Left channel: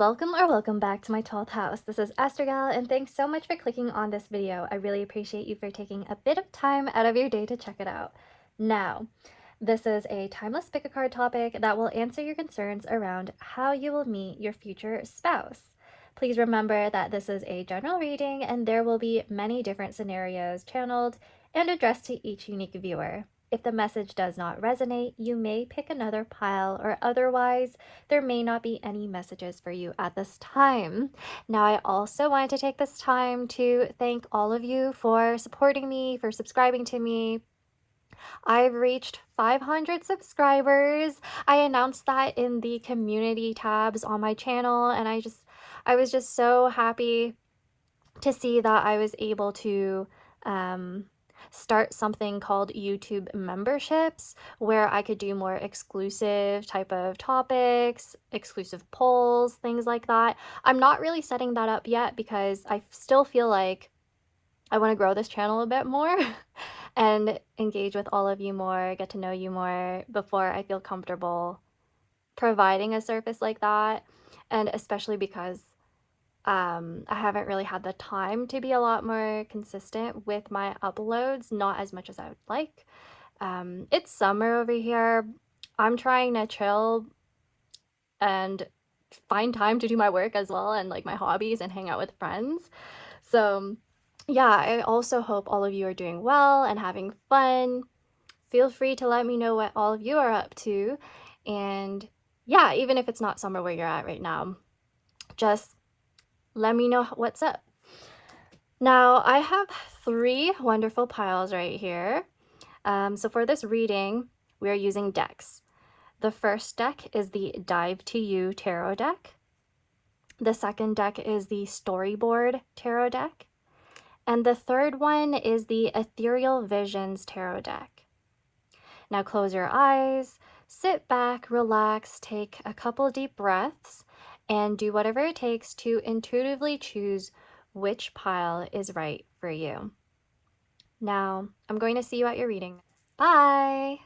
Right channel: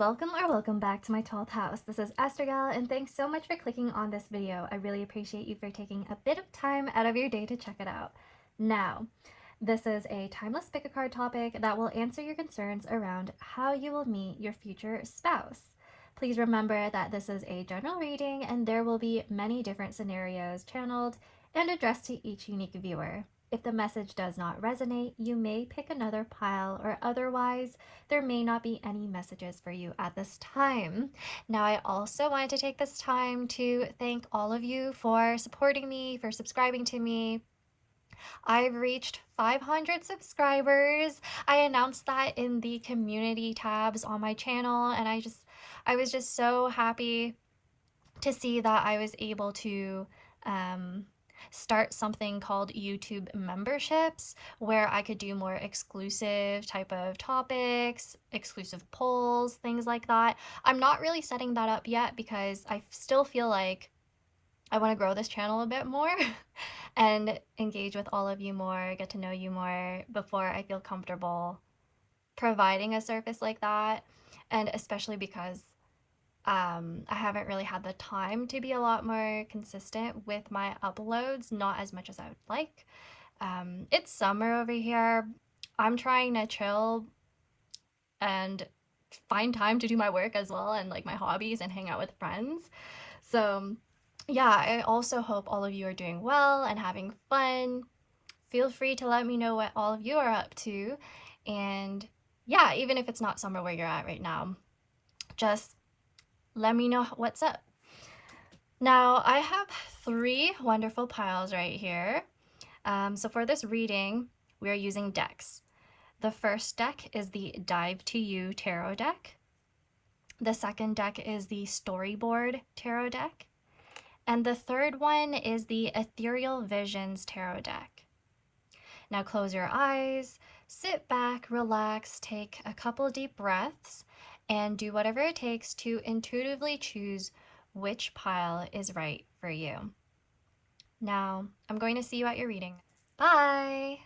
loves, welcome back to my 12th house. This is ASTROG L, and thanks so much for clicking on this video. I really appreciate you for taking a bit of time out of your day to check it out. Now, this is a timeless Pickacard topic that will answer your concerns around how you will meet your future spouse. Please remember that this is a general reading and there will be many different scenarios channeled and addressed to each unique viewer. If the message does not resonate, you may pick another pile, or otherwise, there may not be any messages for you at this time. Now, I also wanted to take this time to thank all of you for supporting me, for subscribing to me. I've reached 500 subscribers. I announced that in the community tabs on my channel, and I was just so happy to see that I was able to start something called YouTube memberships, where I could do more exclusive type of topics, exclusive polls, things like that. I'm not really setting that up yet because I still feel like I want to grow this channel a bit more and engage with all of you more, get to know you more before I feel comfortable providing a service like that. And especially because I haven't really had the time to be a lot more consistent with my uploads, not as much as I would like. It's summer over here. I'm trying to chill and find time to do my work as well, and like my hobbies and hang out with friends. So yeah, I also hope all of you are doing well and having fun. Feel free to let me know what all of you are up to. And yeah, even if it's not summer where you're at right now, just let me know what's up. Now, I have 3 wonderful piles right here. So for this reading, we are using decks. The first deck is the Dive to You Tarot deck. The second deck is the Storyboard Tarot deck. And the third one is the Ethereal Visions Tarot deck. Now close your eyes, sit back, relax, take a couple deep breaths, and do whatever it takes to intuitively choose which pile is right for you. Now, I'm going to see you at your reading. Bye!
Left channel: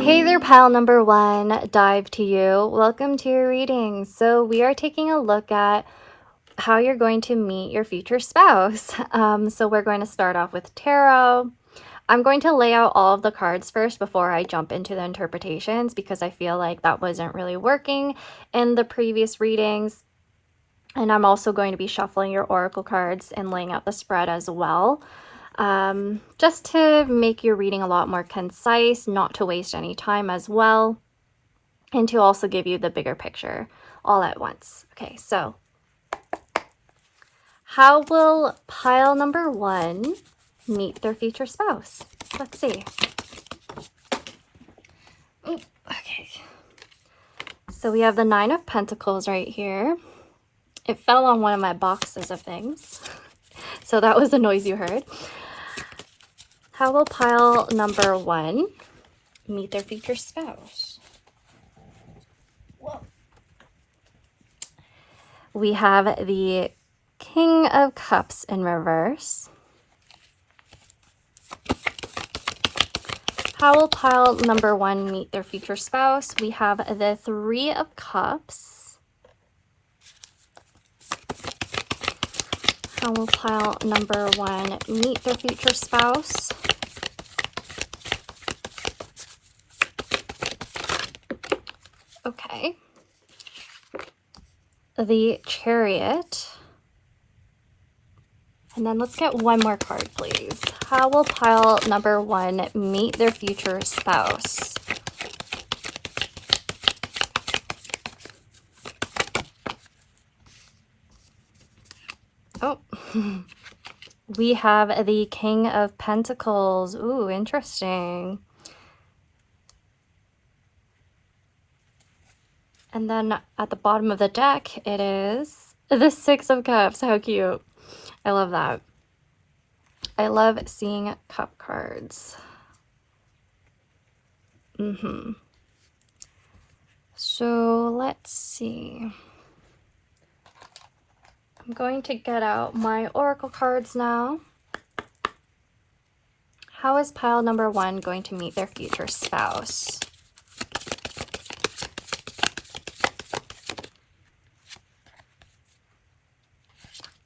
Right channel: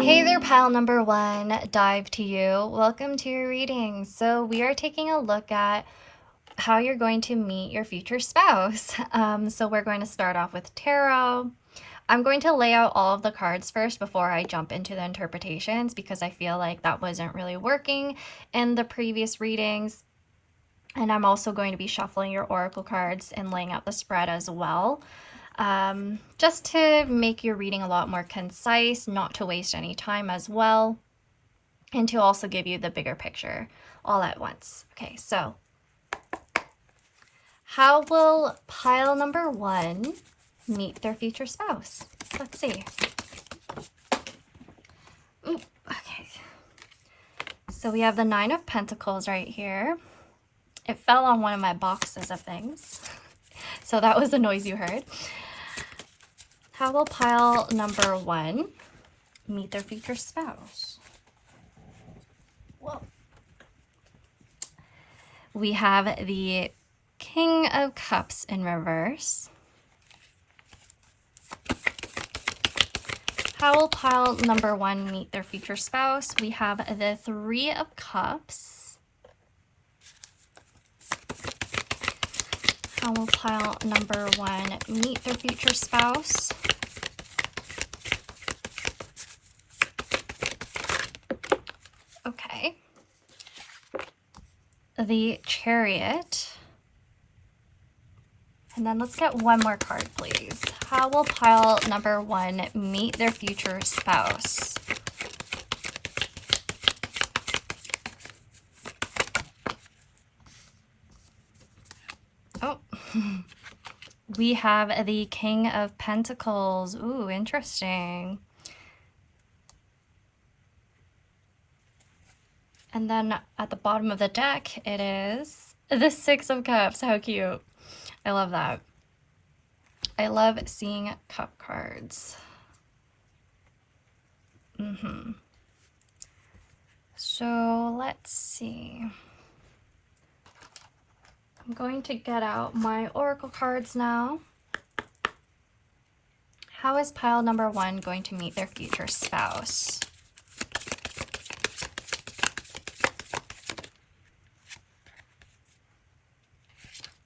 Hey there, pile number 1, Dive to You. Welcome to your reading. So we are taking a look at how you're going to meet your future spouse. So we're going to start off with tarot. I'm going to lay out all of the cards first before I jump into the interpretations, because I feel like that wasn't really working in the previous readings. And I'm also going to be shuffling your oracle cards and laying out the spread as well, just to make your reading a lot more concise, not to waste any time as well, and to also give you the bigger picture all at once. Okay, so how will pile number 1 meet their future spouse? Let's see. Ooh, okay. So we have the 9 of Pentacles right here. It fell on one of my boxes of things, so that was the noise you heard. How will pile number 1 meet their future spouse? Whoa. We have the King of Cups in reverse. How will pile number 1 meet their future spouse? We have the 3 of Cups. How will pile number 1 meet their future spouse? Okay. The Chariot. And then let's get one more card, please. How will pile number 1 meet their future spouse? Oh, we have the King of Pentacles. Ooh, interesting. And then at the bottom of the deck, it is the 6 of Cups. How cute. I love that. I love seeing cup cards. So let's see. I'm going to get out my oracle cards now. How is pile number 1 going to meet their future spouse?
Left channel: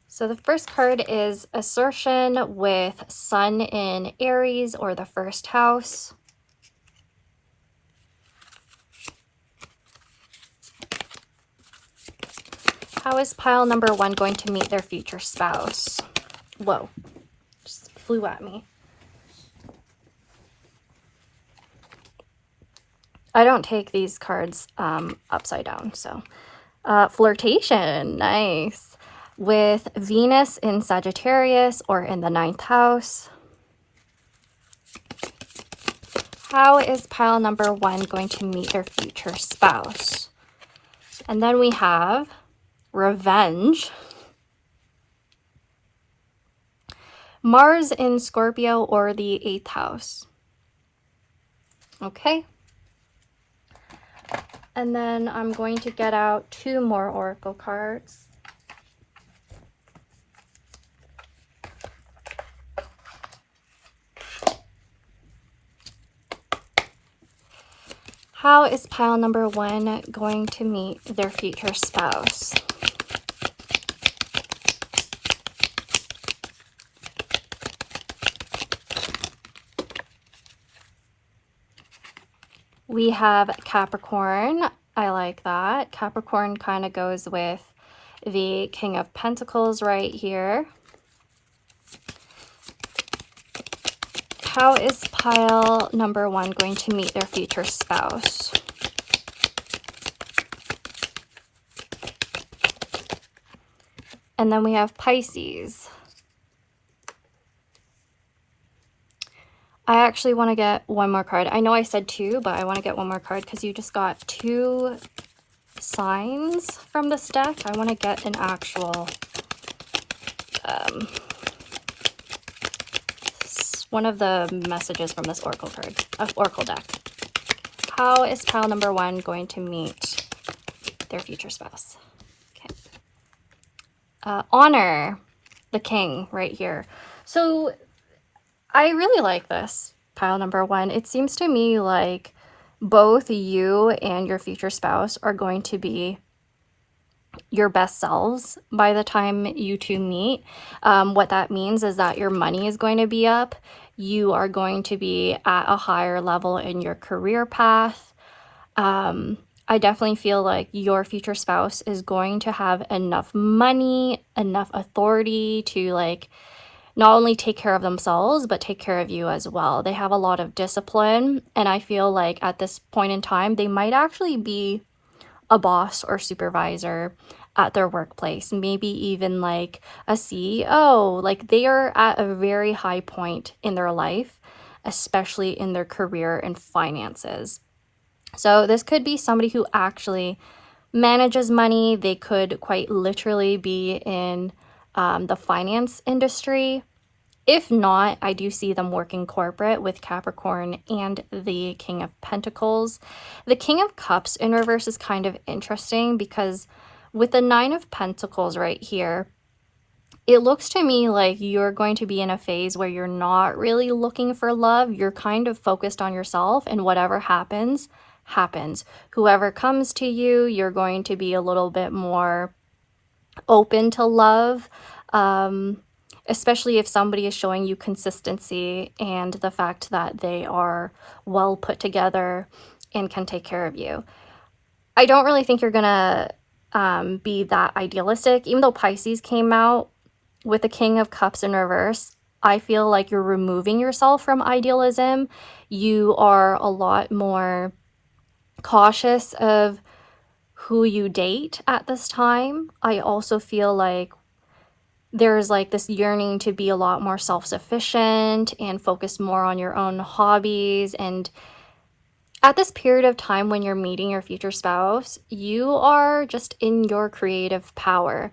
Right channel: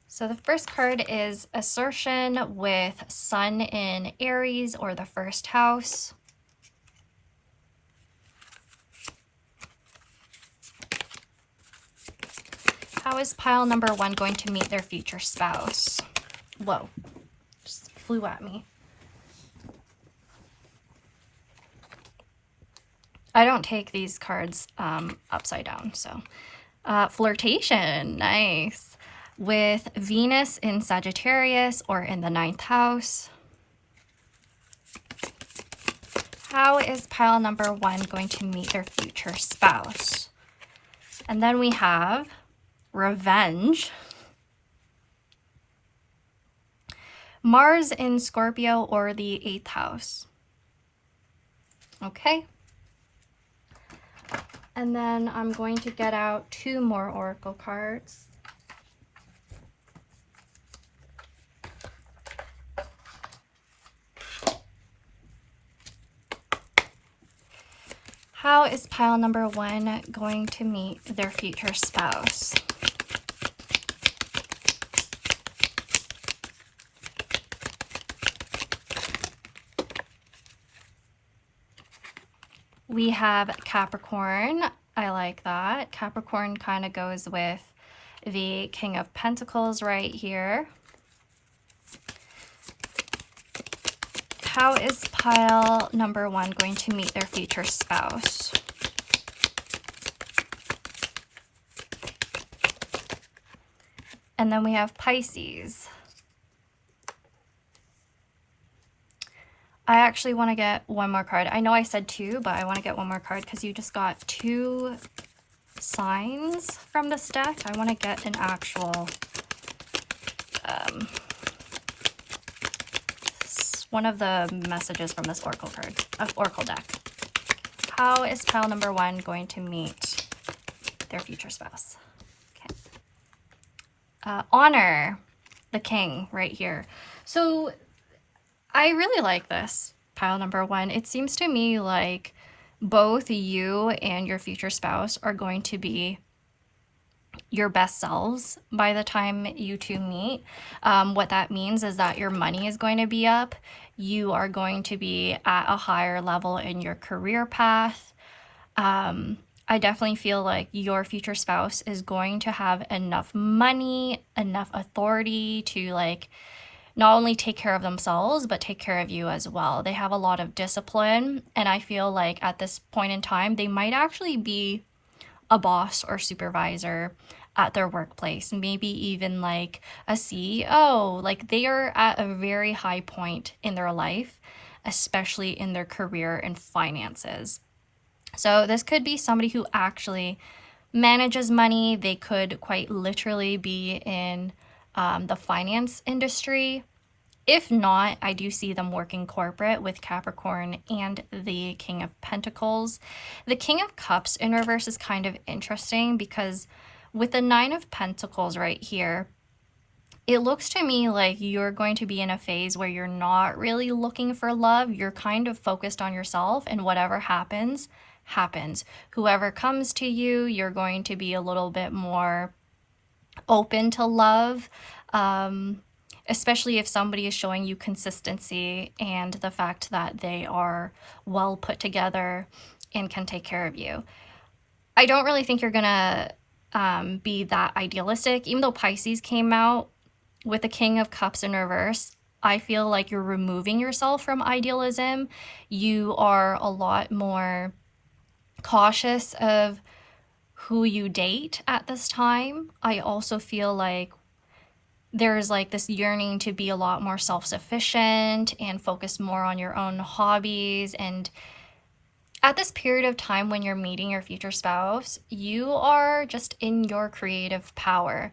So the first card is assertion with Sun in Aries or the first house. How is pile number 1 going to meet their future spouse? Whoa, just flew at me. I don't take these cards upside down, so. Flirtation, nice. With Venus in Sagittarius or in the 9th house. How is pile number 1 going to meet their future spouse? And then we have revenge. Mars in Scorpio or the 8th house. Okay. And then I'm going to get out 2 more oracle cards. How is pile number 1 going to meet their future spouse? We have Capricorn. I like that. Capricorn kind of goes with the King of Pentacles right here. How is pile number 1 going to meet their future spouse? And then we have Pisces. I actually want to get 1 more card. I know I said 2, but I want to get 1 more card because you just got 2 signs from this deck. I want to get an actual one of the messages from this oracle deck. How is pile number 1 going to meet their future spouse? Okay. Honor, the king right here. So I really like this pile number 1. It seems to me like both you and your future spouse are going to be your best selves by the time you two meet. What that means is that your money is going to be up. You are going to be at a higher level in your career path. I definitely feel like your future spouse is going to have enough money, enough authority to like not only take care of themselves, but take care of you as well. They have a lot of discipline, and I feel like at this point in time, they might actually be a boss or supervisor at their workplace, maybe even like a CEO. Like they are at a very high point in their life, especially in their career and finances. So this could be somebody who actually manages money. They could quite literally be in the finance industry. If not, I do see them working corporate with Capricorn and the King of Pentacles. The King of Cups in reverse is kind of interesting because with the 9 of Pentacles right here, it looks to me like you're going to be in a phase where you're not really looking for love. You're kind of focused on yourself, and whatever happens, happens. Whoever comes to you, you're going to be a little bit more open to love, especially if somebody is showing you consistency and the fact that they are well put together and can take care of you. I don't really think you're gonna be that idealistic. Even though Pisces came out with the King of Cups in reverse, I feel like you're removing yourself from idealism. You are a lot more cautious of who you date at this time. I also feel like there's like this yearning to be a lot more self-sufficient and focus more on your own hobbies. And at this period of time when you're meeting your future spouse, you are just in your creative power.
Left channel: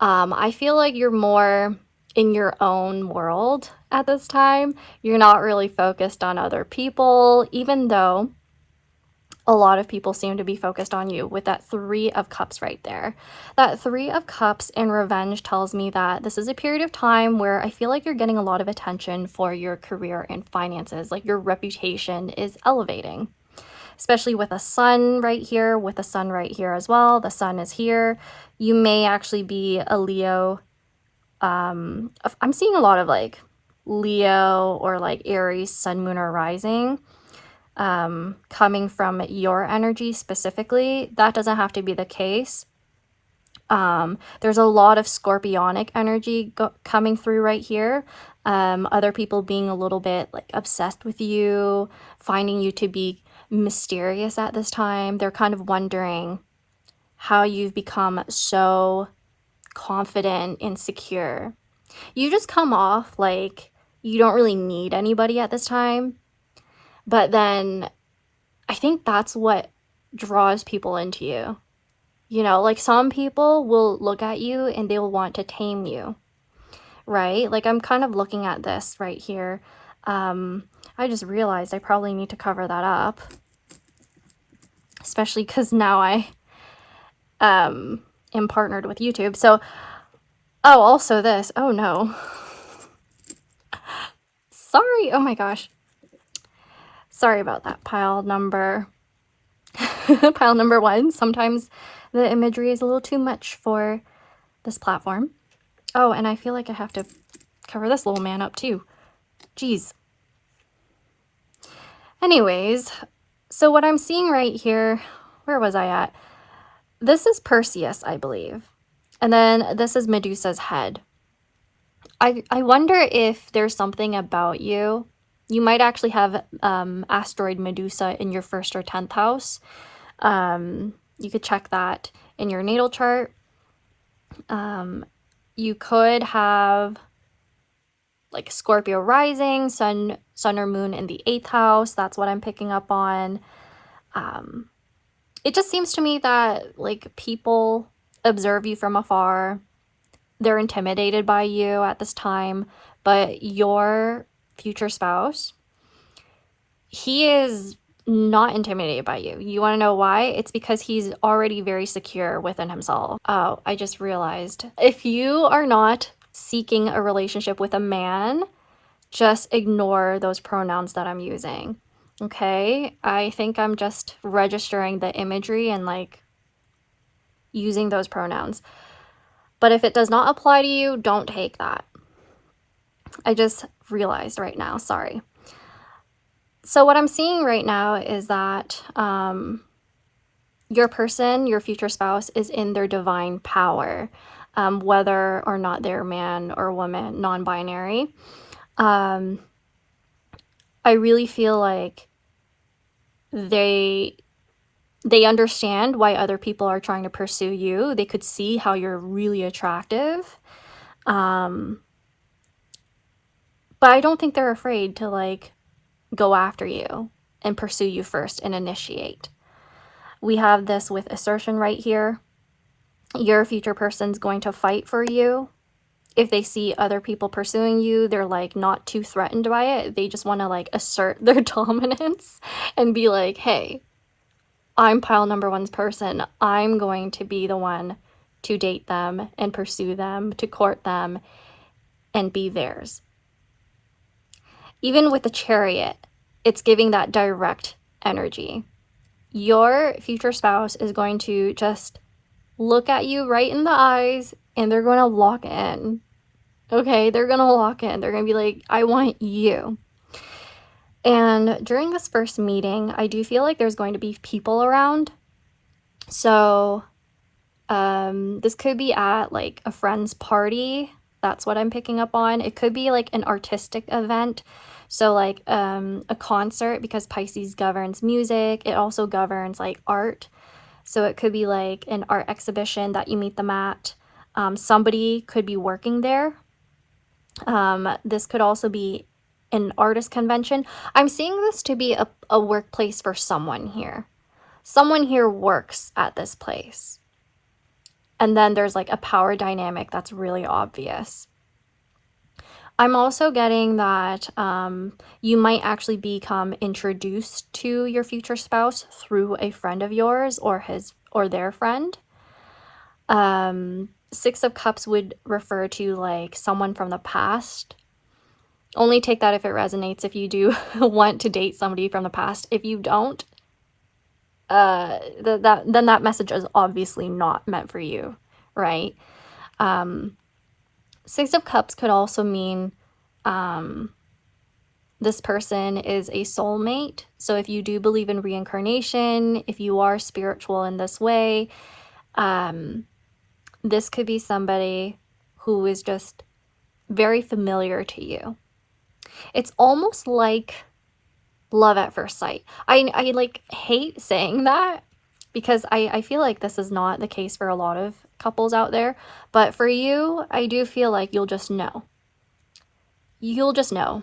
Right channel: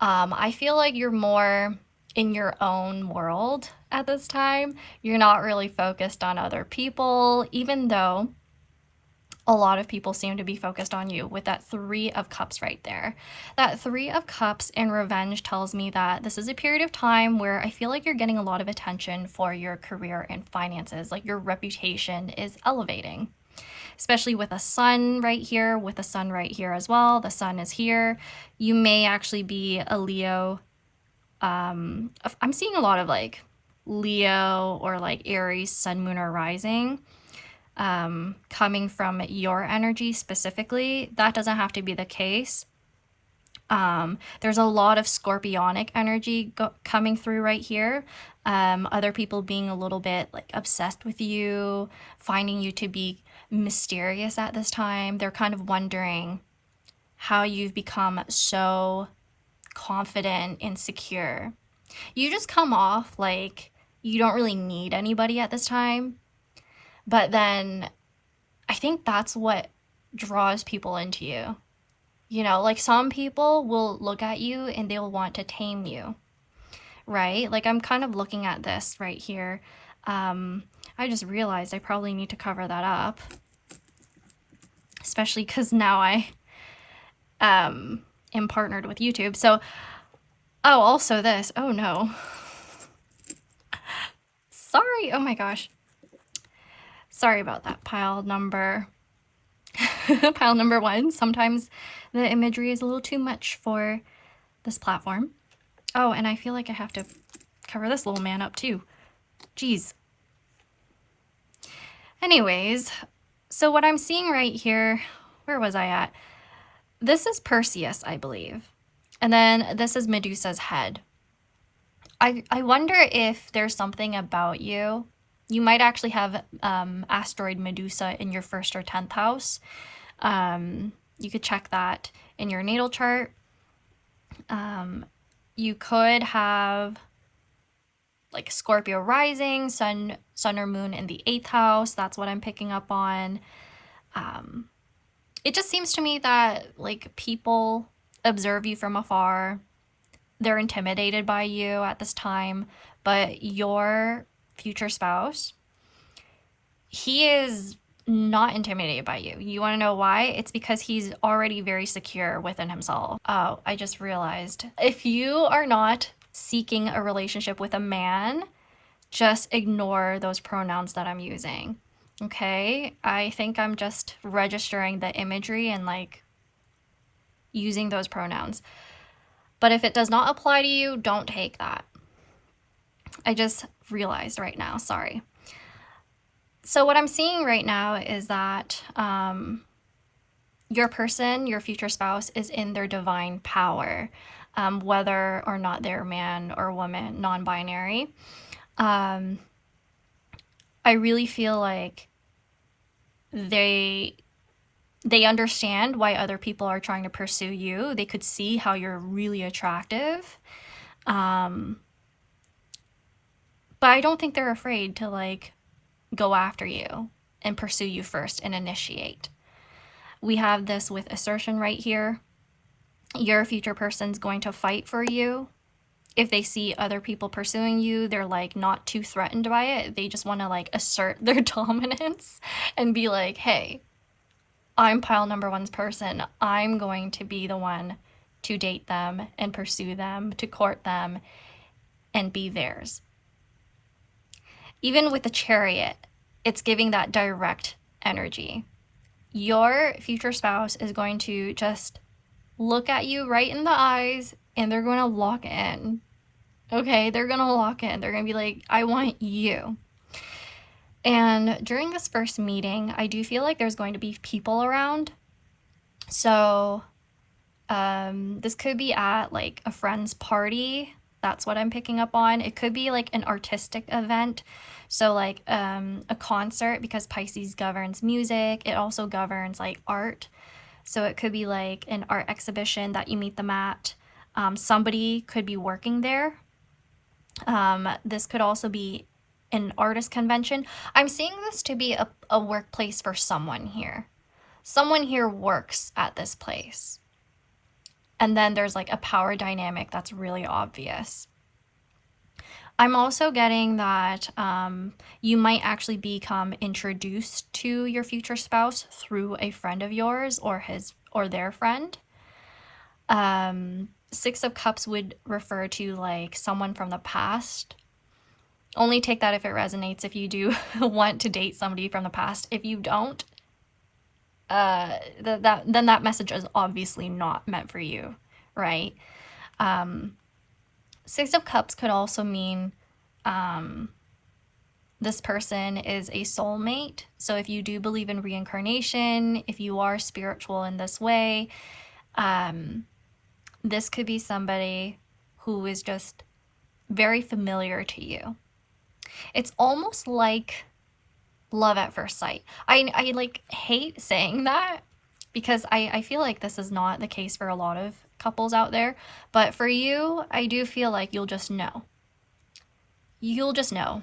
I feel like you're more in your own world at this time. You're not really focused on other people, even though a lot of people seem to be focused on you with that 3 of Cups right there. That 3 of Cups and revenge tells me that this is a period of time where I feel like you're getting a lot of attention for your career and finances. Like your reputation is elevating, especially with a sun right here, with a sun right here as well. The sun is here. You may actually be a Leo. I'm seeing a lot of like Leo or like Aries, sun, moon, or rising. Coming from your energy specifically. That doesn't have to be the case. There's a lot of scorpionic energy coming through right here. Other people being a little bit like obsessed with you, finding you to be mysterious at this time. They're kind of wondering how you've become so confident and secure. You just come off like you don't really need anybody at this time. But then I think that's what draws people into you. You know, like some people will look at you and they will want to tame you, right? Like I'm kind of looking at this right here. I just realized I probably need to cover that up, especially because now I am partnered with YouTube. So, oh, also this. Oh no. Sorry. Oh my gosh. Sorry about that, pile number 1. Sometimes the imagery is a little too much for this platform. Oh, and I feel like I have to cover this little man up too. Jeez. Anyways, so what I'm seeing right here, where was I at? This is Perseus, I believe. And then this is Medusa's head. I wonder if there's something about you. You might actually have asteroid Medusa in your 1st or 10th house. You could check that in your natal chart. You could have like Scorpio rising, sun or moon in the 8th house. That's what I'm picking up on. It just seems to me that like people observe you from afar. They're intimidated by you at this time, but your future spouse, he is not intimidated by you. You want to know why? It's because he's already very secure within himself. Oh, I just realized. If you are not seeking a relationship with a man, just ignore those pronouns that I'm using. Okay? I think I'm just registering the imagery and like using those pronouns. But if it does not apply to you, don't take that. I just realized right now, sorry. So what I'm seeing right now is that your person, your future spouse, is in their divine power, whether or not they're man or woman, non-binary. I really feel like they understand why other people are trying to pursue you. They could see how you're really attractive. But I don't think they're afraid to like go after you and pursue you first and initiate. We have this with assertion right here. Your future person's going to fight for you. If they see other people pursuing you, they're like not too threatened by it. They just want to like assert their dominance and be like, hey, I'm pile number 1's person. I'm going to be the one to date them and pursue them, to court them and be theirs. Even with the Chariot, it's giving that direct energy. Your future spouse is going to just look at you right in the eyes and they're going to lock in. Okay, they're going to lock in. They're going to be like, I want you. And during this first meeting, I do feel like there's going to be people around. So this could be at like a friend's party. That's what I'm picking up on. It could be like an artistic event. So like a concert, because Pisces governs music. It also governs like art. So it could be like an art exhibition that you meet them at. Somebody could be working there. This could also be an artist convention. I'm seeing this to be a workplace for someone here. Someone here works at this place. And then there's like a power dynamic that's really obvious. I'm also getting that you might actually become introduced to your future spouse through a friend of yours or their friend. Six of Cups would refer to like someone from the past. Only take that if it resonates, if you do want to date somebody from the past. If you don't, then that message is obviously not meant for you, right? Six of Cups could also mean this person is a soulmate. So if you do believe in reincarnation, if you are spiritual in this way, this could be somebody who is just very familiar to you. It's almost like love at first sight. I like hate saying that because I feel like this is not the case for a lot of couples out there. But for you, I do feel like you'll just know. You'll just know.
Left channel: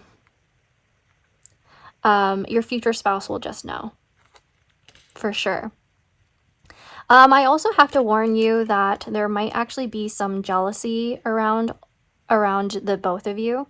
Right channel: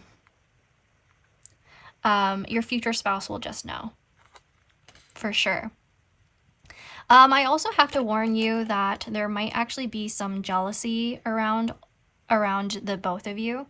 Your future spouse will just know. For sure. I also have to warn you that there might actually be some jealousy around the both of you.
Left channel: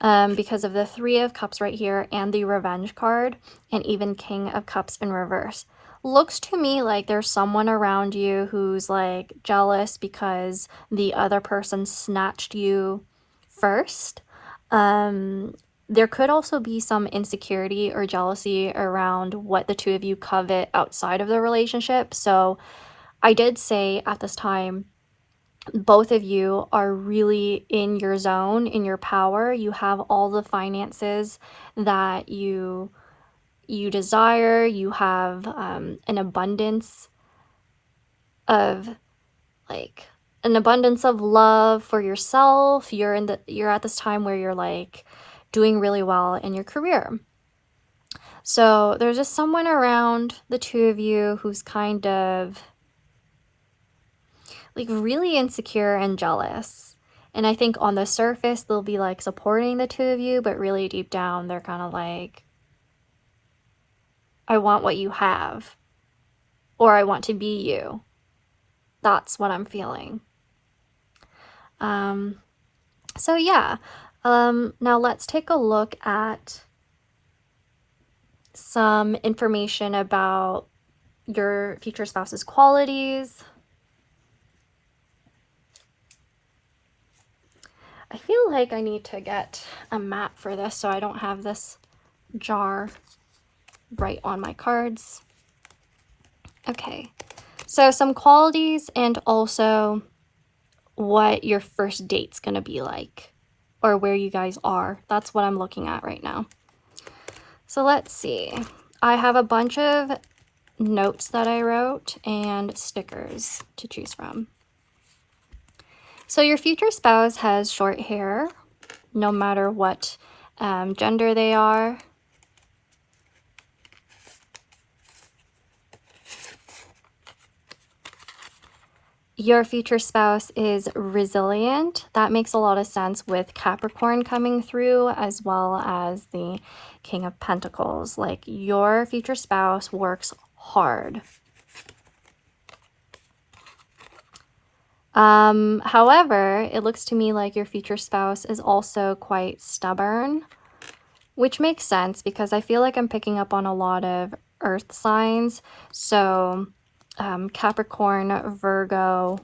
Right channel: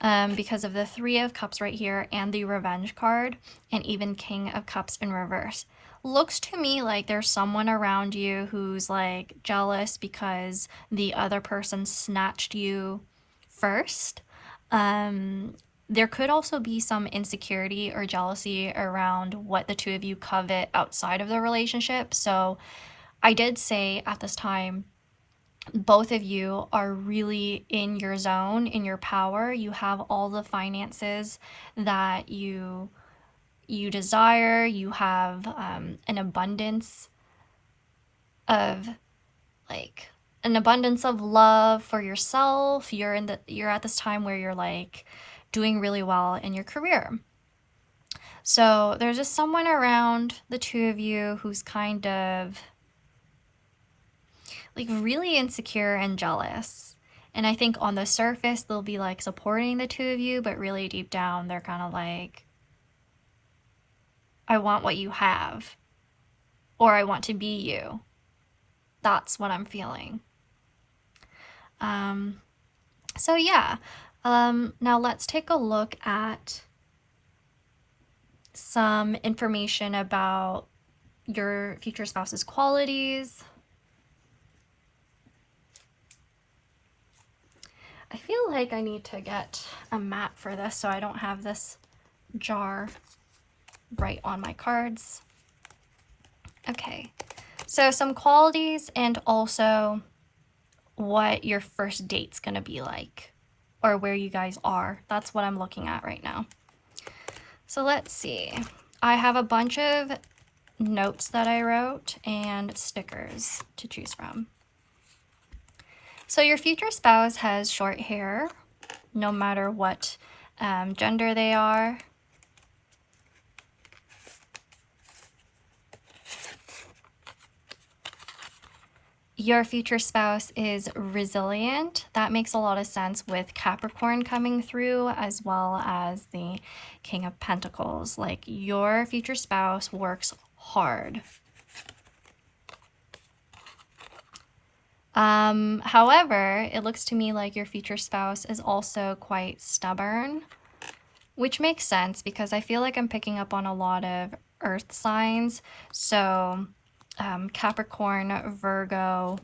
Because of the Three of Cups right here and the Revenge card and even King of Cups in reverse. Looks to me like there's someone around you who's like jealous because the other person snatched you first. There could also be some insecurity or jealousy around what the two of you covet outside of the relationship. So I did say at this time, both of you are really in your zone, in your power. You have all the finances that you desire. You have an abundance of love for yourself. You're at this time where you're like doing really well in your career. So there's just someone around the two of you who's kind of like really insecure and jealous. And I think on the surface, they'll be like supporting the two of you, but really deep down, they're kind of like, I want what you have, or I want to be you. That's what I'm feeling. So yeah, now let's take a look at some information about your future spouse's qualities. I feel like I need to get a mat for this so I don't have this jar right on my cards. Okay, so some qualities and also what your first date's gonna be like or where you guys are. That's what I'm looking at right now. So let's see. I have a bunch of notes that I wrote and stickers to choose from. So your future spouse has short hair, no matter what gender they are. Your future spouse is resilient. That makes a lot of sense with Capricorn coming through, as well as the King of Pentacles. Like, your future spouse works hard. However, it looks to me like your future spouse is also quite stubborn, which makes sense because I feel like I'm picking up on a lot of earth signs. So Capricorn, Virgo,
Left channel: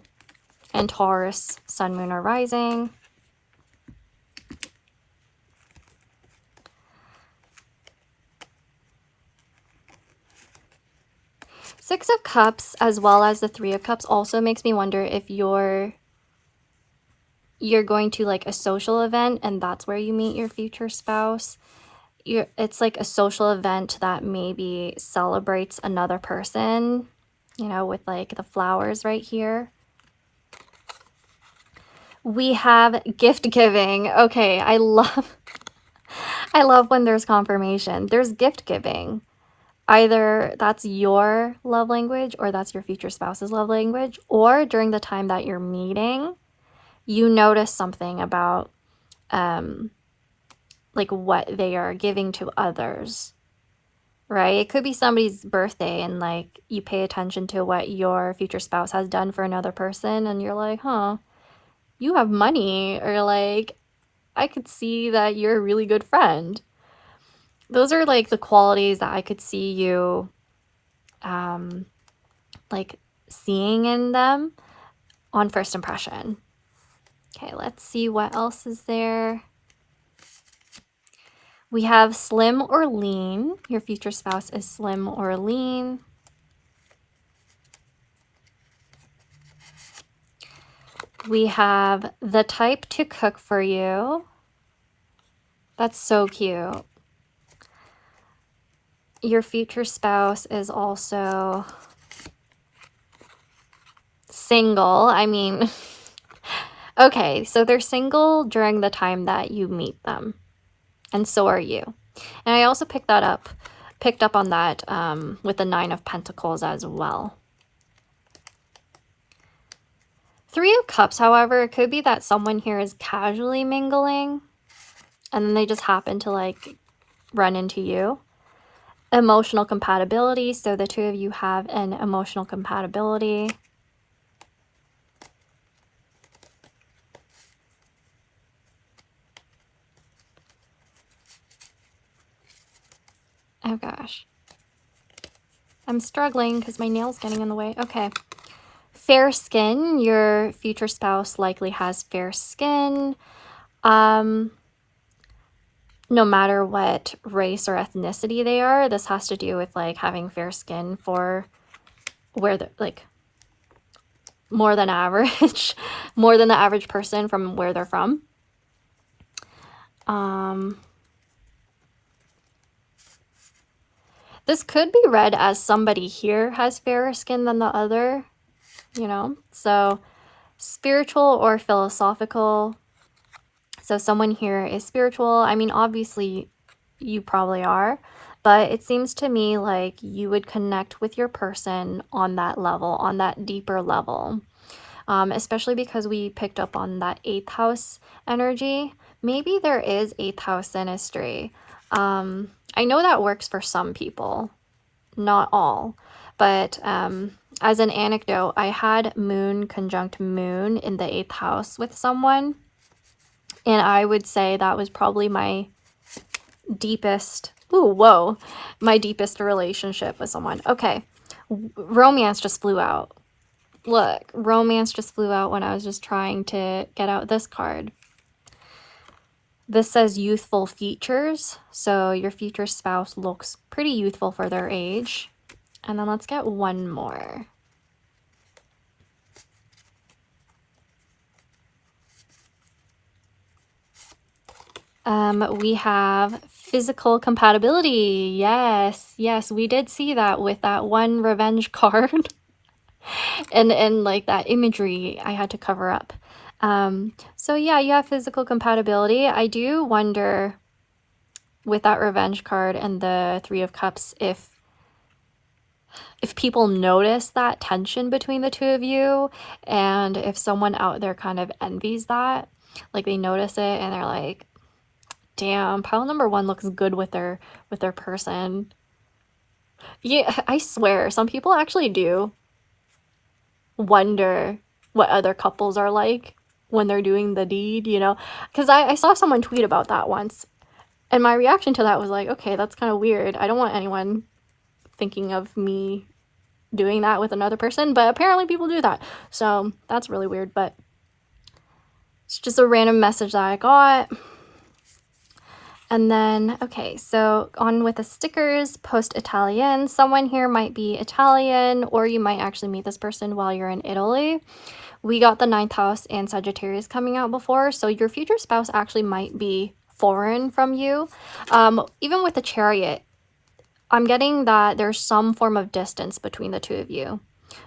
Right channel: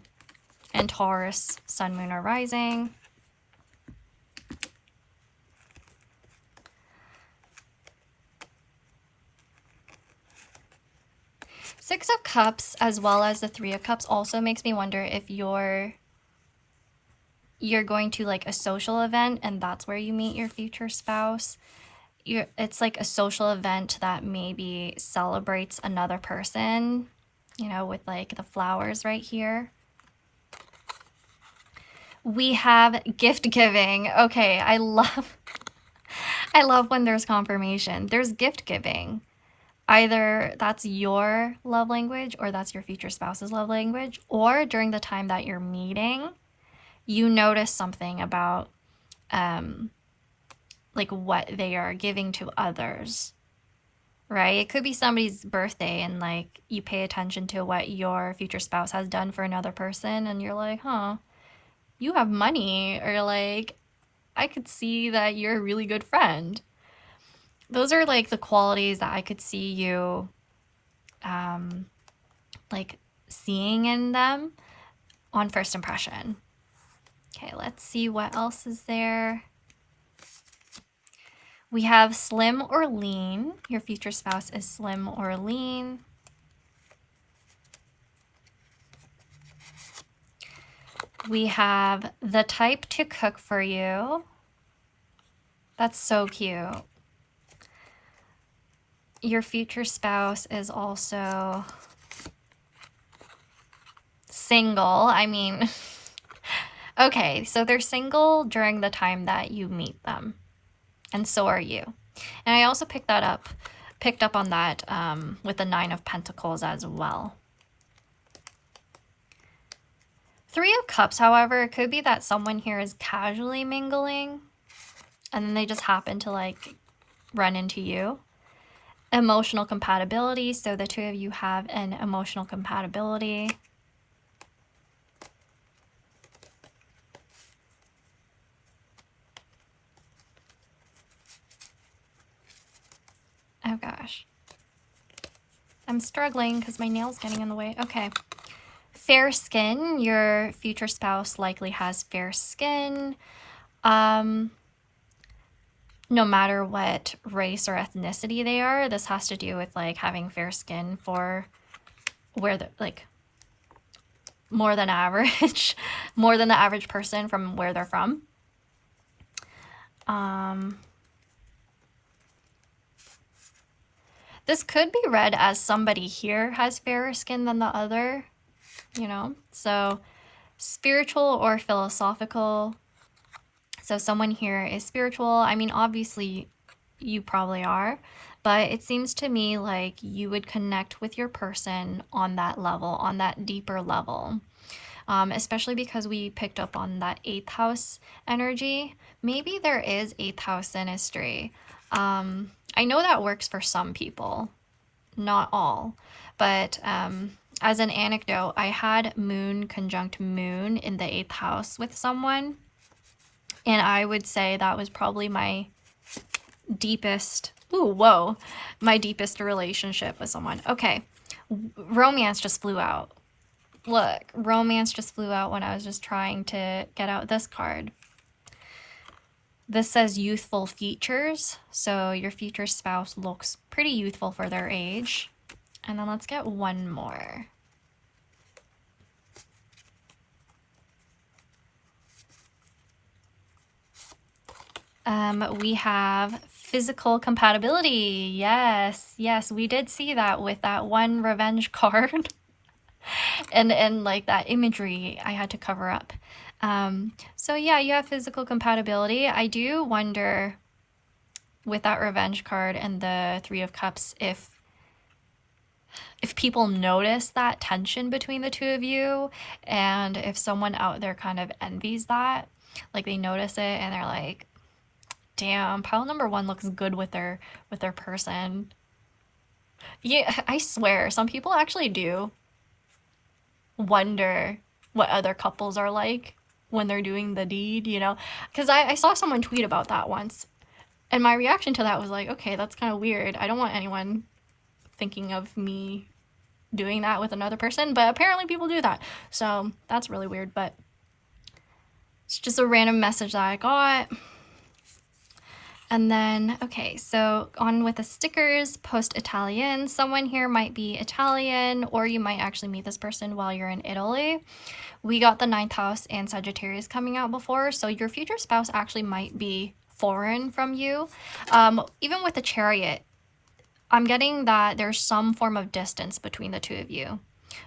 and Taurus, Sun, Moon, or Rising. Six of Cups, as well as the Three of Cups, also makes me wonder if you're going to like a social event and that's where you meet your future spouse. It's like a social event that maybe celebrates another person, you know, with like the flowers right here. We have gift giving. Okay, I love when there's confirmation. There's gift giving. Either that's your love language or that's your future spouse's love language, or during the time that you're meeting, you notice something about like what they are giving to others, right? It could be somebody's birthday and like you pay attention to what your future spouse has done for another person and you're like, huh, you have money, or like I could see that you're a really good friend. Those are like the qualities that I could see you like seeing in them on first impression. Okay, let's see what else is there. We have slim or lean. Your future spouse is slim or lean. We have the type to cook for you. That's so cute. Your future spouse is also single. I mean, okay, so they're single during the time that you meet them. And so are you. And I also picked up on that with the 9 of Pentacles as well. 3 of Cups, however, it could be that someone here is casually mingling and then they just happen to like run into you. Emotional compatibility, so the two of you have an emotional compatibility. Oh gosh. I'm struggling because my nail's getting in the way. Okay. Fair skin. Your future spouse likely has fair skin. No matter what race or ethnicity they are, this has to do with like having fair skin for where the like more than average, more than the average person from where they're from. This could be read as somebody here has fairer skin than the other, you know? So spiritual or philosophical. So someone here is spiritual. I mean, obviously you probably are, but it seems to me like you would connect with your person on that level, on that deeper level. Especially because we picked up on that 8th house energy. Maybe there is 8th house synastry. I know that works for some people, not all, but as an anecdote, I had moon conjunct moon in the 8th house with someone, and I would say that was probably my deepest, my deepest relationship with someone. Okay, romance just flew out. Look, romance just flew out when I was just trying to get out this card. This says youthful features, so your future spouse looks pretty youthful for their age. And then let's get one more. We have physical compatibility. Yes, we did see that with that one revenge card. and like that imagery I had to cover up. So yeah, you have physical compatibility. I do wonder with that revenge card and the 3 of Cups if people notice that tension between the two of you, and if someone out there kind of envies that, like they notice it and they're like, damn, pile number 1 looks good with their person. Yeah, I swear some people actually do wonder what other couples are like when they're doing the deed, you know, because I saw someone tweet about that once, and my reaction to that was like, okay, that's kind of weird. I don't want anyone thinking of me doing that with another person, but apparently people do that, so that's really weird. But it's just a random message that I got. And then, okay, so on with the stickers, post Italian. Someone here might be Italian, or you might actually meet this person while you're in Italy. We got the 9th house and Sagittarius coming out before, so your future spouse actually might be foreign from you. Even with the Chariot, I'm getting that there's some form of distance between the two of you.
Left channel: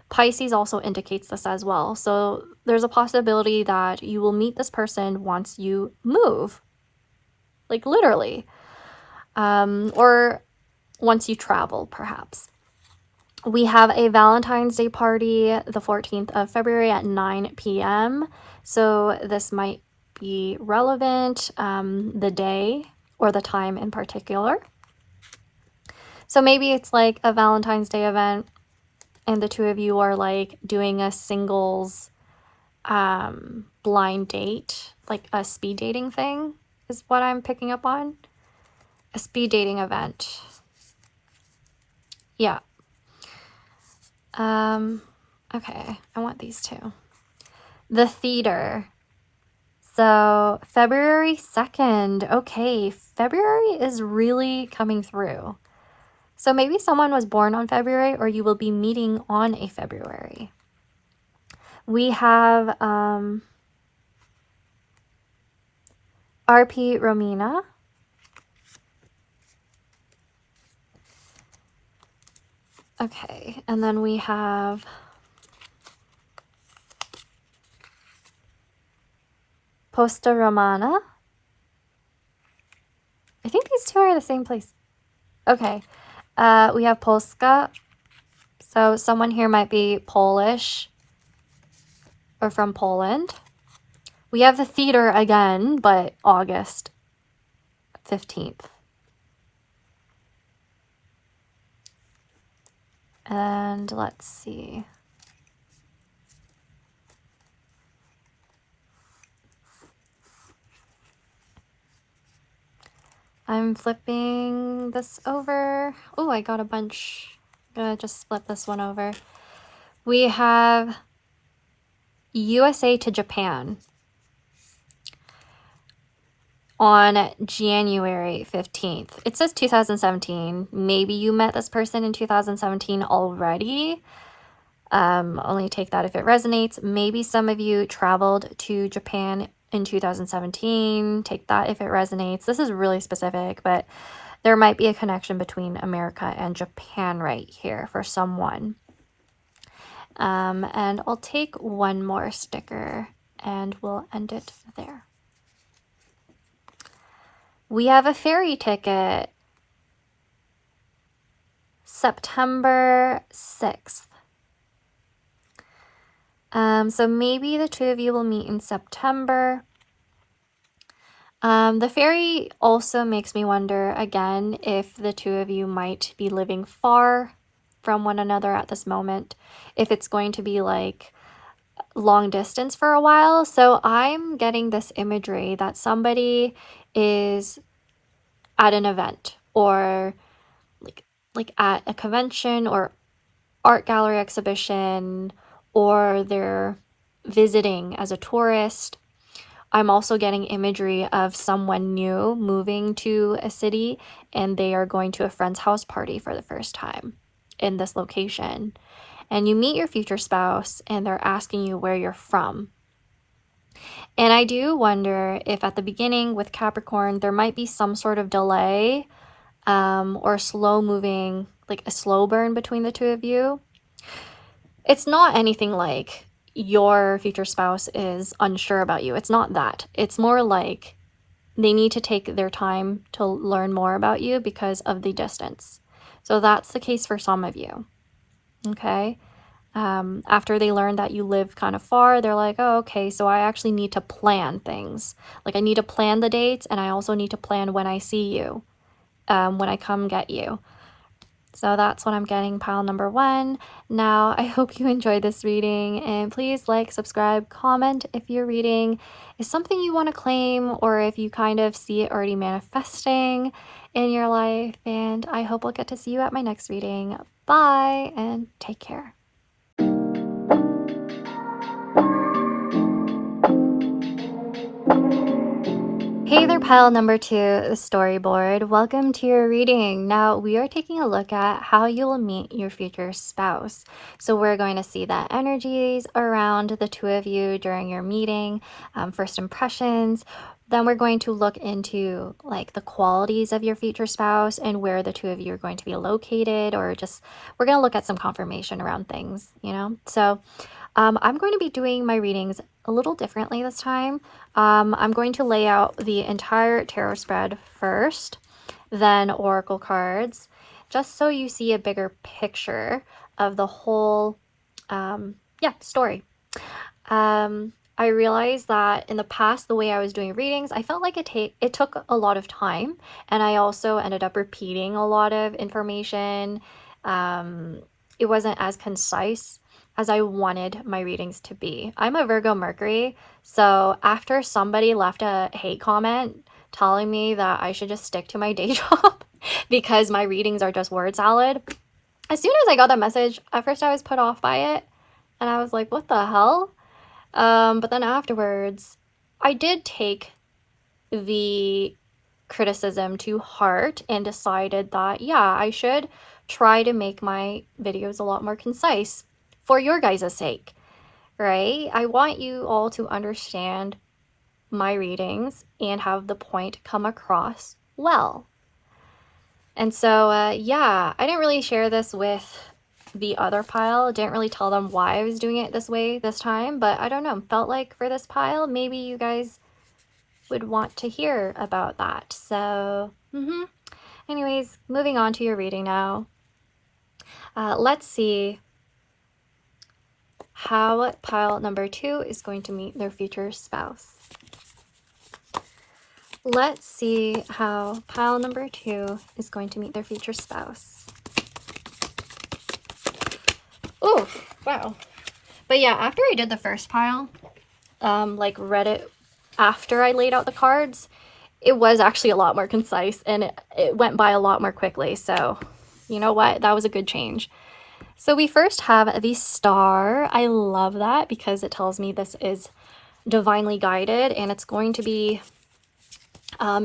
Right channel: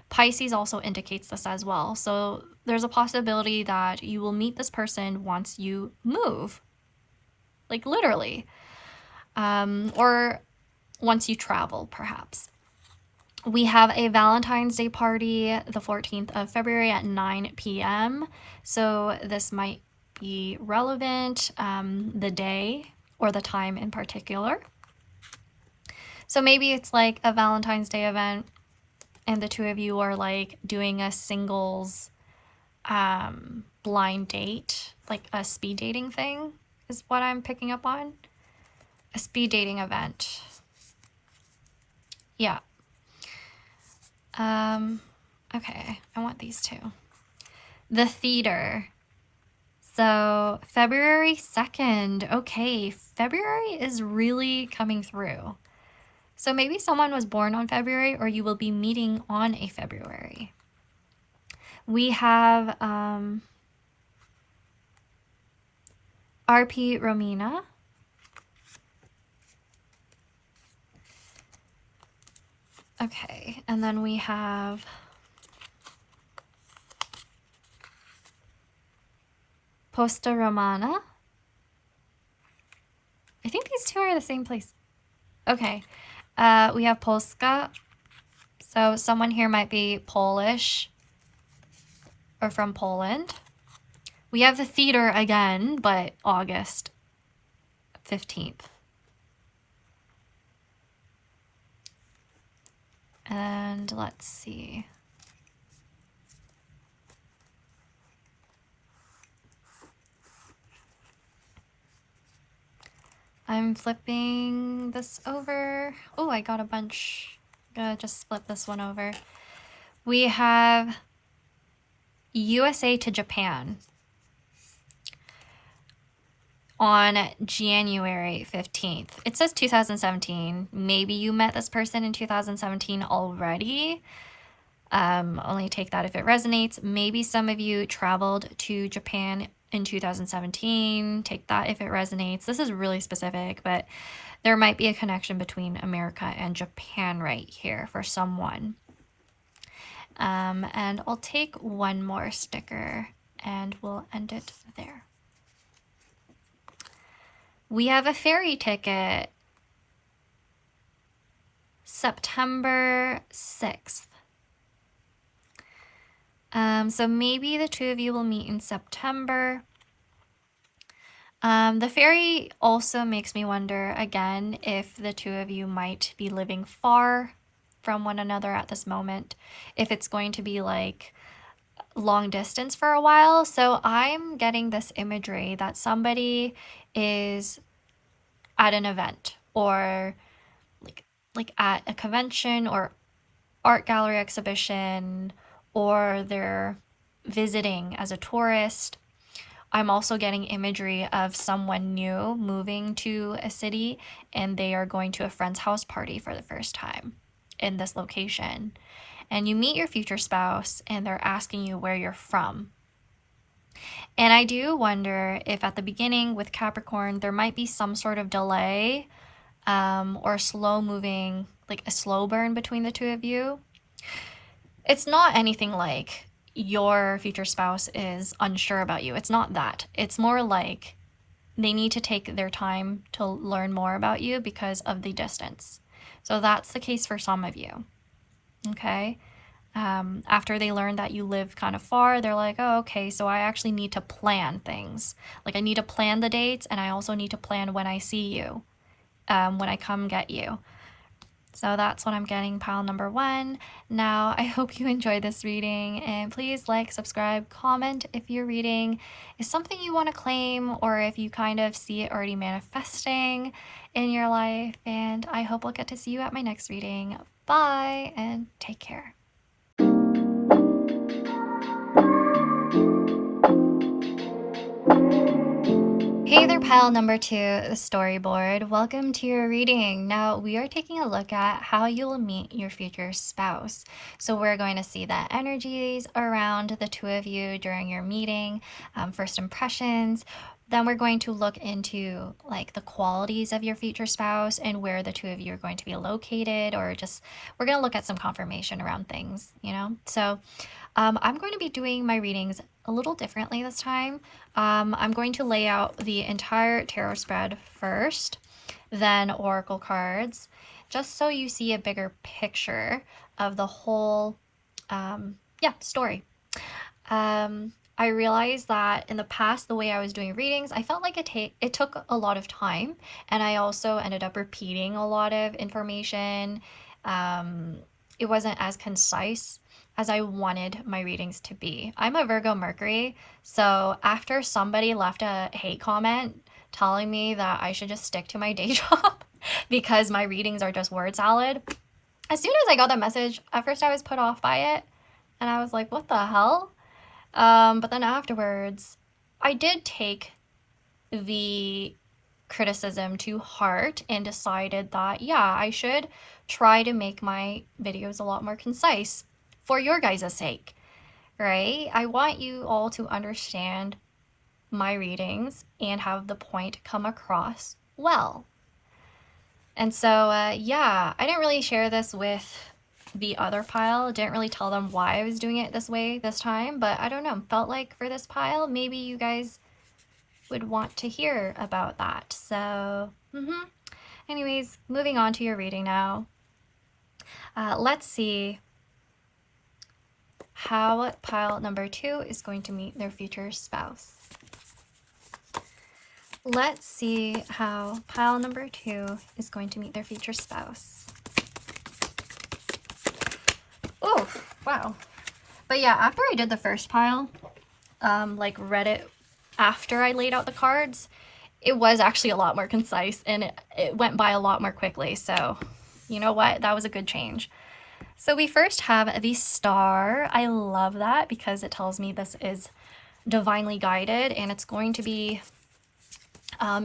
Pisces also indicates this as well. So there's a possibility that you will meet this person once you move. Like literally, or once you travel, perhaps. We have a Valentine's Day party the 14th of February at 9 p.m. So this might be relevant, the day or the time in particular. So maybe it's like a Valentine's Day event and the two of you are like doing a singles blind date like a speed dating thing is what I'm picking up on. A speed dating event. Yeah. Okay, I want these two. The theater. So February 2nd. Okay, February is really coming through. So maybe someone was born on February, or you will be meeting on a February. We have RP Romina. Okay, and then we have Posta Romana. I think these two are the same place. Okay, we have Polska. So someone here might be Polish or from Poland. We have the theater again, but August 15th. And let's see. I'm flipping this over. Oh, I got a bunch. I'm gonna just flip this one over. We have USA to Japan on January 15th. It says 2017. Maybe you met this person in 2017 already. Only take that if it resonates. Maybe some of you traveled to Japan in 2017. Take that if it resonates. This is really specific, but there might be a connection between America and Japan right here for someone. And I'll take one more sticker and we'll end it there. We have a ferry ticket. September 6th. So maybe the two of you will meet in September. The ferry also makes me wonder again if the two of you might be living far from one another at this moment, if it's going to be like long distance for a while. So I'm getting this imagery that somebody is at an event or like at a convention or art gallery exhibition, or they're visiting as a tourist. I'm also getting imagery of someone new moving to a city and they are going to a friend's house party for the first time in this location. And you meet your future spouse and they're asking you where you're from. And I do wonder if at the beginning with Capricorn, there might be some sort of delay or slow moving, like a slow burn between the two of you. It's not anything like your future spouse is unsure about you. It's not that. It's more like they need to take their time to learn more about you because of the distance. So that's the case for some of you. Okay. After they learn that you live kind of far, they're like, oh, okay, so I actually need to plan things. Like I need to plan the dates, and I also need to plan when I see you, when I come get you. So that's what I'm getting, pile number 1. Now, I hope you enjoyed this reading, and please like, subscribe, comment if your reading is something you want to claim, or if you kind of see it already manifesting in your life. And I hope I'll get to see you at my next reading. Bye, and take care. Hey there, pile number 2, the storyboard. Welcome to your reading. Now we are taking a look at how you will meet your future spouse. So we're going to see the energies around the two of you during your meeting, first impressions. Then we're going to look into like the qualities of your future spouse and where the two of you are going to be located, or just we're going to look at some confirmation around things, you know. So I'm going to be doing my readings a little differently this time. I'm going to lay out the entire tarot spread first, then oracle cards, just so you see a bigger picture of the whole story. I realized that in the past, the way I was doing readings, I felt like it took a lot of time, and I also ended up repeating a lot of information. It wasn't as concise as I wanted my readings to be. I'm a Virgo Mercury, so after somebody left a hate comment telling me that I should just stick to my day job because my readings are just word salad, as soon as I got that message, at first I was put off by it, and I was like, what the hell? But then afterwards, I did take the criticism to heart and decided that, yeah, I should try to make my videos a lot more concise for your guys' sake, right? I want you all to understand my readings and have the point come across well. And so, yeah, I didn't really share this with the other pile. Didn't really tell them why I was doing it this way this time, but I don't know. Felt like for this pile, maybe you guys would want to hear about that. So, anyways, moving on to your reading now. Let's see how pile number 2 is going to meet their future spouse. Let's see how pile number 2 is going to meet their future spouse. Oh, wow. But yeah, after I did the first pile, like read it after I laid out the cards, it was actually a lot more concise and it went by a lot more quickly. So you know what? That was a good change. So we first have the star. I love that because it tells me this is divinely guided and it's going to be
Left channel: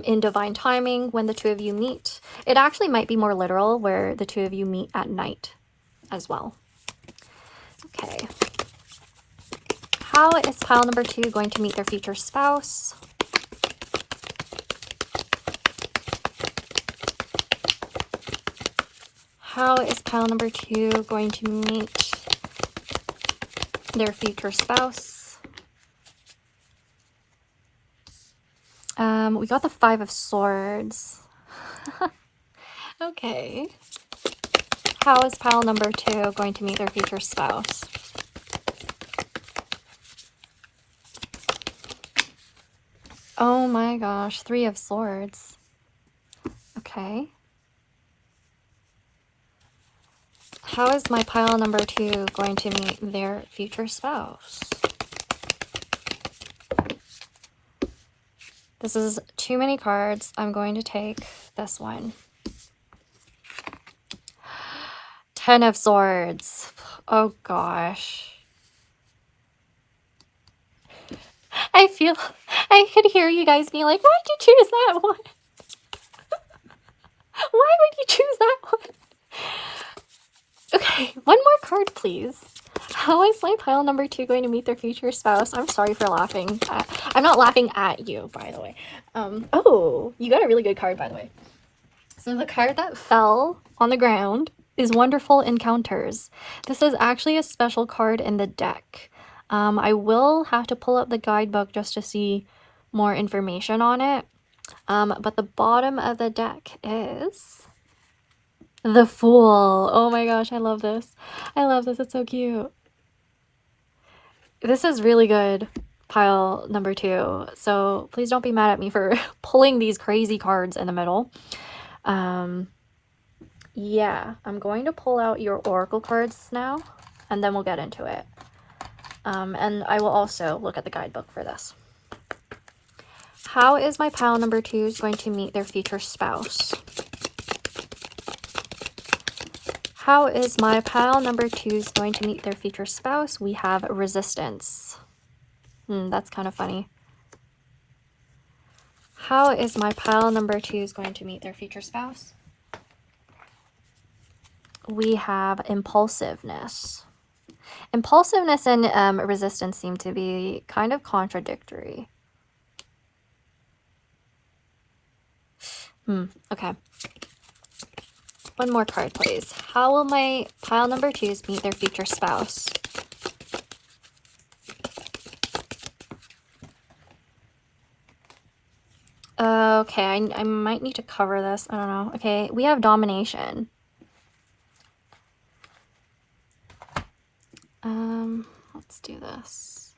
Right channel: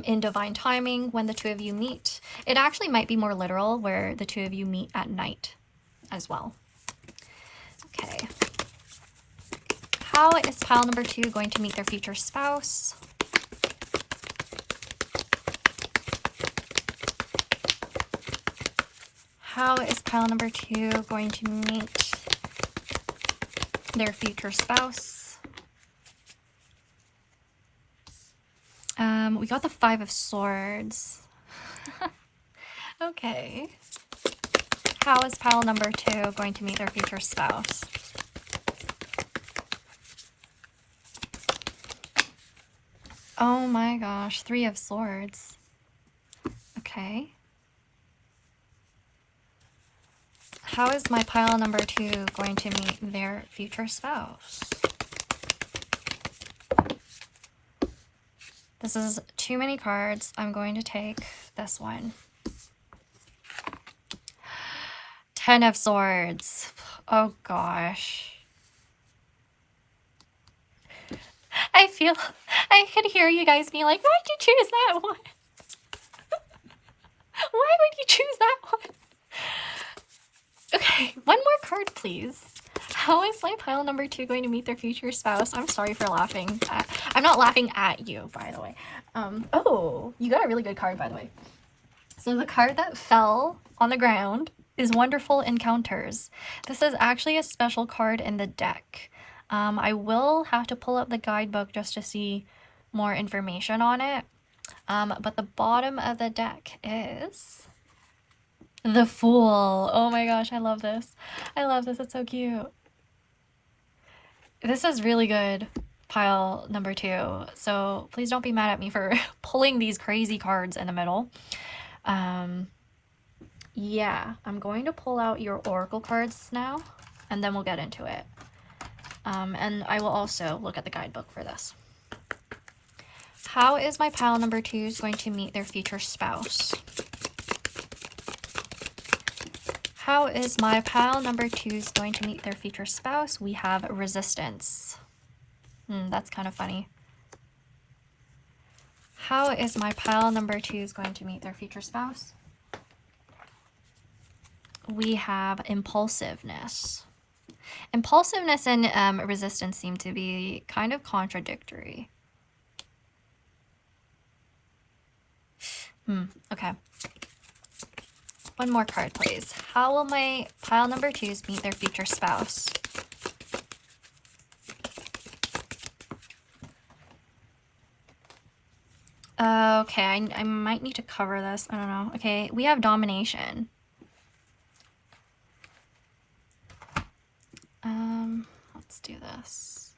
in divine timing when the two of you meet. It actually might be more literal where the two of you meet at night as well. Okay. How is pile number 2 going to meet their future spouse? How is pile number 2 going to meet their future spouse? We got the 5 of Swords. Okay. How is pile number 2 going to meet their future spouse? Oh my gosh, 3 of Swords. Okay. How is my pile number 2 going to meet their future spouse? This is too many cards. I'm going to take this one. 10 of Swords. Oh gosh. I could hear you guys being like, why'd you choose that one? Why would you choose that one? Okay, one more card, please. How is my pile number 2 going to meet their future spouse? I'm sorry for laughing. I'm not laughing at you, by the way. Oh, you got a really good card, by the way. So the card that fell on the ground is Wonderful Encounters. This is actually a special card in the deck. I will have to pull up the guidebook just to see more information on it. But the bottom of the deck is the Fool. Oh my gosh, I love this. I love this. It's so cute. This is really good, pile number 2. So please don't be mad at me for pulling these crazy cards in the middle. Yeah, I'm going to pull out your oracle cards now, and then we'll get into it. And I will also look at the guidebook for this. How is my pile number 2 going to meet their future spouse? How is my pile number 2 going to meet their future spouse? We have Resistance. That's kind of funny. How is my pile number 2 going to meet their future spouse? We have Impulsiveness. Impulsiveness and resistance seem to be kind of contradictory. Okay. One more card, please. How will my pile number 2s meet their future spouse? Okay, I might need to cover this. I don't know. Okay, we have Domination. Let's do this.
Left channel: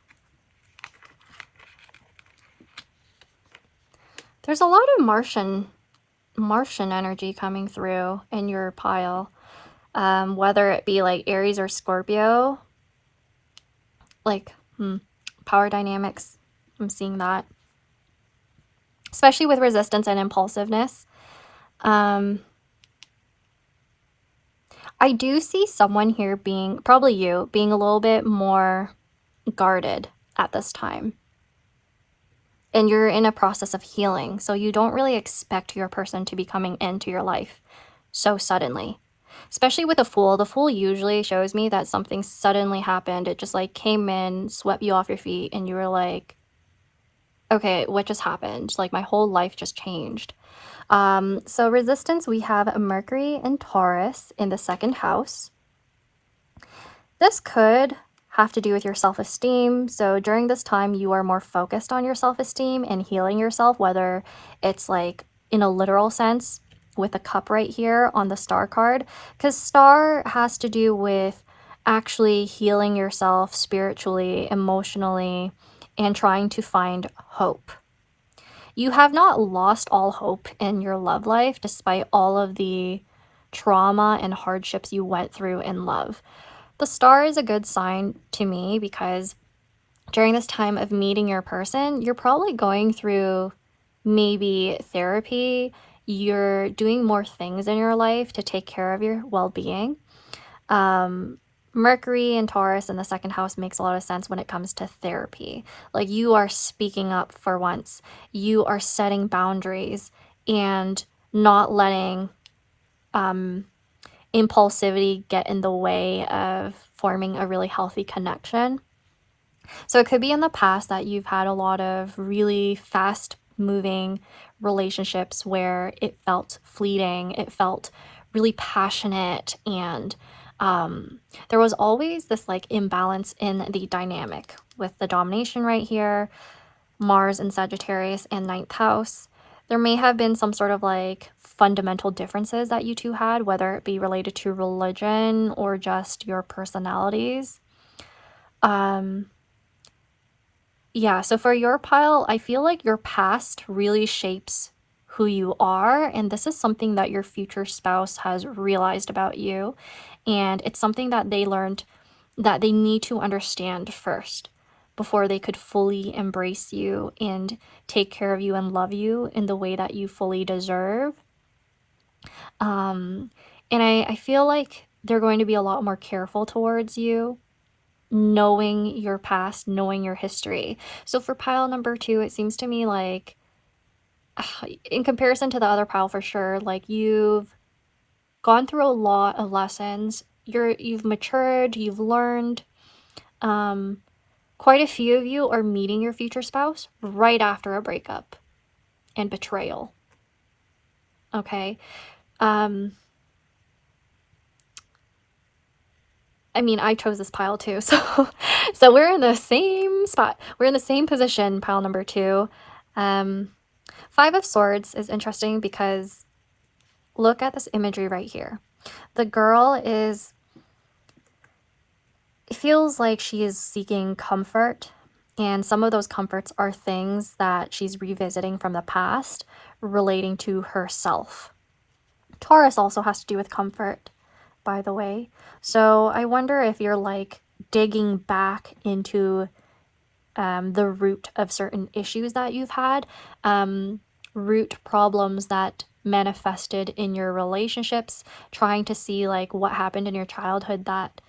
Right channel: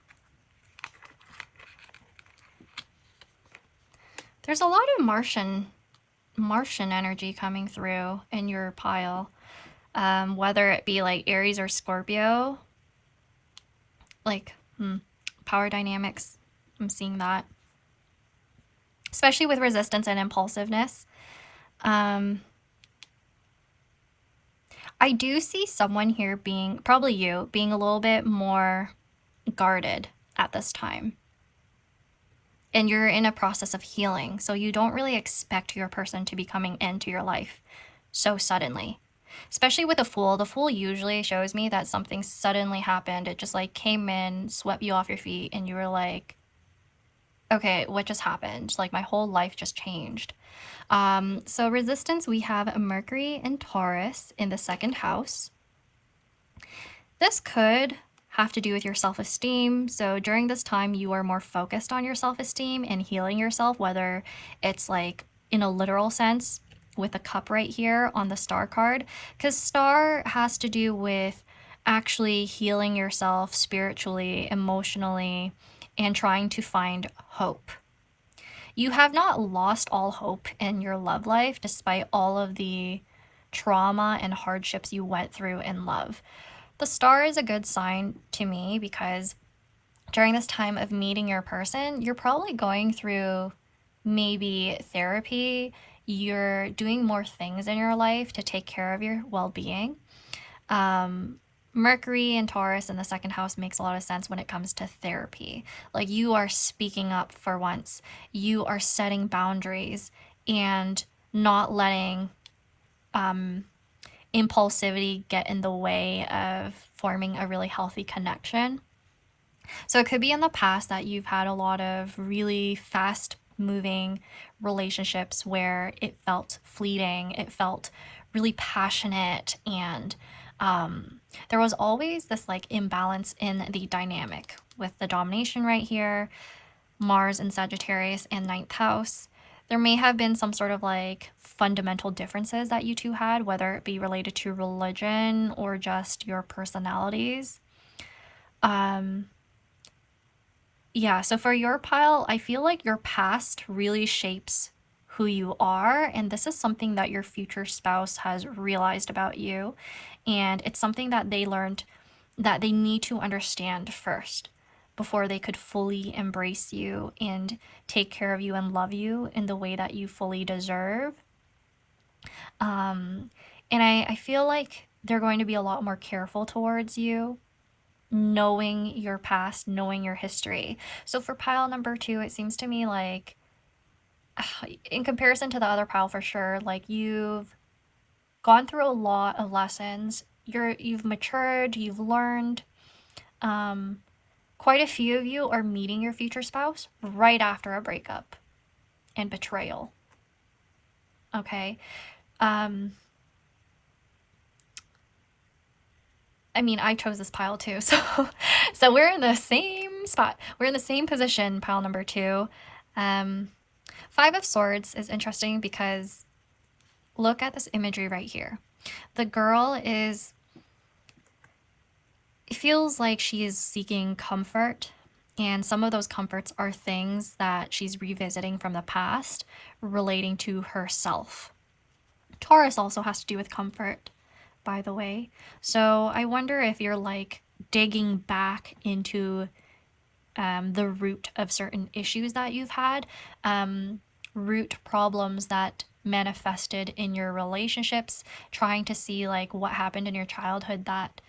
There's a lot of Martian energy coming through in your pile, whether it be like Aries or Scorpio. like power dynamics. I'm seeing that, especially with resistance and impulsiveness. I do see someone here being, probably you, being a little bit more guarded at this time. And you're in a process of healing, so you don't really expect your person to be coming into your life so suddenly. Especially with a Fool. The Fool usually shows me that something suddenly happened. It just like came in, swept you off your feet, and you were like, okay, what just happened? Like my whole life just changed. So resistance, we have a Mercury and Taurus in the second house. This could have to do with your self-esteem. So during this time, you are more focused on your self-esteem and healing yourself, whether it's like in a literal sense with the cup right here on the star card, because star has to do with actually healing yourself spiritually, emotionally, and trying to find hope. You have not lost all hope in your love life despite all of the trauma and hardships you went through in love. The star is a good sign to me because during this time of meeting your person, you're probably going through maybe therapy. You're doing more things in your life to take care of your well-being. Mercury and Taurus in the second house makes a lot of sense when it comes to therapy. Like you are speaking up for once. You are setting boundaries and not letting impulsivity get in the way of forming a really healthy connection. So it could be in the past that you've had a lot of really fast moving relationships where it felt fleeting, it felt really passionate, and there was always this like imbalance in the dynamic with the domination right here, Mars and Sagittarius and ninth house. There may have been some sort of like fundamental differences that you two had, whether it be related to religion or just your personalities. Yeah, so for your pile, I feel like your past really shapes who you are, and this is something that your future spouse has realized about you, and it's something that they learned that they need to understand first before they could fully embrace you and take care of you and love you in the way that you fully deserve. And I feel like they're going to be a lot more careful towards you, knowing your past, knowing your history. So for pile number 2, it seems to me like, in comparison to the other pile for sure, like you've gone through a lot of lessons. You've matured, you've learned. Quite a few of you are meeting your future spouse right after a breakup and betrayal. Okay. I mean, I chose this pile too, so we're in the same spot. We're in the same position, pile number 2. 5 of Swords is interesting because look at this imagery right here. The girl is, it feels like she is seeking comfort, and some of those comforts are things that she's revisiting from the past relating to herself. Taurus also has to do with comfort, by the way. So I wonder if you're like digging back into the root of certain issues that you've had, root problems that manifested in your relationships, trying to see like what happened in your childhood that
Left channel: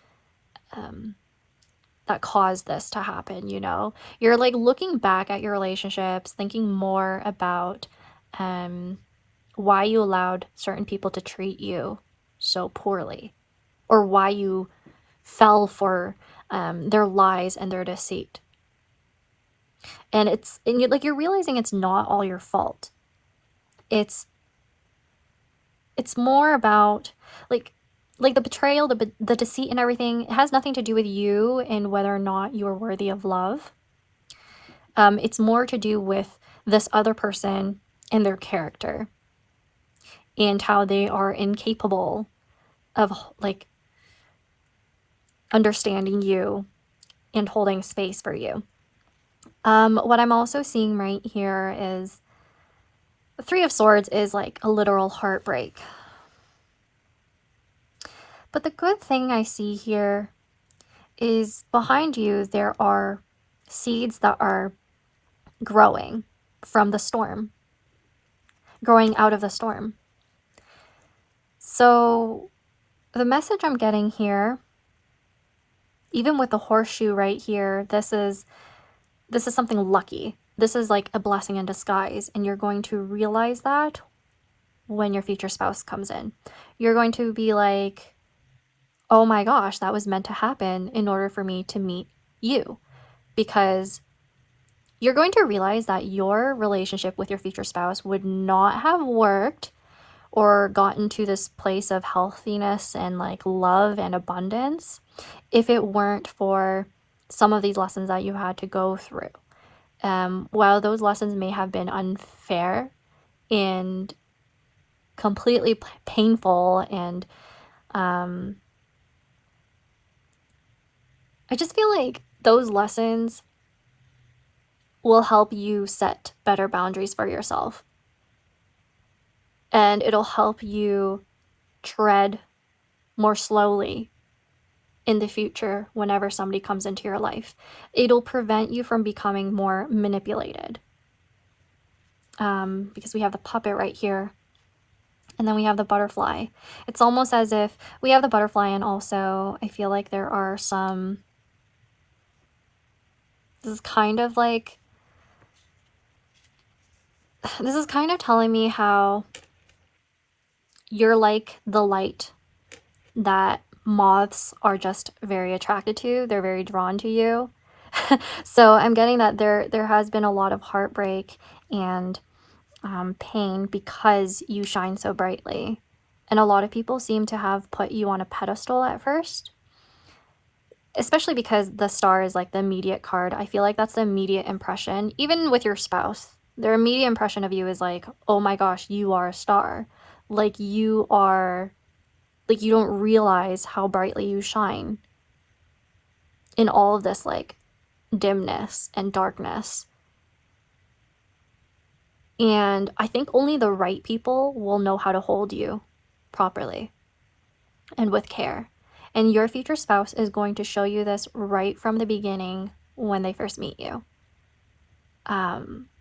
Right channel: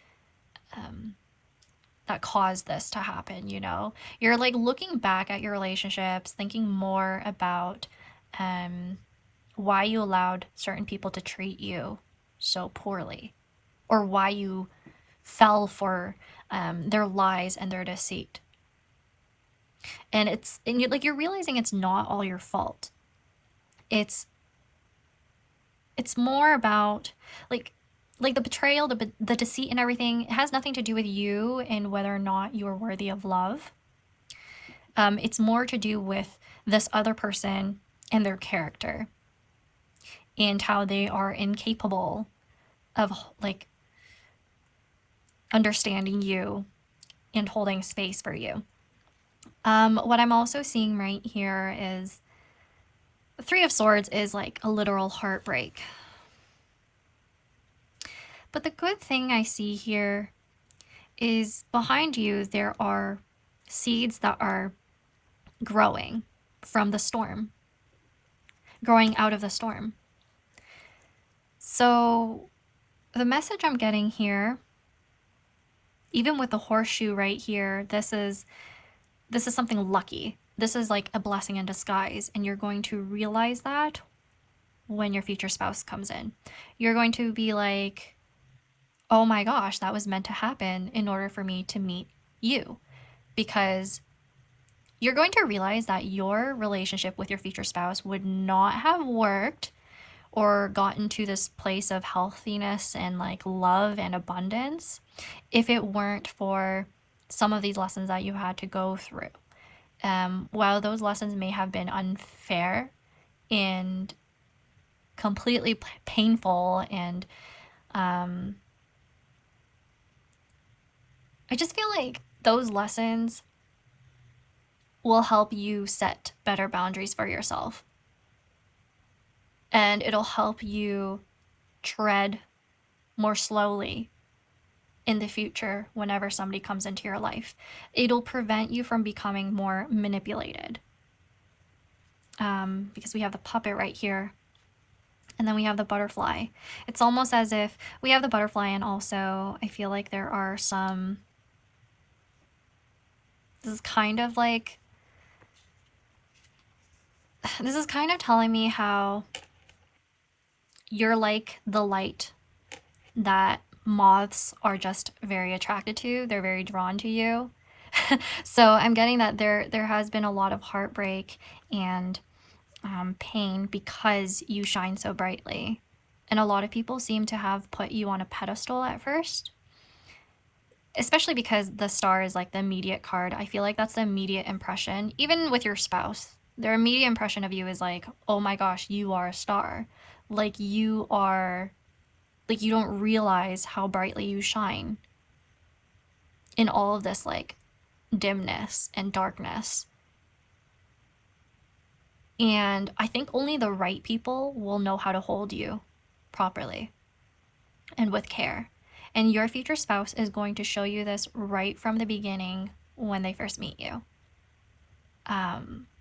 caused this to happen. You know, you're like looking back at your relationships, thinking more about why you allowed certain people to treat you so poorly, or why you fell for their lies and their deceit. And you're realizing it's not all your fault. It's more about like the betrayal, the deceit and everything. It has nothing to do with you and whether or not you are worthy of love. It's more to do with this other person and their character and how they are incapable of like understanding you and holding space for you. What I'm also seeing right here is the 3 of Swords is like a literal heartbreak. But the good thing I see here is behind you, there are seeds that are growing from the storm, growing out of the storm. So the message I'm getting here, even with the horseshoe right here, this is something lucky. This is like a blessing in disguise, and you're going to realize that when your future spouse comes in. You're going to be like, oh my gosh, that was meant to happen in order for me to meet you. Because you're going to realize that your relationship with your future spouse would not have worked or gotten to this place of healthiness and like love and abundance if it weren't for some of these lessons that you had to go through. While those lessons may have been unfair and completely painful, and I just feel like those lessons will help you set better boundaries for yourself. And it'll help you tread more slowly in the future whenever somebody comes into your life. It'll prevent you from becoming more manipulated. Because we have the puppet right here, and then we have the butterfly. It's almost as if we have the butterfly, and also I feel like there are some, this is kind of telling me how you're like the light that moths are just very attracted to. They're very drawn to you. So I'm getting that there has been a lot of heartbreak and pain because you shine so brightly. And a lot of people seem to have put you on a pedestal at first, especially because the star is like the immediate card. I feel like that's the immediate impression. Even with your spouse, their immediate impression of you is like, oh my gosh, you are a star. Like you don't realize how brightly you shine in all of this like dimness and darkness. And I think only the right people will know how to hold you properly and with care. And your future spouse is going to show you this right from the beginning when they first meet you.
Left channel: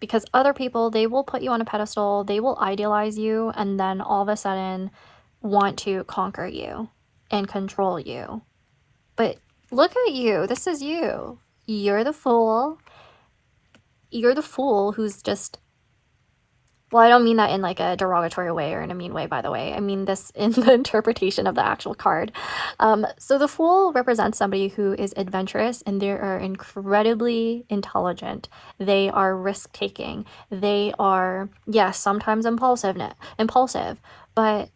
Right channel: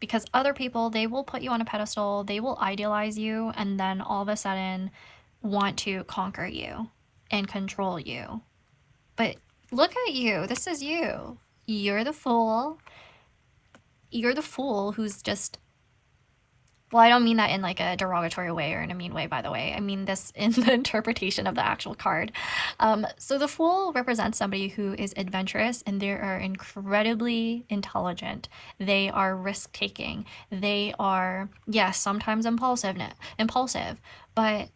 Because other people, they will put you on a pedestal, they will idealize you, and then all of a sudden want to conquer you and control you. But look at you. This is you. You're the fool. You're the fool who's just, well, I don't mean that in like a derogatory way or in a mean way, by the way. I mean this in the interpretation of the actual card. So the Fool represents somebody who is adventurous, and they are incredibly intelligent. They are risk-taking. They are, yes, sometimes impulsive, but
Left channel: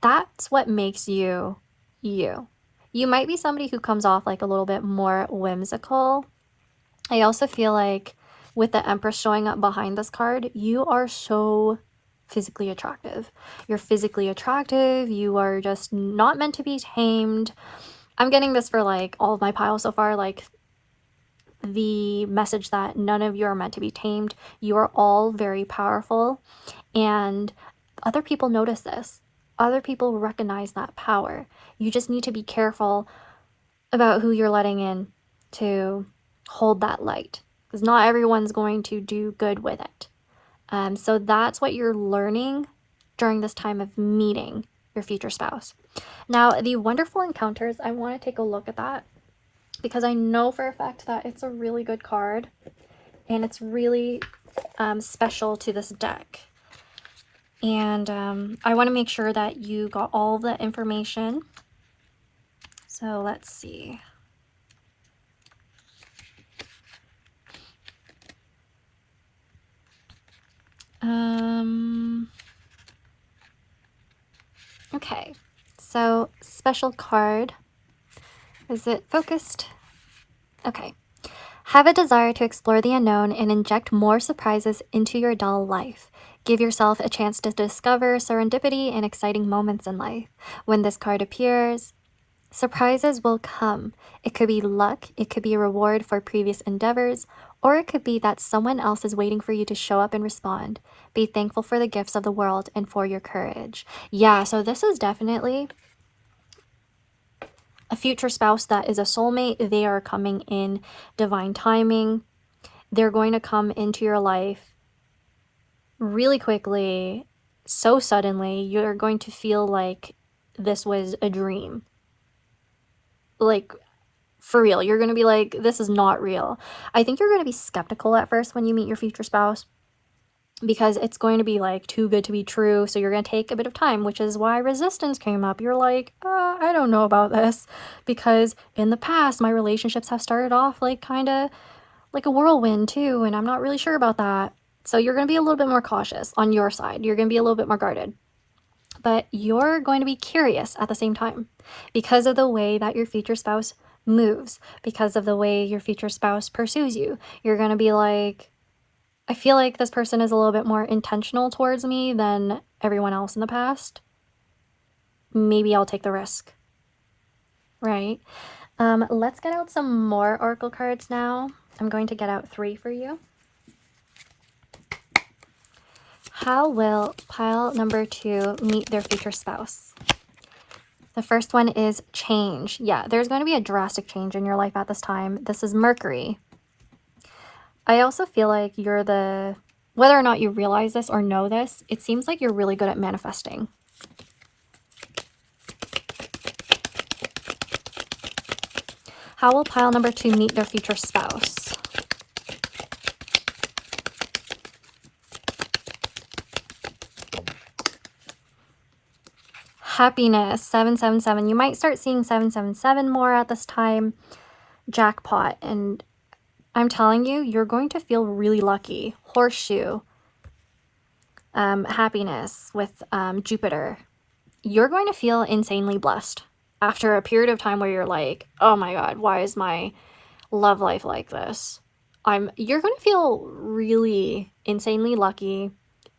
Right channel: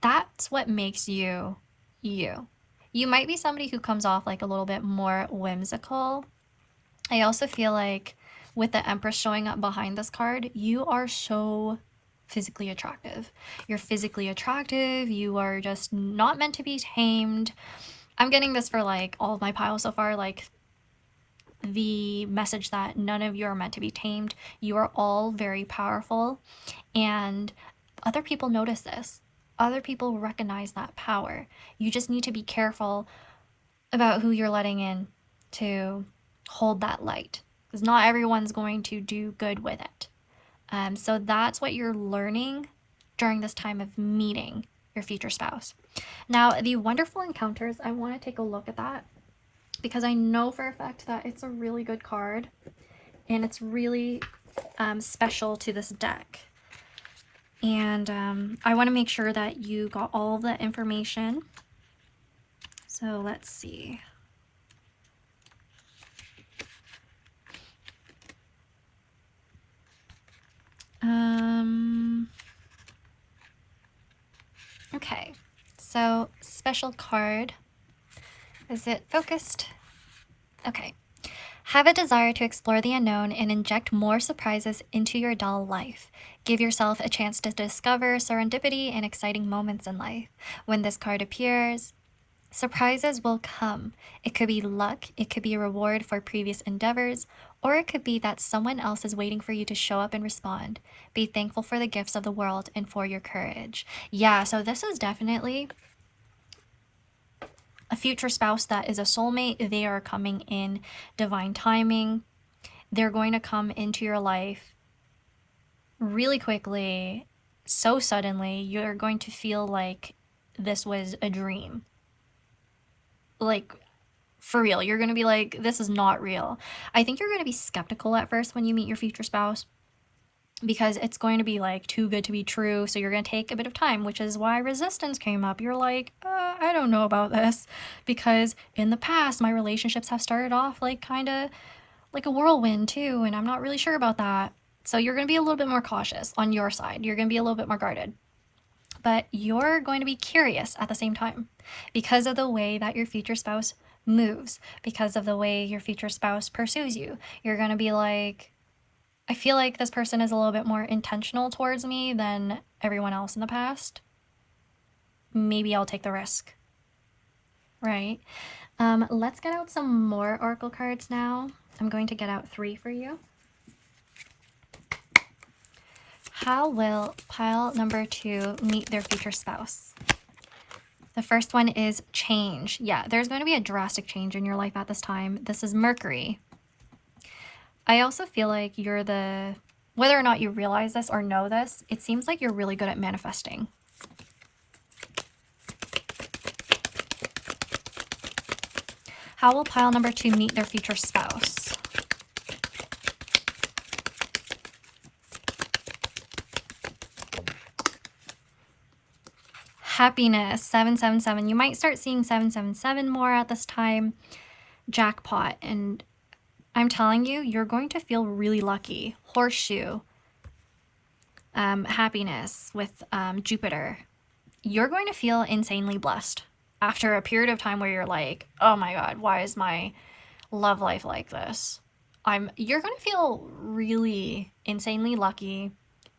that's what makes you you. You might be somebody who comes off like a little bit more whimsical. I also feel like with the Empress showing up behind this card, you are so physically attractive. You're physically attractive. You are just not meant to be tamed. I'm getting this for like all of my piles so far, like the message that none of you are meant to be tamed. You are all very powerful, and other people notice this. Other people recognize that power. You just need to be careful about who you're letting in to hold that light, because not everyone's going to do good with it. So that's what you're learning during this time of meeting your future spouse. Now, the wonderful encounters, I want to take a look at that because I know for a fact that it's a really good card and it's really special to this deck. And I want to make sure that you got all the information. So let's see. Okay, so special card. Is it focused? Okay. Have a desire to explore the unknown and inject more surprises into your dull life. Give yourself a chance to discover serendipity and exciting moments in life. When this card appears, surprises will come. It could be luck, it could be a reward for previous endeavors, or it could be that someone else is waiting for you to show up and respond. Be thankful for the gifts of the world and for your courage. Yeah, so this is definitely a future spouse that is a soulmate. They are coming in divine timing. They're going to come into your life really quickly, so suddenly. You're going to feel like this was a dream. Like, for real. You're going to be like, this is not real. I think you're going to be skeptical at first when you meet your future spouse, because it's going to be like too good to be true. So you're going to take a bit of time, which is why resistance came up. You're like, I don't know about this, because in the past, my relationships have started off like kind of like a whirlwind too, and I'm not really sure about that. So you're going to be a little bit more cautious on your side. You're going to be a little bit more guarded, but you're going to be curious at the same time because of the way that your future spouse moves, because of the way your future spouse pursues you. You're going to be like, I feel like this person is a little bit more intentional towards me than everyone else in the past. Maybe I'll take the risk, right? Let's get out some more oracle cards now. I'm going to get out 3 for you. How will pile number 2 meet their future spouse? The first one is change. Yeah, there's going to be a drastic change in your life at this time. This is Mercury. I also feel like you're whether or not you realize this or know this, it seems like you're really good at manifesting. How will pile number 2 meet their future spouse? Happiness, 777. You might start seeing 777 more at this time. Jackpot. And I'm telling you, you're going to feel really lucky. Horseshoe. Happiness with Jupiter. You're going to feel insanely blessed after a period of time where you're like, oh my God, why is my love life like this? You're going to feel really insanely lucky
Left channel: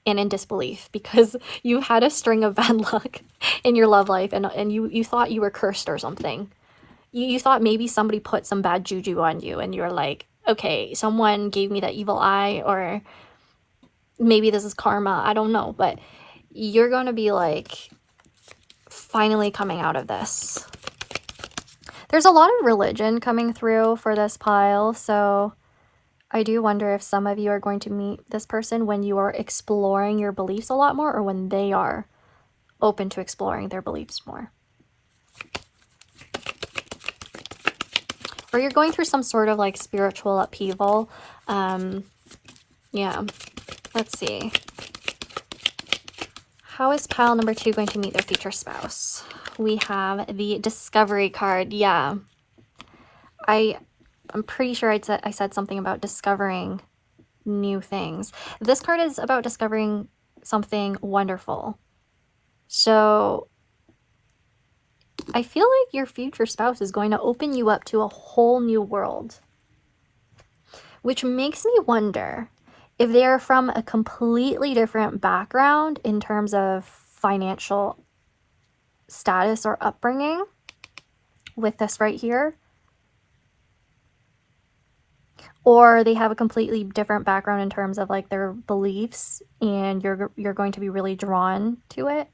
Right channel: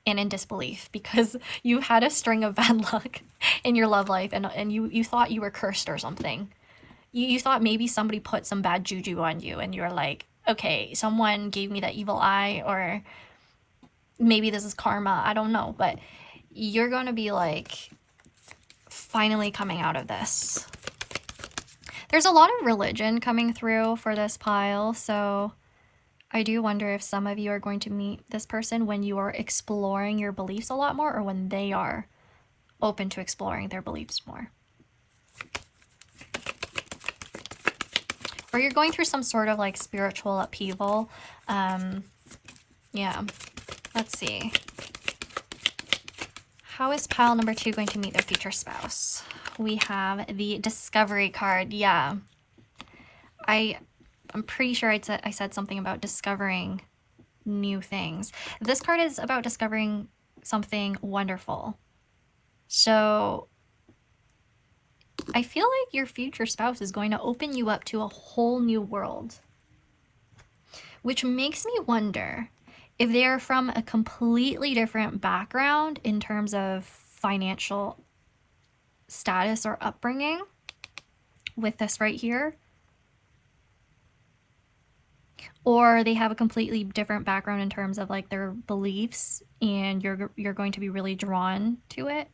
and in disbelief because you had a string of bad luck in your love life, and you thought you were cursed or something. You thought maybe somebody put some bad juju on you, and you're like, okay, someone gave me that evil eye, or maybe this is karma. I don't know, but you're going to be like finally coming out of this. There's a lot of religion coming through for this pile, so I do wonder if some of you are going to meet this person when you are exploring your beliefs a lot more, or when they are open to exploring their beliefs more. Or you're going through some sort of like spiritual upheaval. Yeah, let's see. How is pile number 2 going to meet their future spouse? We have the Discovery card. Yeah, I'm pretty sure I said something about discovering new things. This card is about discovering something wonderful. So I feel like your future spouse is going to open you up to a whole new world, which makes me wonder if they are from a completely different background in terms of financial status or upbringing with this right here. Or they have a completely different background in terms of like their beliefs, and you're going to be really drawn to it,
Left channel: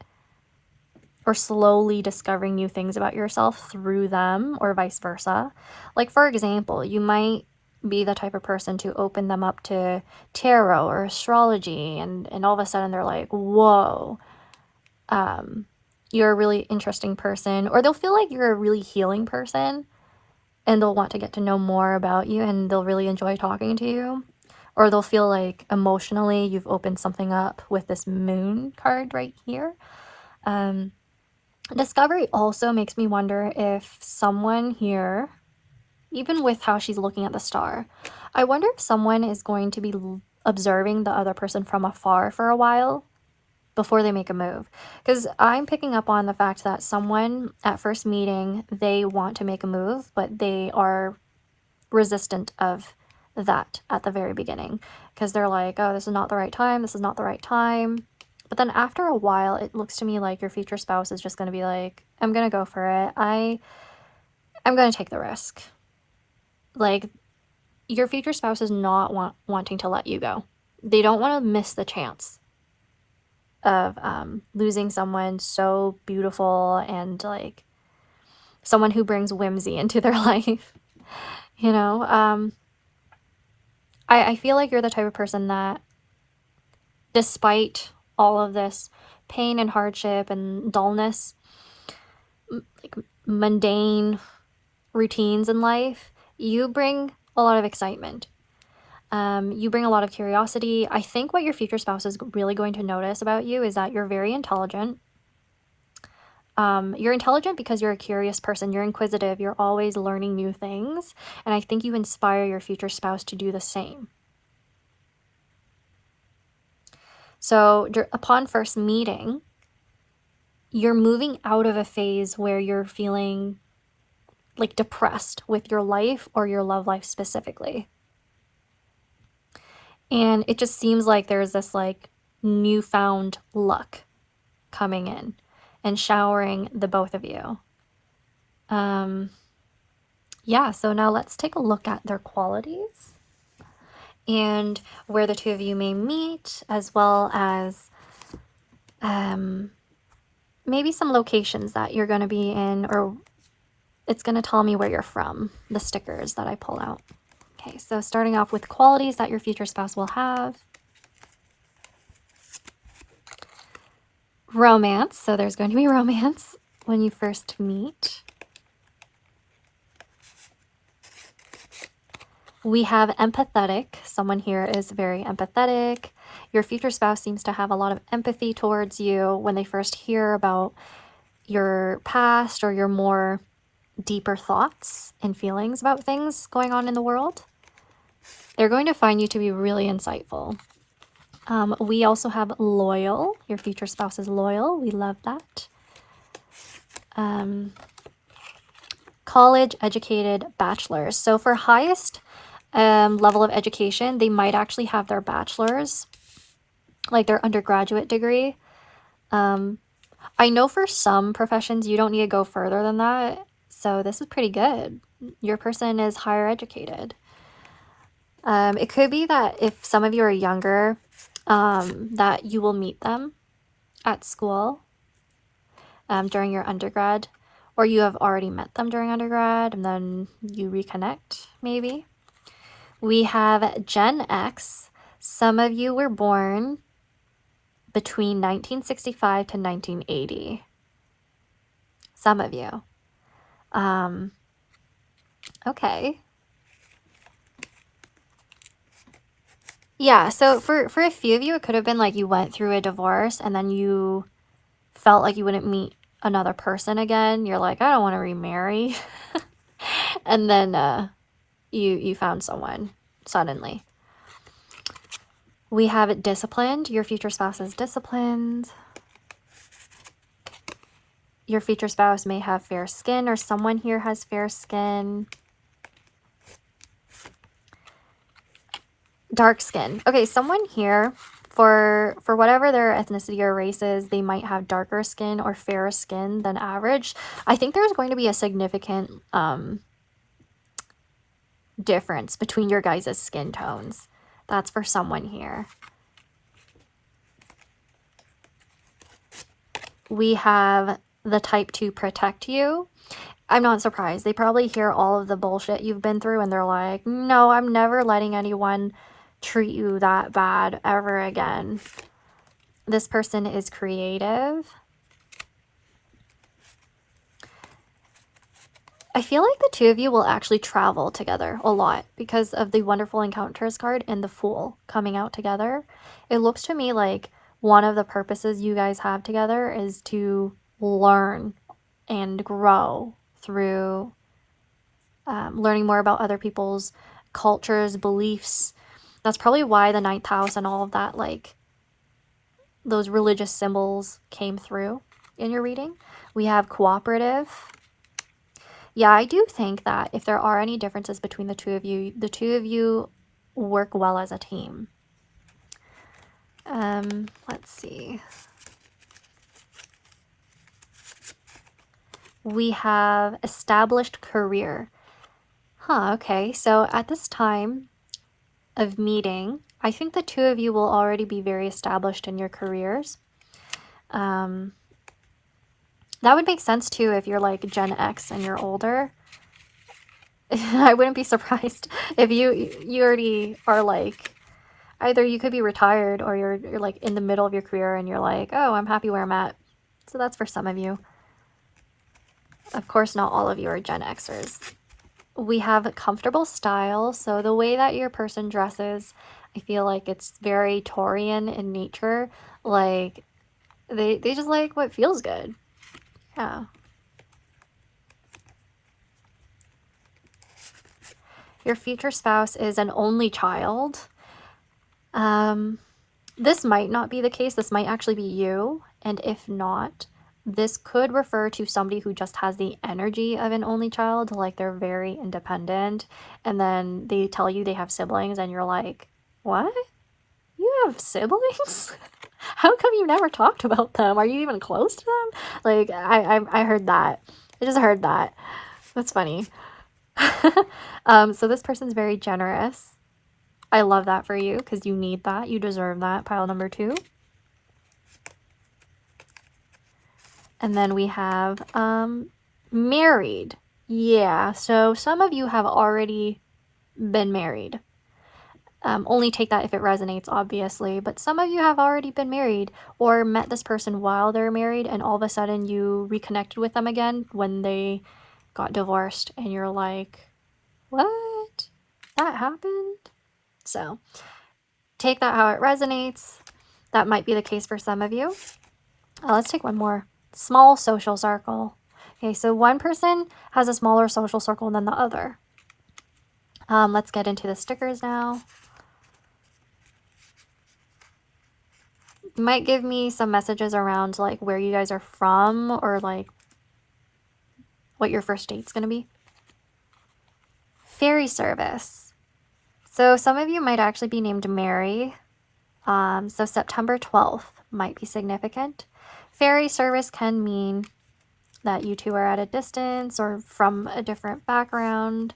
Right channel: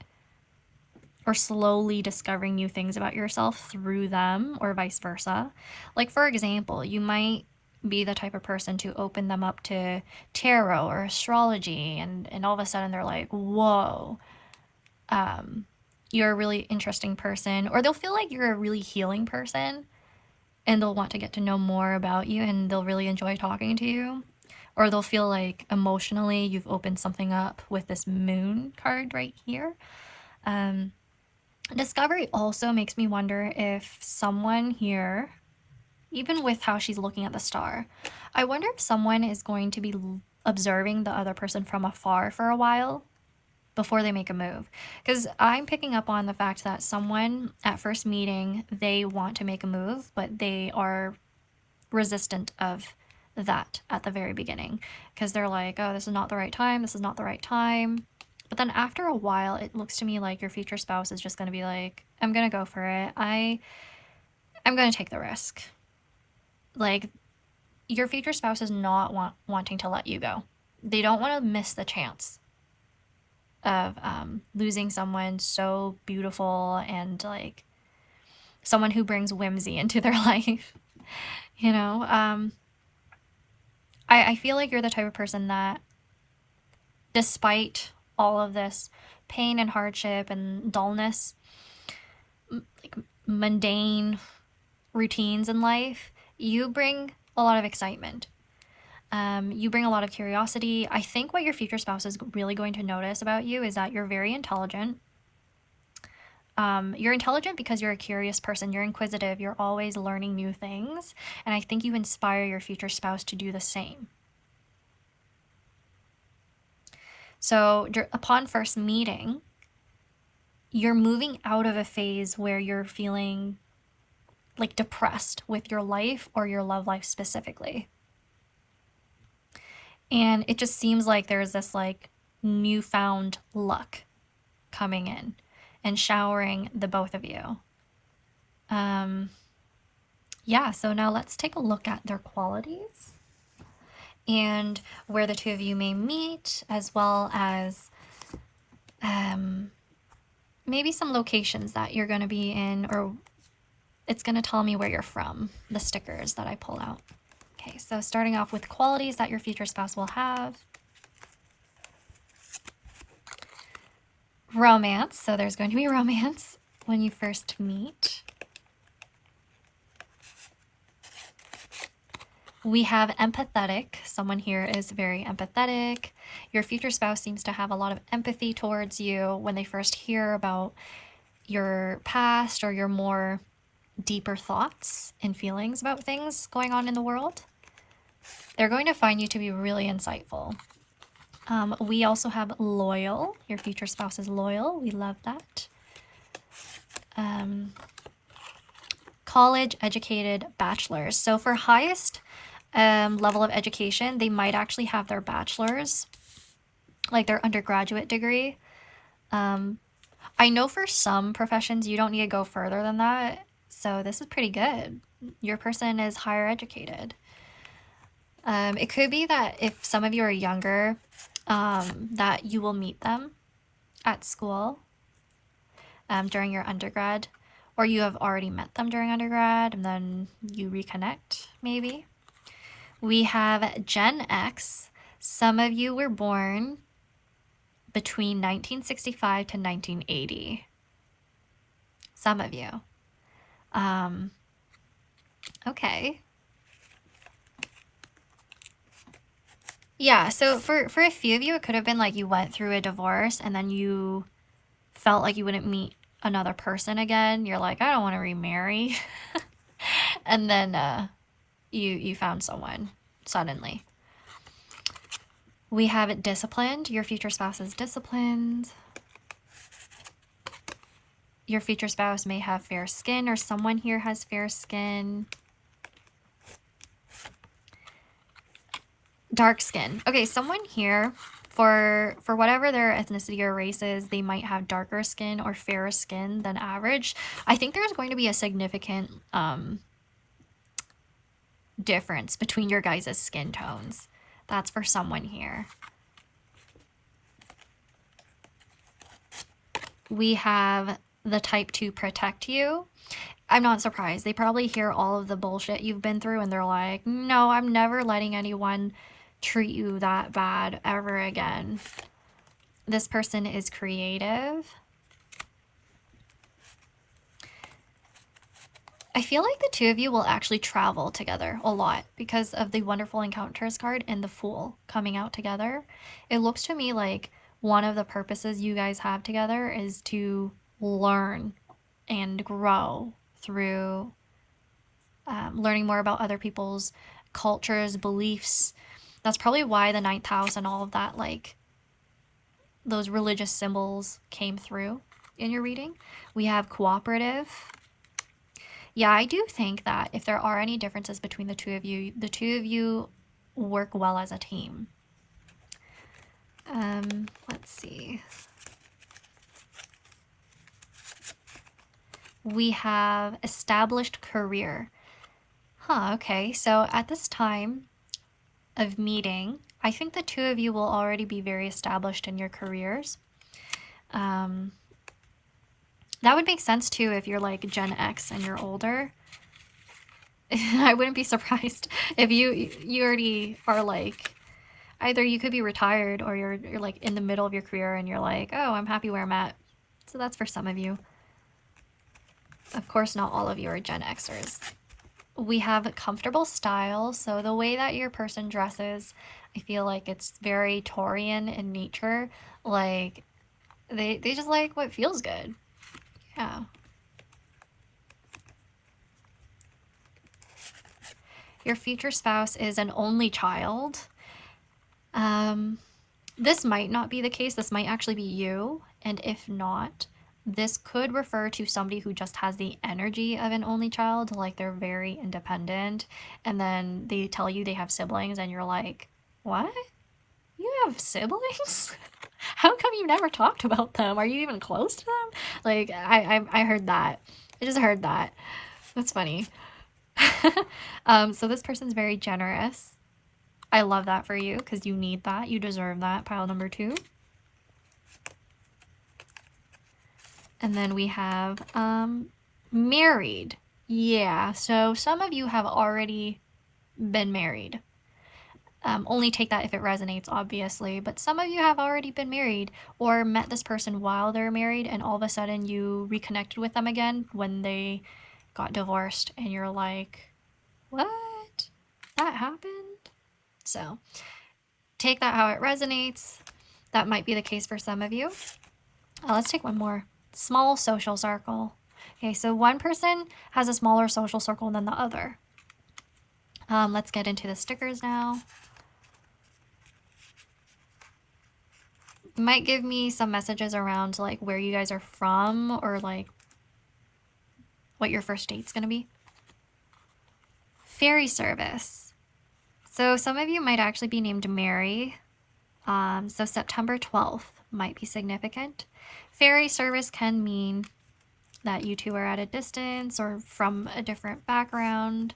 or slowly discovering new things about yourself through them, or vice versa. Like, for example, you might be the type of person to open them up to tarot or astrology, and all of a sudden they're like, whoa, you're a really interesting person. Or they'll feel like you're a really healing person, and they'll want to get to know more about you, and they'll really enjoy talking to you. Or they'll feel like emotionally you've opened something up with this moon card right here. Discovery also makes me wonder if someone here, even with how she's looking at the star, I wonder if someone is going to be observing the other person from afar for a while before they make a move. Because I'm picking up on the fact that someone at first meeting, they want to make a move, but they are resistant of that at the very beginning. Because they're like, oh, this is not the right time. This is not the right time. But then after a while, it looks to me like your future spouse is just going to be like, I'm going to go for it. I'm going to take the risk. Like, your future spouse is not wanting to let you go. They don't want to miss the chance of losing someone so beautiful and like someone who brings whimsy into their life. You know, I feel like you're the type of person that, despite all of this pain and hardship and dullness, like mundane routines in life, you bring a lot of excitement. You bring a lot of curiosity. I think what your future spouse is really going to notice about you is that you're very intelligent. You're intelligent because you're a curious person. You're inquisitive. You're always learning new things. And I think you inspire your future spouse to do the same. So upon first meeting, you're moving out of a phase where you're feeling like depressed with your life or your love life specifically. And it just seems like there's this like newfound luck coming in and showering the both of you. Yeah, so now let's take a look at their qualities and where the two of you may meet, as well as maybe some locations that you're going to be in, or it's going to tell me where you're from, the stickers that I pull out. Okay, so starting off with qualities that your future spouse will have. Romance, so there's going to be romance when you first meet. We have empathetic. Someone here is very empathetic. Your future spouse seems to have a lot of empathy towards you when they first hear about your past or your more deeper thoughts and feelings about things going on in the world. They're going to find you to be really insightful. We also have loyal. Your future spouse is loyal. We love that. College educated bachelors. So for highest level of education, they might actually have their bachelor's, like their undergraduate degree. I know for some professions you don't need to go further than that, so this is pretty good. Your person is higher educated. It could be that if some of you are younger, that you will meet them at school during your undergrad, or you have already met them during undergrad and then you reconnect maybe. We have Gen X. Some of you were born between 1965 to 1980. Some of you. Okay. Yeah, so for a few of you, it could have been like you went through a divorce and then you felt like you wouldn't meet another person again. You're like, I don't want to remarry. And then you found someone suddenly. We have it disciplined. Your future spouse is disciplined. Your future spouse may have fair skin, or someone here has fair skin. Dark skin. Okay, someone here, for whatever their ethnicity or race is, they might have darker skin or fairer skin than average. I think there's going to be a significant difference between your guys' skin tones. That's for someone here. We have the type to protect you. I'm not surprised. They probably hear all of the bullshit you've been through and they're like, no, I'm never letting anyone treat you that bad ever again. This person is creative. I feel like the two of you will actually travel together a lot because of the Wonderful Encounters card and the Fool coming out together. It looks to me like one of the purposes you guys have together is to learn and grow through learning more about other people's cultures, beliefs. That's probably why the 9th house and all of that, like those religious symbols came through in your reading. We have cooperative. Yeah, I do think that if there are any differences between the two of you work well as a team. Let's see. We have established career. Huh, okay. So at this time of meeting, I think the two of you will already be very established in your careers. That would make sense too if you're like Gen X and you're older. I wouldn't be surprised if you already are like, either you could be retired or you're like in the middle of your career and you're like, oh, I'm happy where I'm at. So that's for some of you. Of course, not all of you are Gen Xers. We have comfortable style. So the way that your person dresses, I feel like it's very Taurian in nature. Like they just like what feels good. Yeah. Your future spouse is an only child. This might not be the case. This might actually be you. And if not, this could refer to somebody who just has the energy of an only child, like they're very independent, and then they tell you they have siblings and you're like, what? You have siblings? How come you never talked about them? Are you even close to them? Like, I heard that. I just heard that. That's funny. So this person's very generous. I love that for you because you need that. You deserve that. Pile number 2. And then we have married. Yeah, so some of you have already been married. Only take that if it resonates, obviously. But some of you have already been married or met this person while they're married and all of a sudden you reconnected with them again when they got divorced and you're like, what? That happened? So take that how it resonates. That might be the case for some of you. Let's take one more. Small social circle. Okay, so one person has a smaller social circle than the other. Let's get into the stickers now. Might give me some messages around like where you guys are from or like what your first date's gonna be. Fairy service. So some of you might actually be named Mary. So September 12th might be significant. Fairy service can mean that you two are at a distance or from a different background.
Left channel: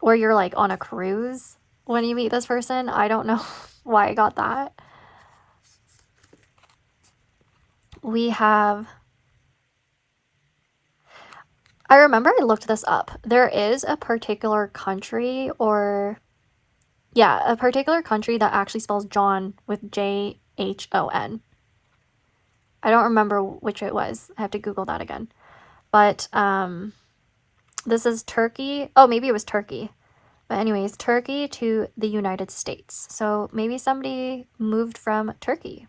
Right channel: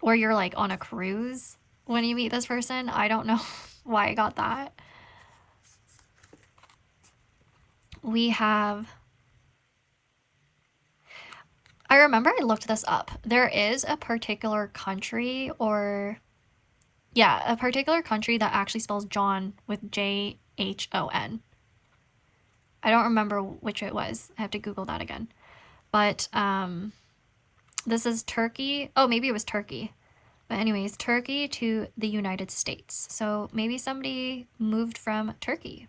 Or you're like on a cruise when you meet this person. I don't know why I got that. We have, I remember I looked this up. There is a particular country or, yeah, a particular country that actually spells John with J-H-O-N. I don't remember which it was. I have to Google that again. But this is Turkey. Oh, maybe it was Turkey. But anyways, Turkey to the United States. So maybe somebody moved from Turkey.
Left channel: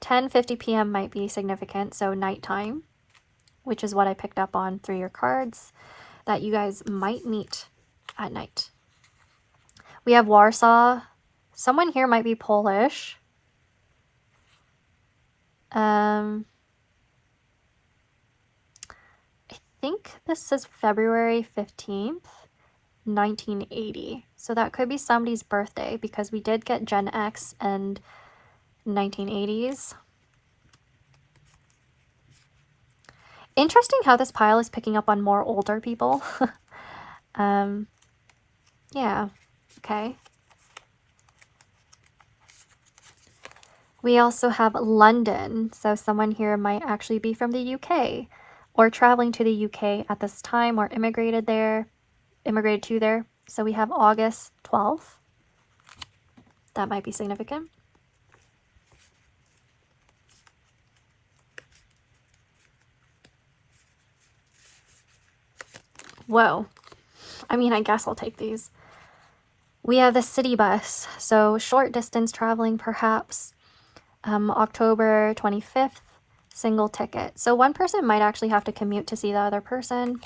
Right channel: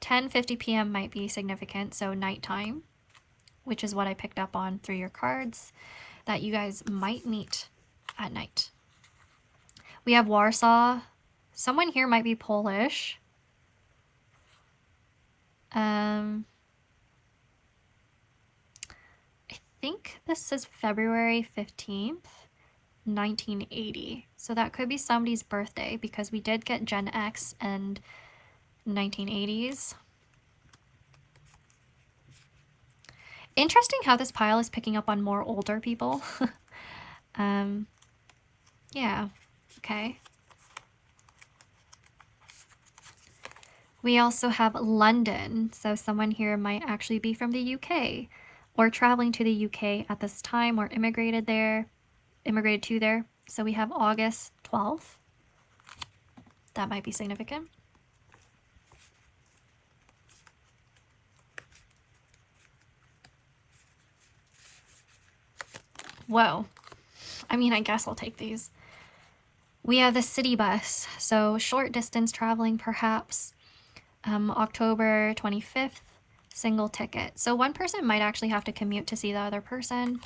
10:50 p.m. might be significant, so nighttime, which is what I picked up on through your cards, that you guys might meet at night. We have Warsaw. Someone here might be Polish. I think this says February 15th, 1980. So that could be somebody's birthday because we did get Gen X and 1980s. Interesting how this pile is picking up on more older people. Yeah, okay. We also have London, so someone here might actually be from the UK or traveling to the UK at this time or immigrated to there. So we have August 12th. That might be significant. Whoa. I mean, I guess I'll take these. We have the city bus, so short distance traveling perhaps. October 25th, single ticket. So one person might actually have to commute to see the other person.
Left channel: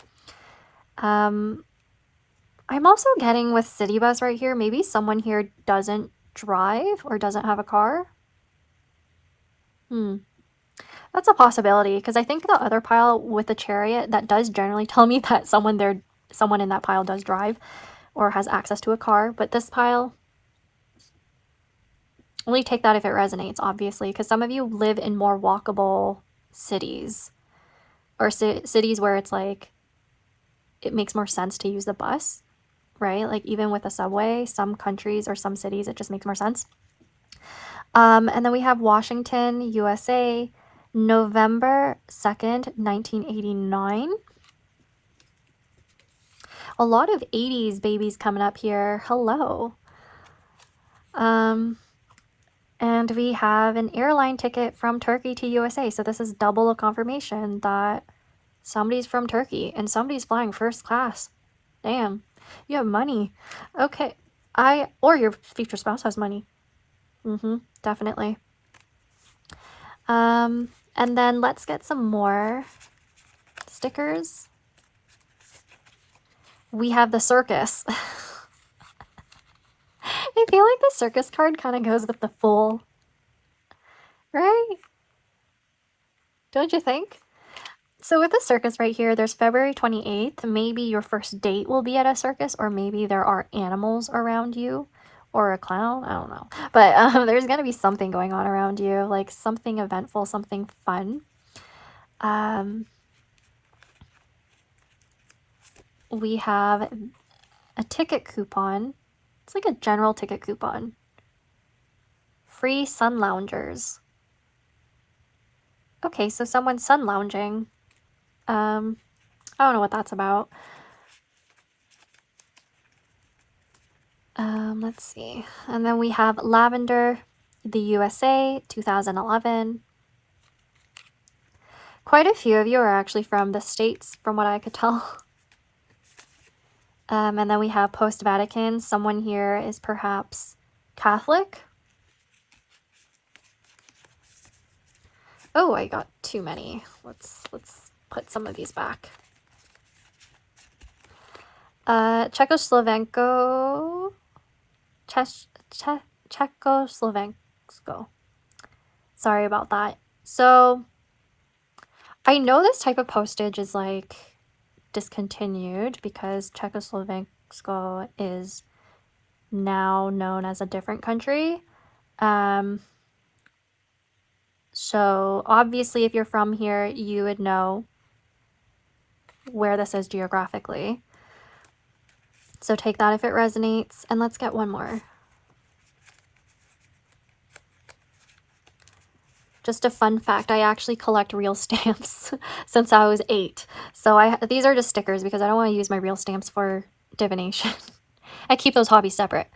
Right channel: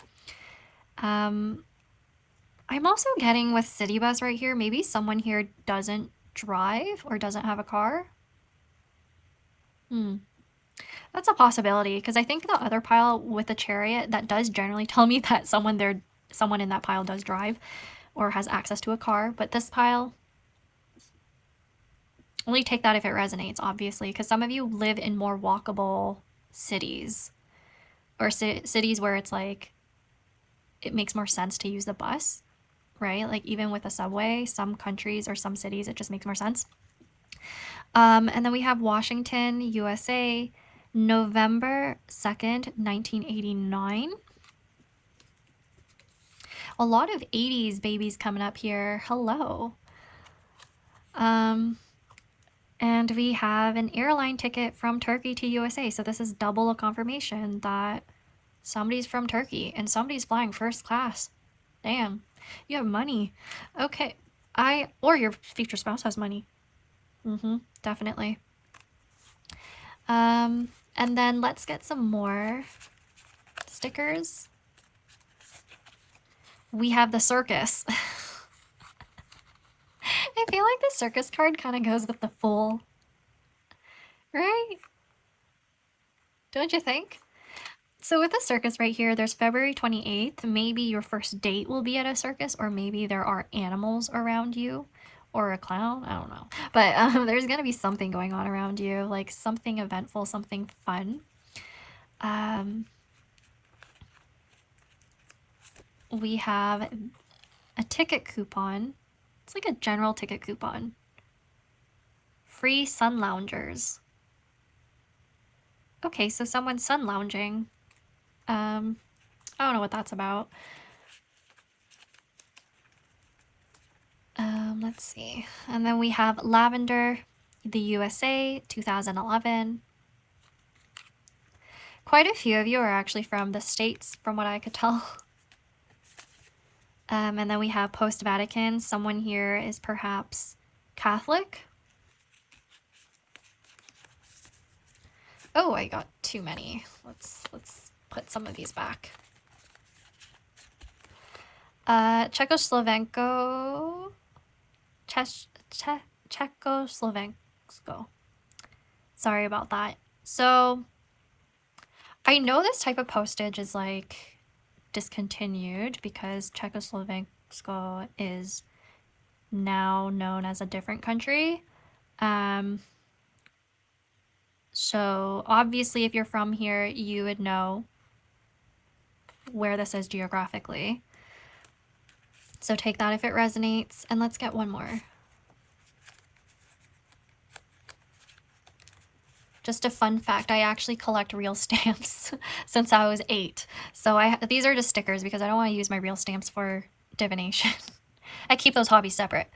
I'm also getting with city bus right here, maybe someone here doesn't drive or doesn't have a car. That's a possibility because I think the other pile with the chariot, that does generally tell me that someone in that pile does drive or has access to a car, but this pile, only take that if it resonates, obviously, because some of you live in more walkable cities or cities where it's like it makes more sense to use the bus, right? Like even with a subway, some countries or some cities, it just makes more sense. And then we have Washington, USA, November 2nd, 1989. A lot of 80s babies coming up here. Hello. And we have an airline ticket from Turkey to USA. So this is double a confirmation that somebody's from Turkey and somebody's flying first class. Damn, you have money. Okay. Or your future spouse has money. Definitely. And then let's get some more stickers. We have the circus. I feel like the circus card kind of goes with the Fool. Right? Don't you think? So with the circus right here, there's February 28th. Maybe your first date will be at a circus, or maybe there are animals around you, or a clown. I don't know. But there's going to be something going on around you, like something eventful, something fun. We have a ticket coupon. It's like a general ticket coupon. Free sun loungers. Okay, so someone's sun lounging. I don't know what that's about. Let's see. And then we have Lavender, the USA, 2011. Quite a few of you are actually from the States, from what I could tell. And then we have post-Vatican. Someone here is perhaps Catholic. Oh, I got too many. Let's put some of these back. Czechoslovensko. Sorry about that. So I know this type of postage is like discontinued because Czechoslovensko is now known as a different country. So obviously if you're from here, you would know where this is geographically. So take that if it resonates. And let's get one more. Just a fun fact, I actually collect real stamps since I was 8. So these are just stickers because I don't want to use my real stamps for divination. I keep those hobbies separate.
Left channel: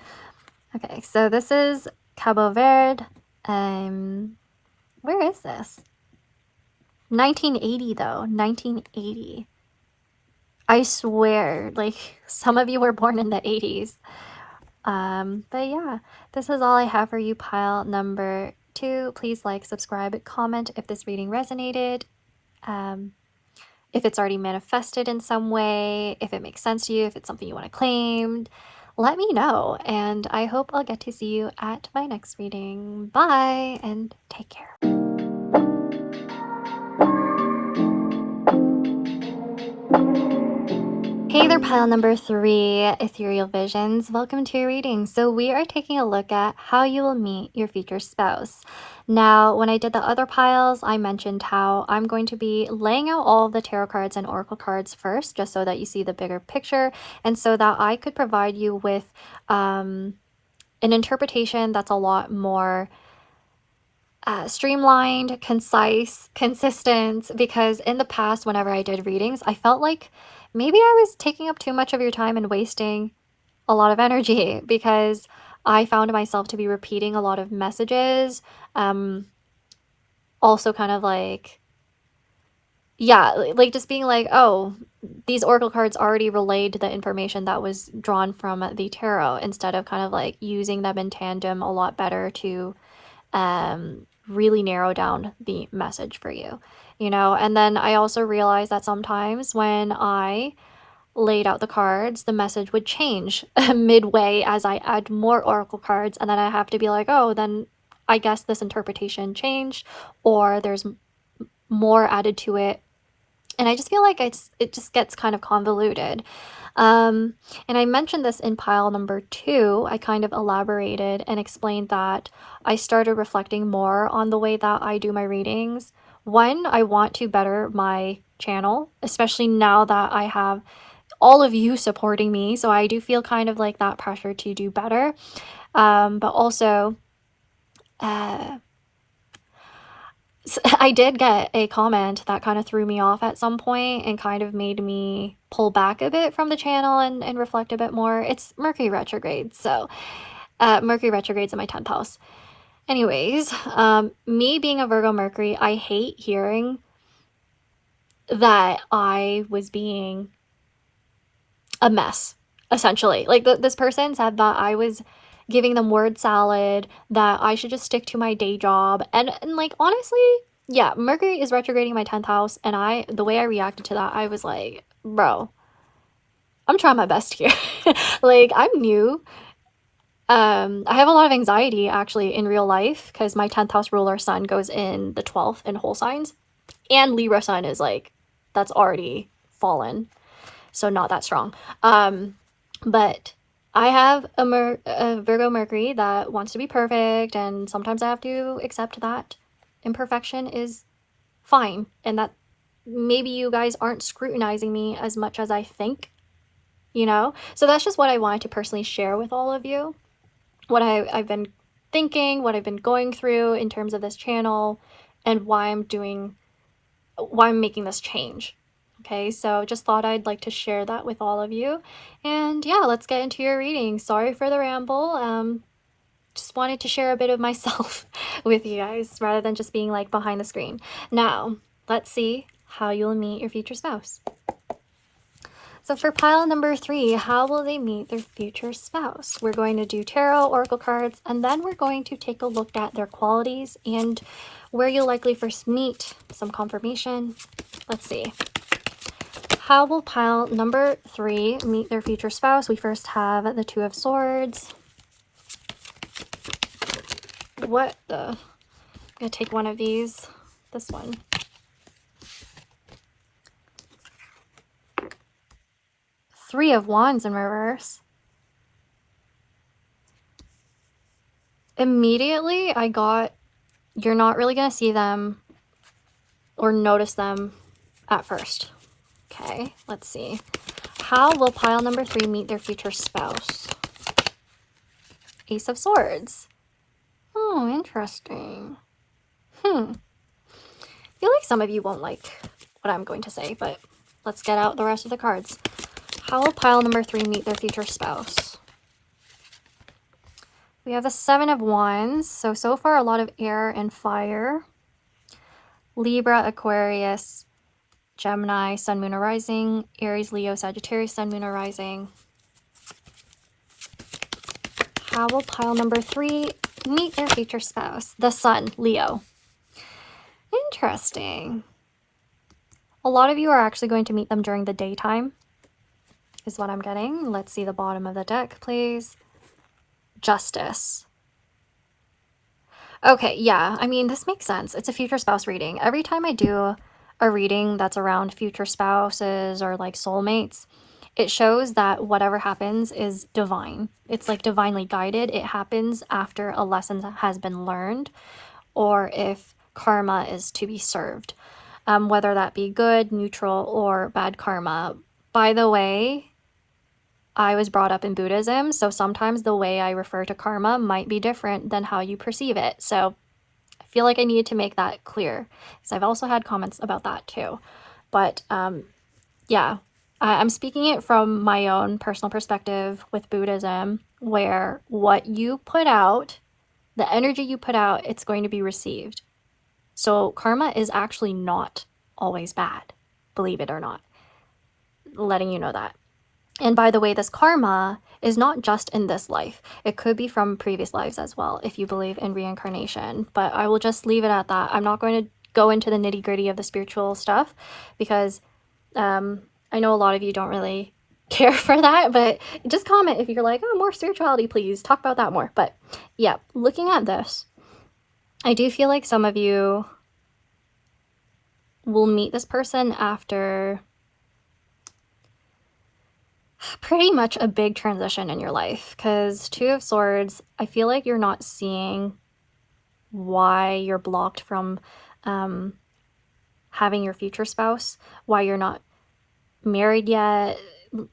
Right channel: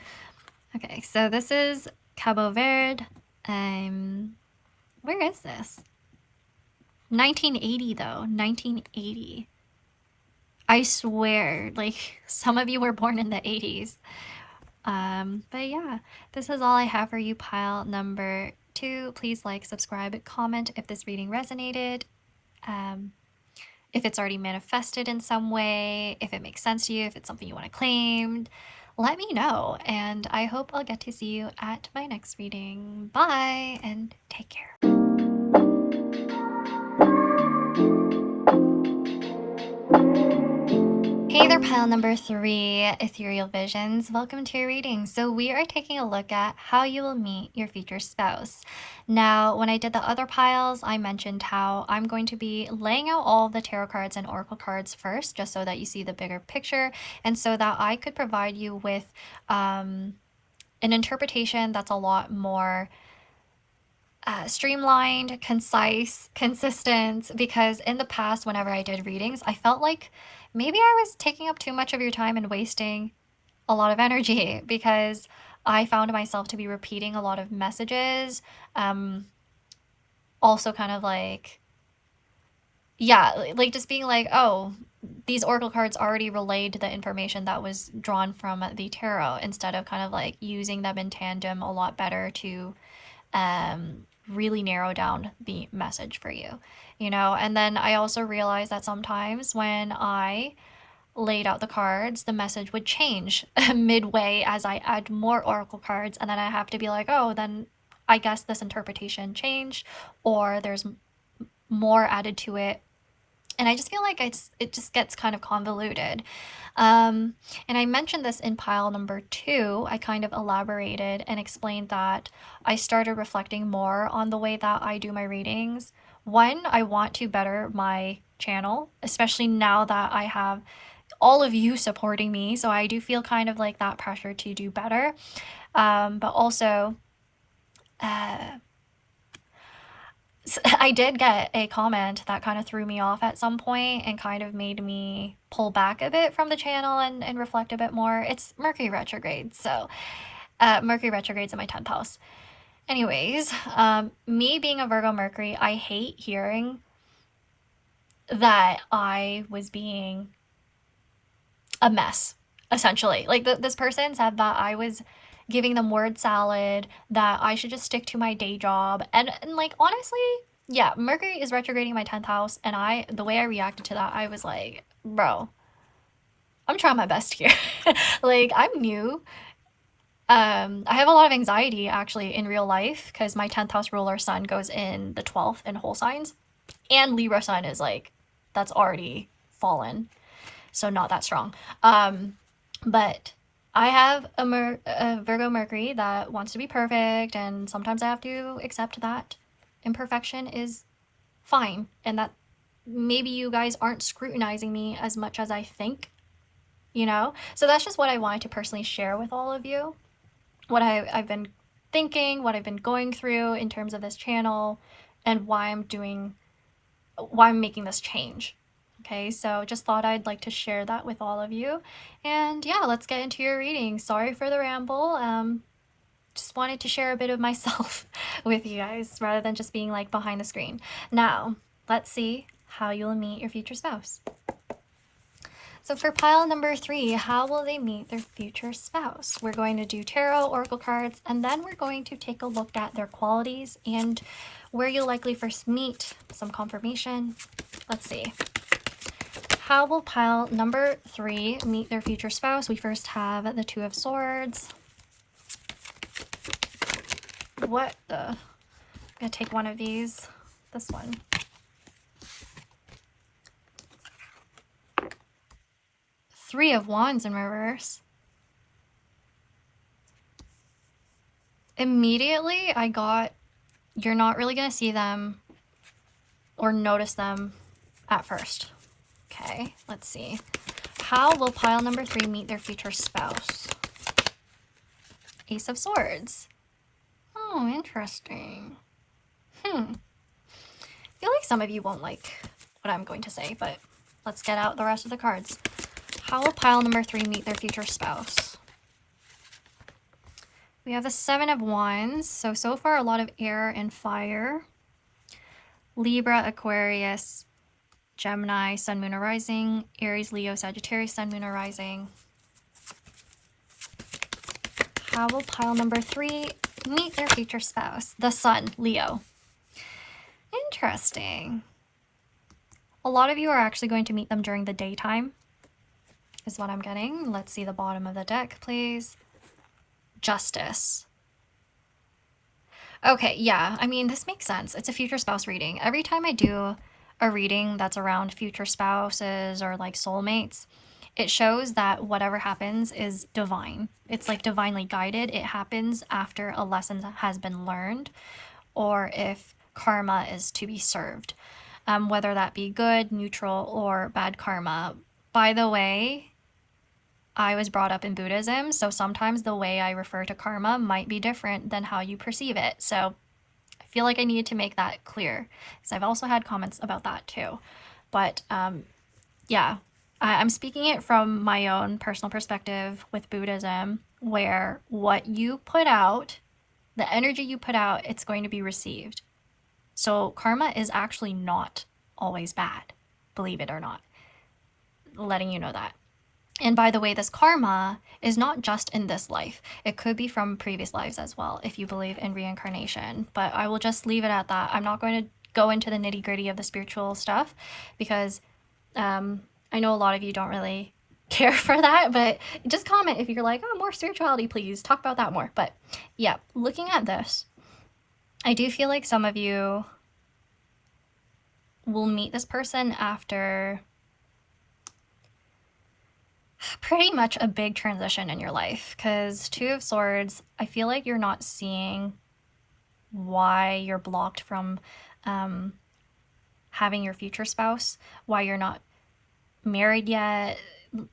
Okay, so this is Cabo Verde. Where is this? 1980 though, 1980. I swear, like some of you were born in the 80s. But yeah, this is all I have for you, pile number 2. Please like, subscribe, comment if this reading resonated. If it's already manifested in some way, if it makes sense to you, if it's something you want to claim, let me know. And I hope I'll get to see you at my next reading. Bye, and take care. Hey there, pile number 3, Ethereal Visions. Welcome to your reading. So we are taking a look at how you will meet your future spouse. Now, when I did the other piles, I mentioned how I'm going to be laying out all of the tarot cards and oracle cards first, just so that you see the bigger picture, and so that I could provide you with an interpretation that's a lot more streamlined, concise, consistent, because in the past, whenever I did readings, I felt like maybe I was taking up too much of your time and wasting a lot of energy because I found myself to be repeating a lot of messages. Also kind of like, yeah, like just being like, oh, these oracle cards already relayed the information that was drawn from the tarot, instead of kind of like using them in tandem a lot better to really narrow down the message for you, you know. And then I also realized that sometimes when I laid out the cards, the message would change midway as I add more oracle cards, and then I have to be like, oh, then I guess this interpretation changed, or there's more added to it, and I just feel like it just gets kind of convoluted. And I mentioned this in pile number 2. I kind of elaborated and explained that I started reflecting more on the way that I do my readings. One, I want to better my channel, especially now that I have all of you supporting me. So I do feel kind of like that pressure to do better. But also, I did get a comment that kind of threw me off at some point and kind of made me pull back a bit from the channel and reflect a bit more. It's Mercury retrograde, so Mercury retrograde's in my 10th house. Anyways, me being a Virgo Mercury, I hate hearing that I was being a mess, essentially. Like, this person said that I was giving them word salad, that I should just stick to my day job. And like, honestly, yeah, Mercury is retrograding my 10th house, and the way I reacted to that, I was like, bro, I'm trying my best here. Like, I'm new. I have a lot of anxiety actually in real life because my 10th house ruler sun goes in the 12th in whole signs, and Libra sun is like, that's already fallen, so not that strong. But I have a Virgo Mercury that wants to be perfect, and sometimes I have to accept that imperfection is fine, and that maybe you guys aren't scrutinizing me as much as I think, you know? So that's just what I wanted to personally share with all of you. What I've been thinking, what I've been going through in terms of this channel, and why I'm making this change. Okay, so just thought I'd like to share that with all of you. And yeah, let's get into your reading. Sorry for the ramble. Just wanted to share a bit of myself with you guys rather than just being like behind the screen. Now, let's see how you'll meet your future spouse. So for pile number 3, how will they meet their future spouse? We're going to do tarot, oracle cards, and then we're going to take a look at their qualities and where you'll likely first meet, some confirmation. Let's see. How will pile number 3 meet their future spouse? We first have the 2 of Swords. What the? I'm going to take one of these. This one. Three of Wands in reverse. Immediately, I got, you're not really going to see them or notice them at first. Okay, let's see. How will pile number 3 meet their future spouse? Ace of Swords. Oh, interesting. I feel like some of you won't like what I'm going to say, but let's get out the rest of the cards. How will pile number 3 meet their future spouse? We have the 7 of Wands. So far, a lot of air and fire. Libra, Aquarius, Gemini, Sun, Moon, or Rising. Aries, Leo, Sagittarius, Sun, Moon, or Rising. How will pile number 3 meet their future spouse? The Sun, Leo. Interesting. A lot of you are actually going to meet them during the daytime, is what I'm getting. Let's see the bottom of the deck, please. Justice. Okay, yeah, I mean, this makes sense. It's a future spouse reading. Every time I do a reading that's around future spouses or like soulmates, it shows that whatever happens is divine. It's like divinely guided. It happens after a lesson has been learned, or if karma is to be served, whether that be good, neutral, or bad karma. By the way, I was brought up in Buddhism, so sometimes the way I refer to karma might be different than how you perceive it. So I feel like I needed to make that clear, because I've also had comments about that too. But yeah, I'm speaking it from my own personal perspective with Buddhism, where what you put out, the energy you put out, it's going to be received. So karma is actually not always bad, believe it or not. Letting you know that. And by the way, this karma is not just in this life. It could be from previous lives as well, if you believe in reincarnation. But I will just leave it at that. I'm not going to go into the nitty-gritty of the spiritual stuff, because I know a lot of you don't really care for that. But just comment if you're like, oh, more spirituality, please. Talk about that more. But yeah, looking at this, I do feel like some of you will meet this person after pretty much a big transition in your life, because 2 of Swords, I feel like you're not seeing why you're blocked from having your future spouse, why you're not married yet.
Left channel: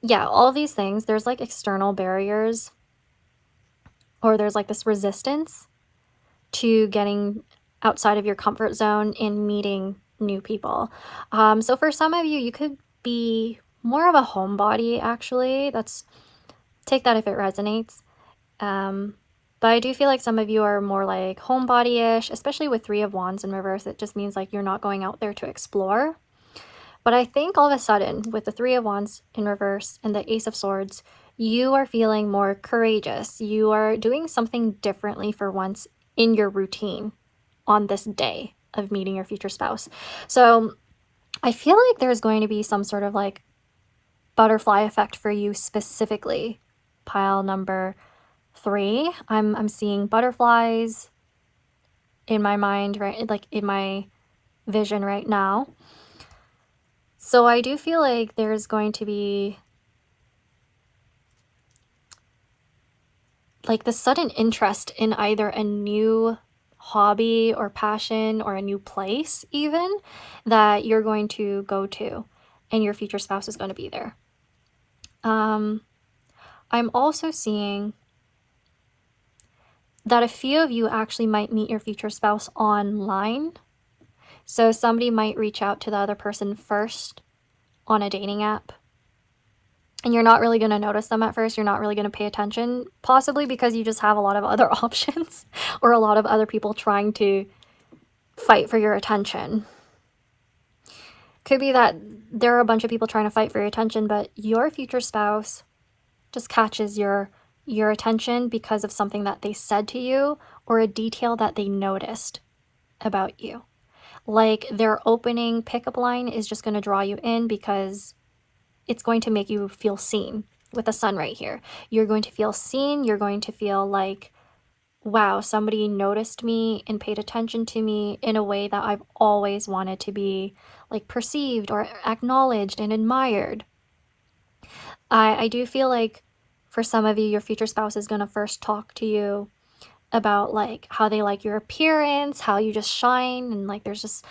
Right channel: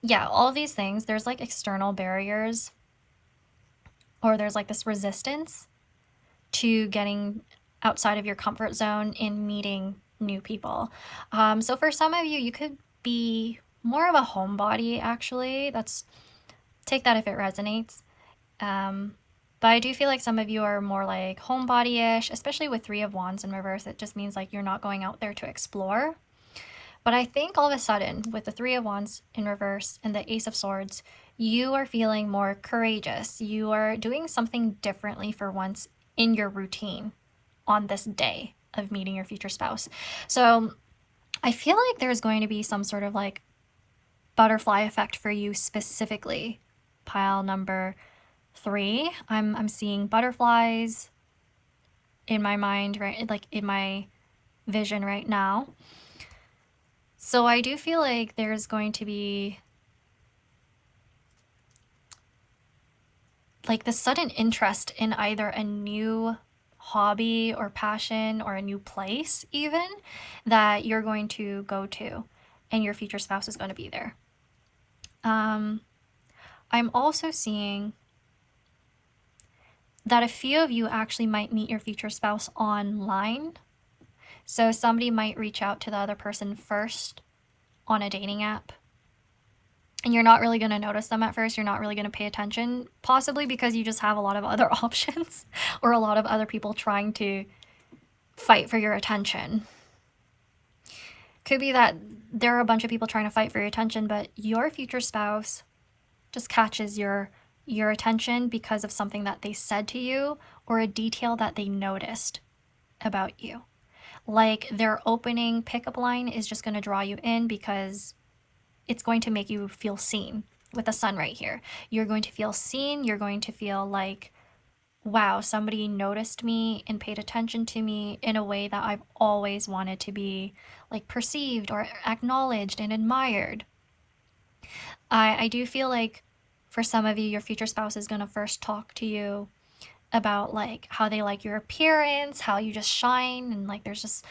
Yeah, all of these things, there's like external barriers, or there's like this resistance to getting outside of your comfort zone in meeting new people. So for some of you, you could be more of a homebody, actually. Take that if it resonates. But I do feel like some of you are more like homebody-ish, especially with Three of Wands in reverse. It just means like you're not going out there to explore. But I think all of a sudden, with the Three of Wands in reverse and the Ace of Swords, you are feeling more courageous. You are doing something differently for once in your routine on this day of meeting your future spouse. So I feel like there's going to be some sort of like butterfly effect for you specifically, pile number 3. I'm seeing butterflies in my mind, right? Like in my vision right now. So I do feel like there's going to be like the sudden interest in either a new hobby or passion or a new place even that you're going to go to, and your future spouse is going to be there. I'm also seeing that a few of you actually might meet your future spouse online. So somebody might reach out to the other person first on a dating app, and you're not really going to notice them at first. You're not really going to pay attention, possibly because you just have a lot of other options or a lot of other people trying to fight for your attention. Could be that there are a bunch of people trying to fight for your attention, but your future spouse just catches your attention because of something that they said to you or a detail that they noticed about you. Like their opening pickup line is just going to draw you in because it's going to make you feel seen with the sun right here. You're going to feel seen. You're going to feel like, wow, somebody noticed me and paid attention to me in a way that I've always wanted to be like perceived or acknowledged and admired. I do feel like for some of you, your future spouse is going to first talk to you about like how they like your appearance, how you just shine, and like there's just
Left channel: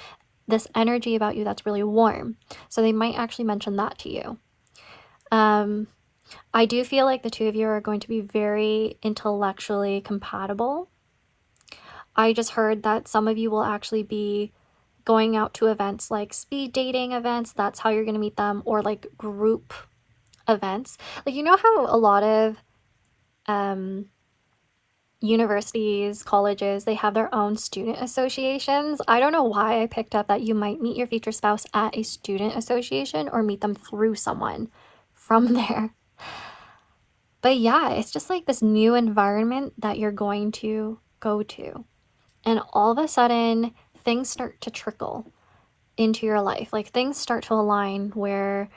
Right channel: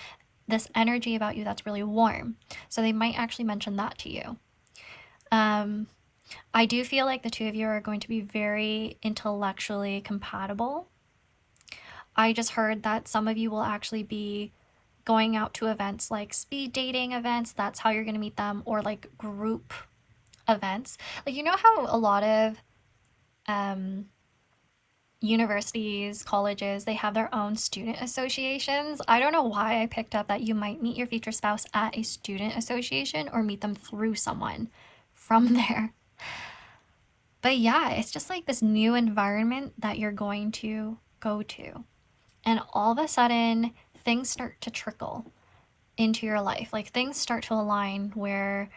this energy about you that's really warm. So they might actually mention that to you. I do feel like the two of you are going to be very intellectually compatible. I just heard that some of you will actually be going out to events like speed dating events. That's how you're going to meet them, or like group events. Like, you know how a lot of universities, colleges, they have their own student associations. I don't know why I picked up that you might meet your future spouse at a student association or meet them through someone from there. But yeah, it's just like this new environment that you're going to go to. And all of a sudden, things start to trickle into your life. Like things start to align where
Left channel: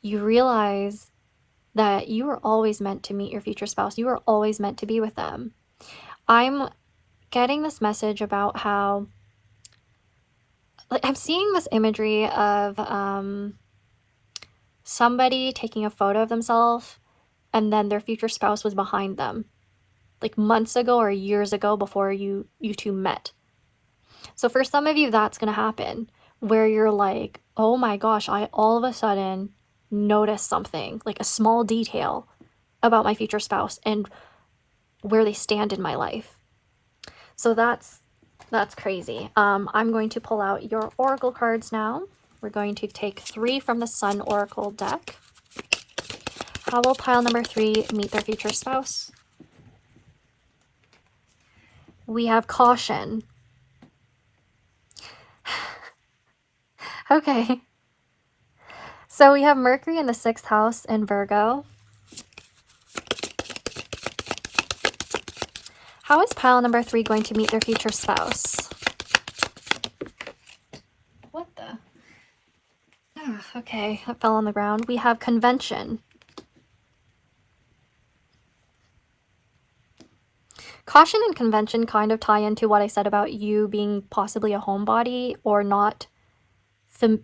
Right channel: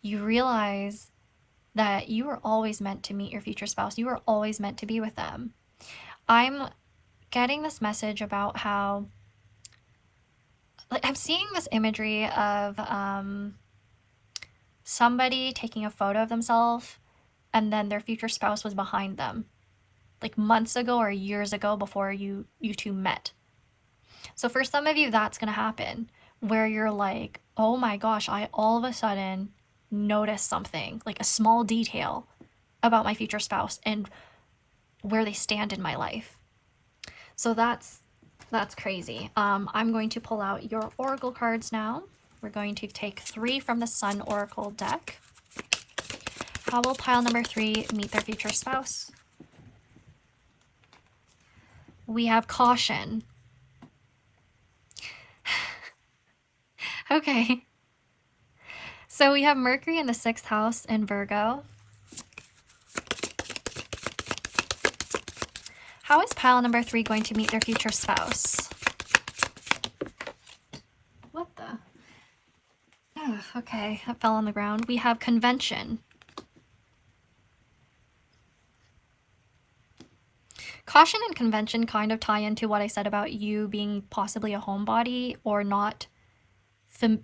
you realize that you were always meant to meet your future spouse. You were always meant to be with them. I'm getting this message about how, like, I'm seeing this imagery of somebody taking a photo of themselves and then their future spouse was behind them, like months ago or years ago before you two met. So for some of you, that's going to happen where you're like, oh my gosh, I all of a sudden noticed something, like a small detail about my future spouse and where they stand in my life. So that's crazy. I'm going to pull out your oracle cards now. We're going to take 3 from the Sun Oracle deck. How will pile number 3 meet their future spouse? We have caution. Okay. So we have Mercury in the 6th house in Virgo. How is pile number 3 going to meet their future spouse? What the? Oh, okay, that fell on the ground. We have convention. Caution and convention kind of tie into what I said about you being possibly a homebody or not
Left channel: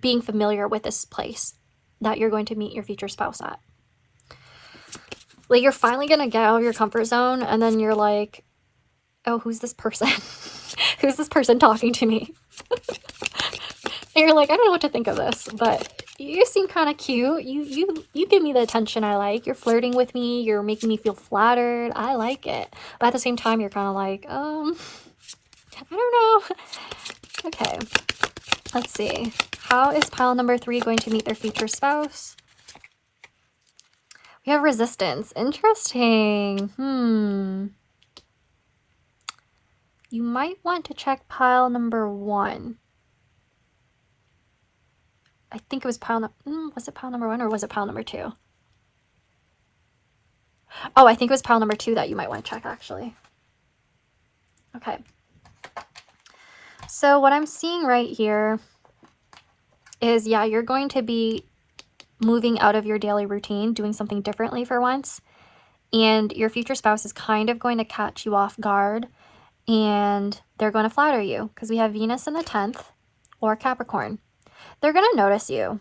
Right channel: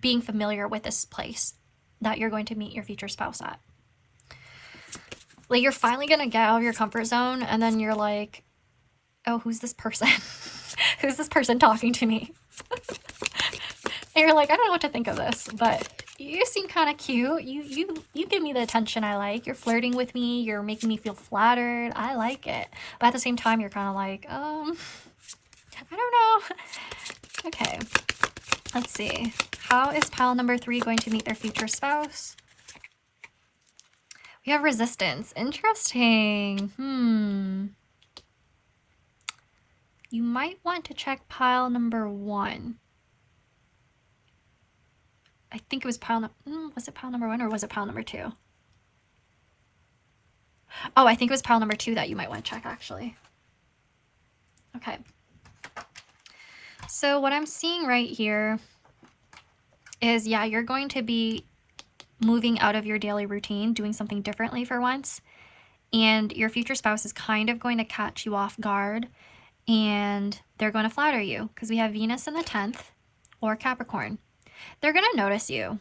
being familiar with this place that you're going to meet your future spouse at. Like, you're finally going to get out of your comfort zone, and then you're like, oh, who's this person? Who's this person talking to me? And you're like, I don't know what to think of this, but you seem kind of cute. You give me the attention I like. You're flirting with me. You're making me feel flattered. I like it. But at the same time, you're kind of like, I don't know. Okay, let's see. How is pile number 3 going to meet their future spouse? We have resistance. Interesting. You might want to check pile number 1. I think it was pile was it pile number 1 or was it pile number 2? Oh, I think it was pile number 2 that you might want to check, actually. Okay. So what I'm seeing right here is, yeah, you're going to be moving out of your daily routine, doing something differently for once. And your future spouse is kind of going to catch you off guard, and they're going to flatter you because we have Venus in the 10th or Capricorn. They're going to notice you.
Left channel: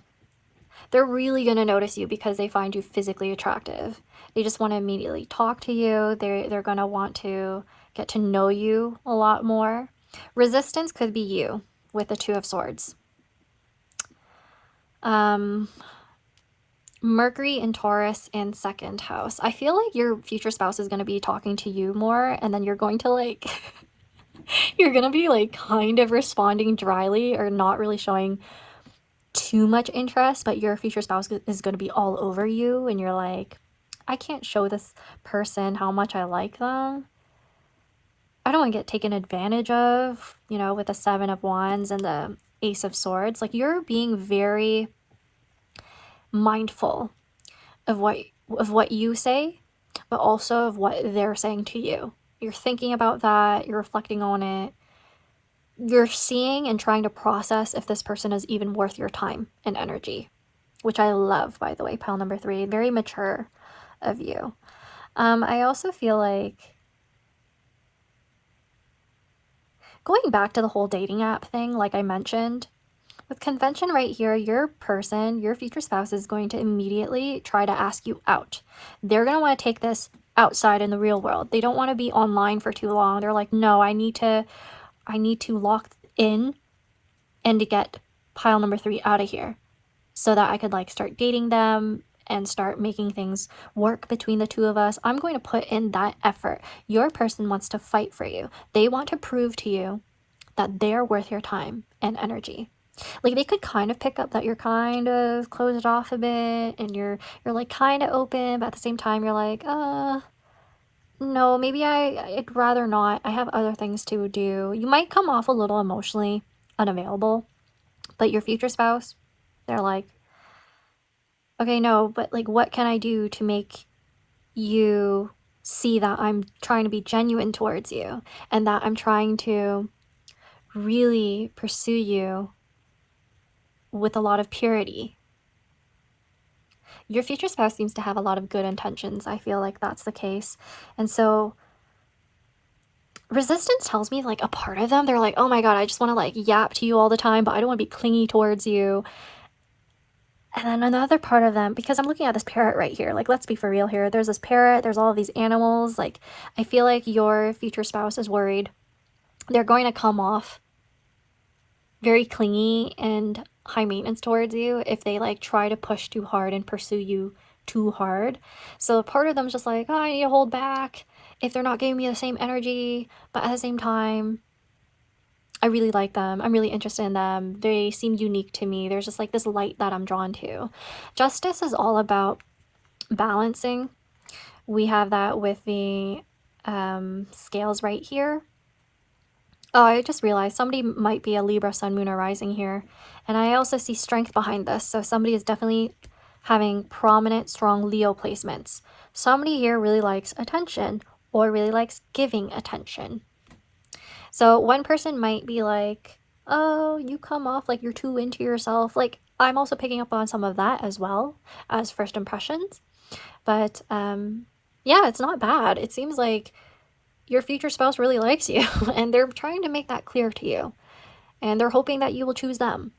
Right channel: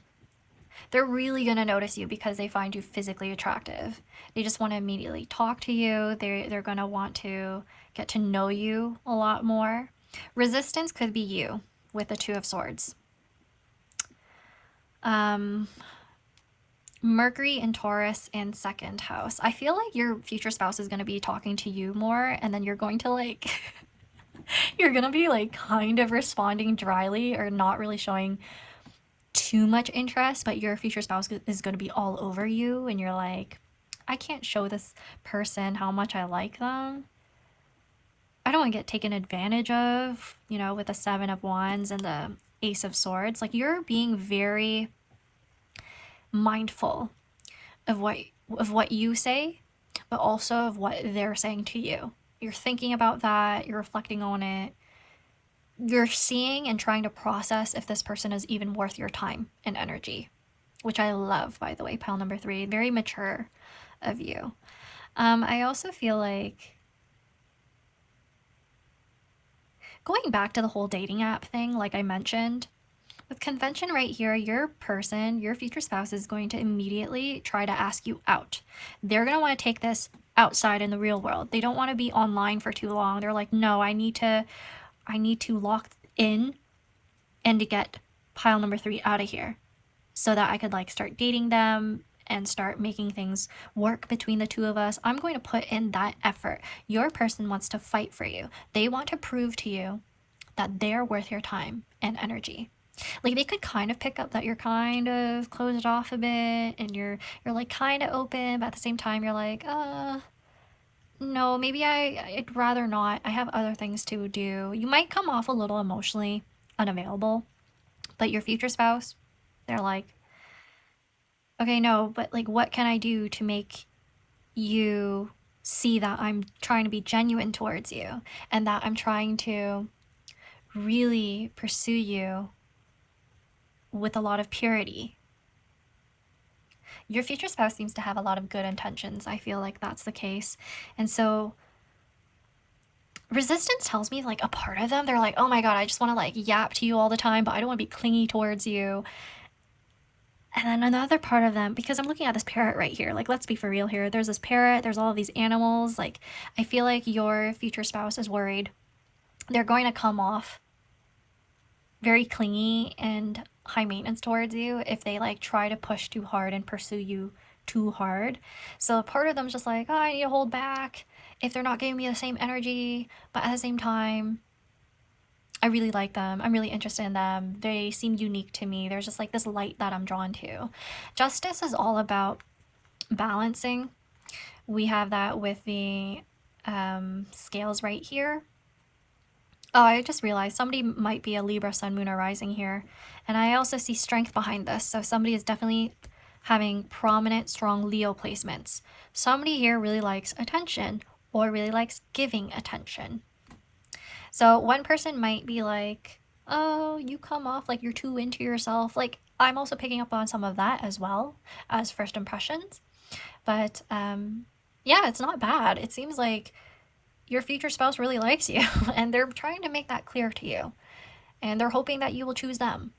They're really going to notice you because they find you physically attractive. They just want to immediately talk to you. They're going to want to get to know you a lot more. Resistance could be you with the 2 of Swords. Mercury in Taurus and 2nd house. I feel like your future spouse is going to be talking to you more, and then you're going to like you're going to be like kind of responding dryly or not really showing too much interest, but your future spouse is going to be all over you, and you're like, I can't show this person how much I like them. I don't want to get taken advantage of, you know, with the 7 of Wands and the Ace of Swords. Like, you're being very mindful of what you say, but also of what they're saying to you. You're thinking about that, you're reflecting on it. You're seeing and trying to process if this person is even worth your time and energy, which I love, by the way, pile number 3. Very mature of you. I also feel like, going back to the whole dating app thing, like I mentioned, with convention right here, your person, your future spouse, is going to immediately try to ask you out. They're going to want to take this outside in the real world. They don't want to be online for too long. They're like, no, I need to lock in and to get pile number 3 out of here so that I could like start dating them and start making things work between the 2 of us. I'm going to put in that effort. Your person wants to fight for you. They want to prove to you that they're worth your time and energy. Like, they could kind of pick up that you're kind of closed off a bit and you're like kind of open, but at the same time you're like, no, maybe I'd rather not. I have other things to do. You might come off a little emotionally unavailable, but your future spouse, they're like, okay, no, but like, what can I do to make you see that I'm trying to be genuine towards you and that I'm trying to really pursue you with a lot of purity. Your future spouse seems to have a lot of good intentions. I feel like that's the case. And so resistance tells me, like, a part of them, they're like, oh my god, I just want to like yap to you all the time, but I don't want to be clingy towards you. And then another part of them, because I'm looking at this parrot right here, like, let's be for real here. There's this parrot, there's all of these animals. Like, I feel like your future spouse is worried they're going to come off very clingy and high maintenance towards you if they like try to push too hard and pursue you too hard. So part of them's just like, oh, I need to hold back if they're not giving me the same energy, but at the same time, I really like them. I'm really interested in them. They seem unique to me. There's just like this light that I'm drawn to. Justice is all about balancing. We have that with the scales right here. Oh, I just realized somebody might be a Libra, Sun, Moon, or Rising here. And I also see strength behind this. So somebody is definitely having prominent, strong Leo placements. Somebody here really likes attention or really likes giving attention. So one person might be like, oh, you come off like you're too into yourself. Like, I'm also picking up on some of that as well as first impressions. But yeah, it's not bad. It seems like your future spouse really likes you and they're trying to make that clear to you. And they're hoping that you will choose them.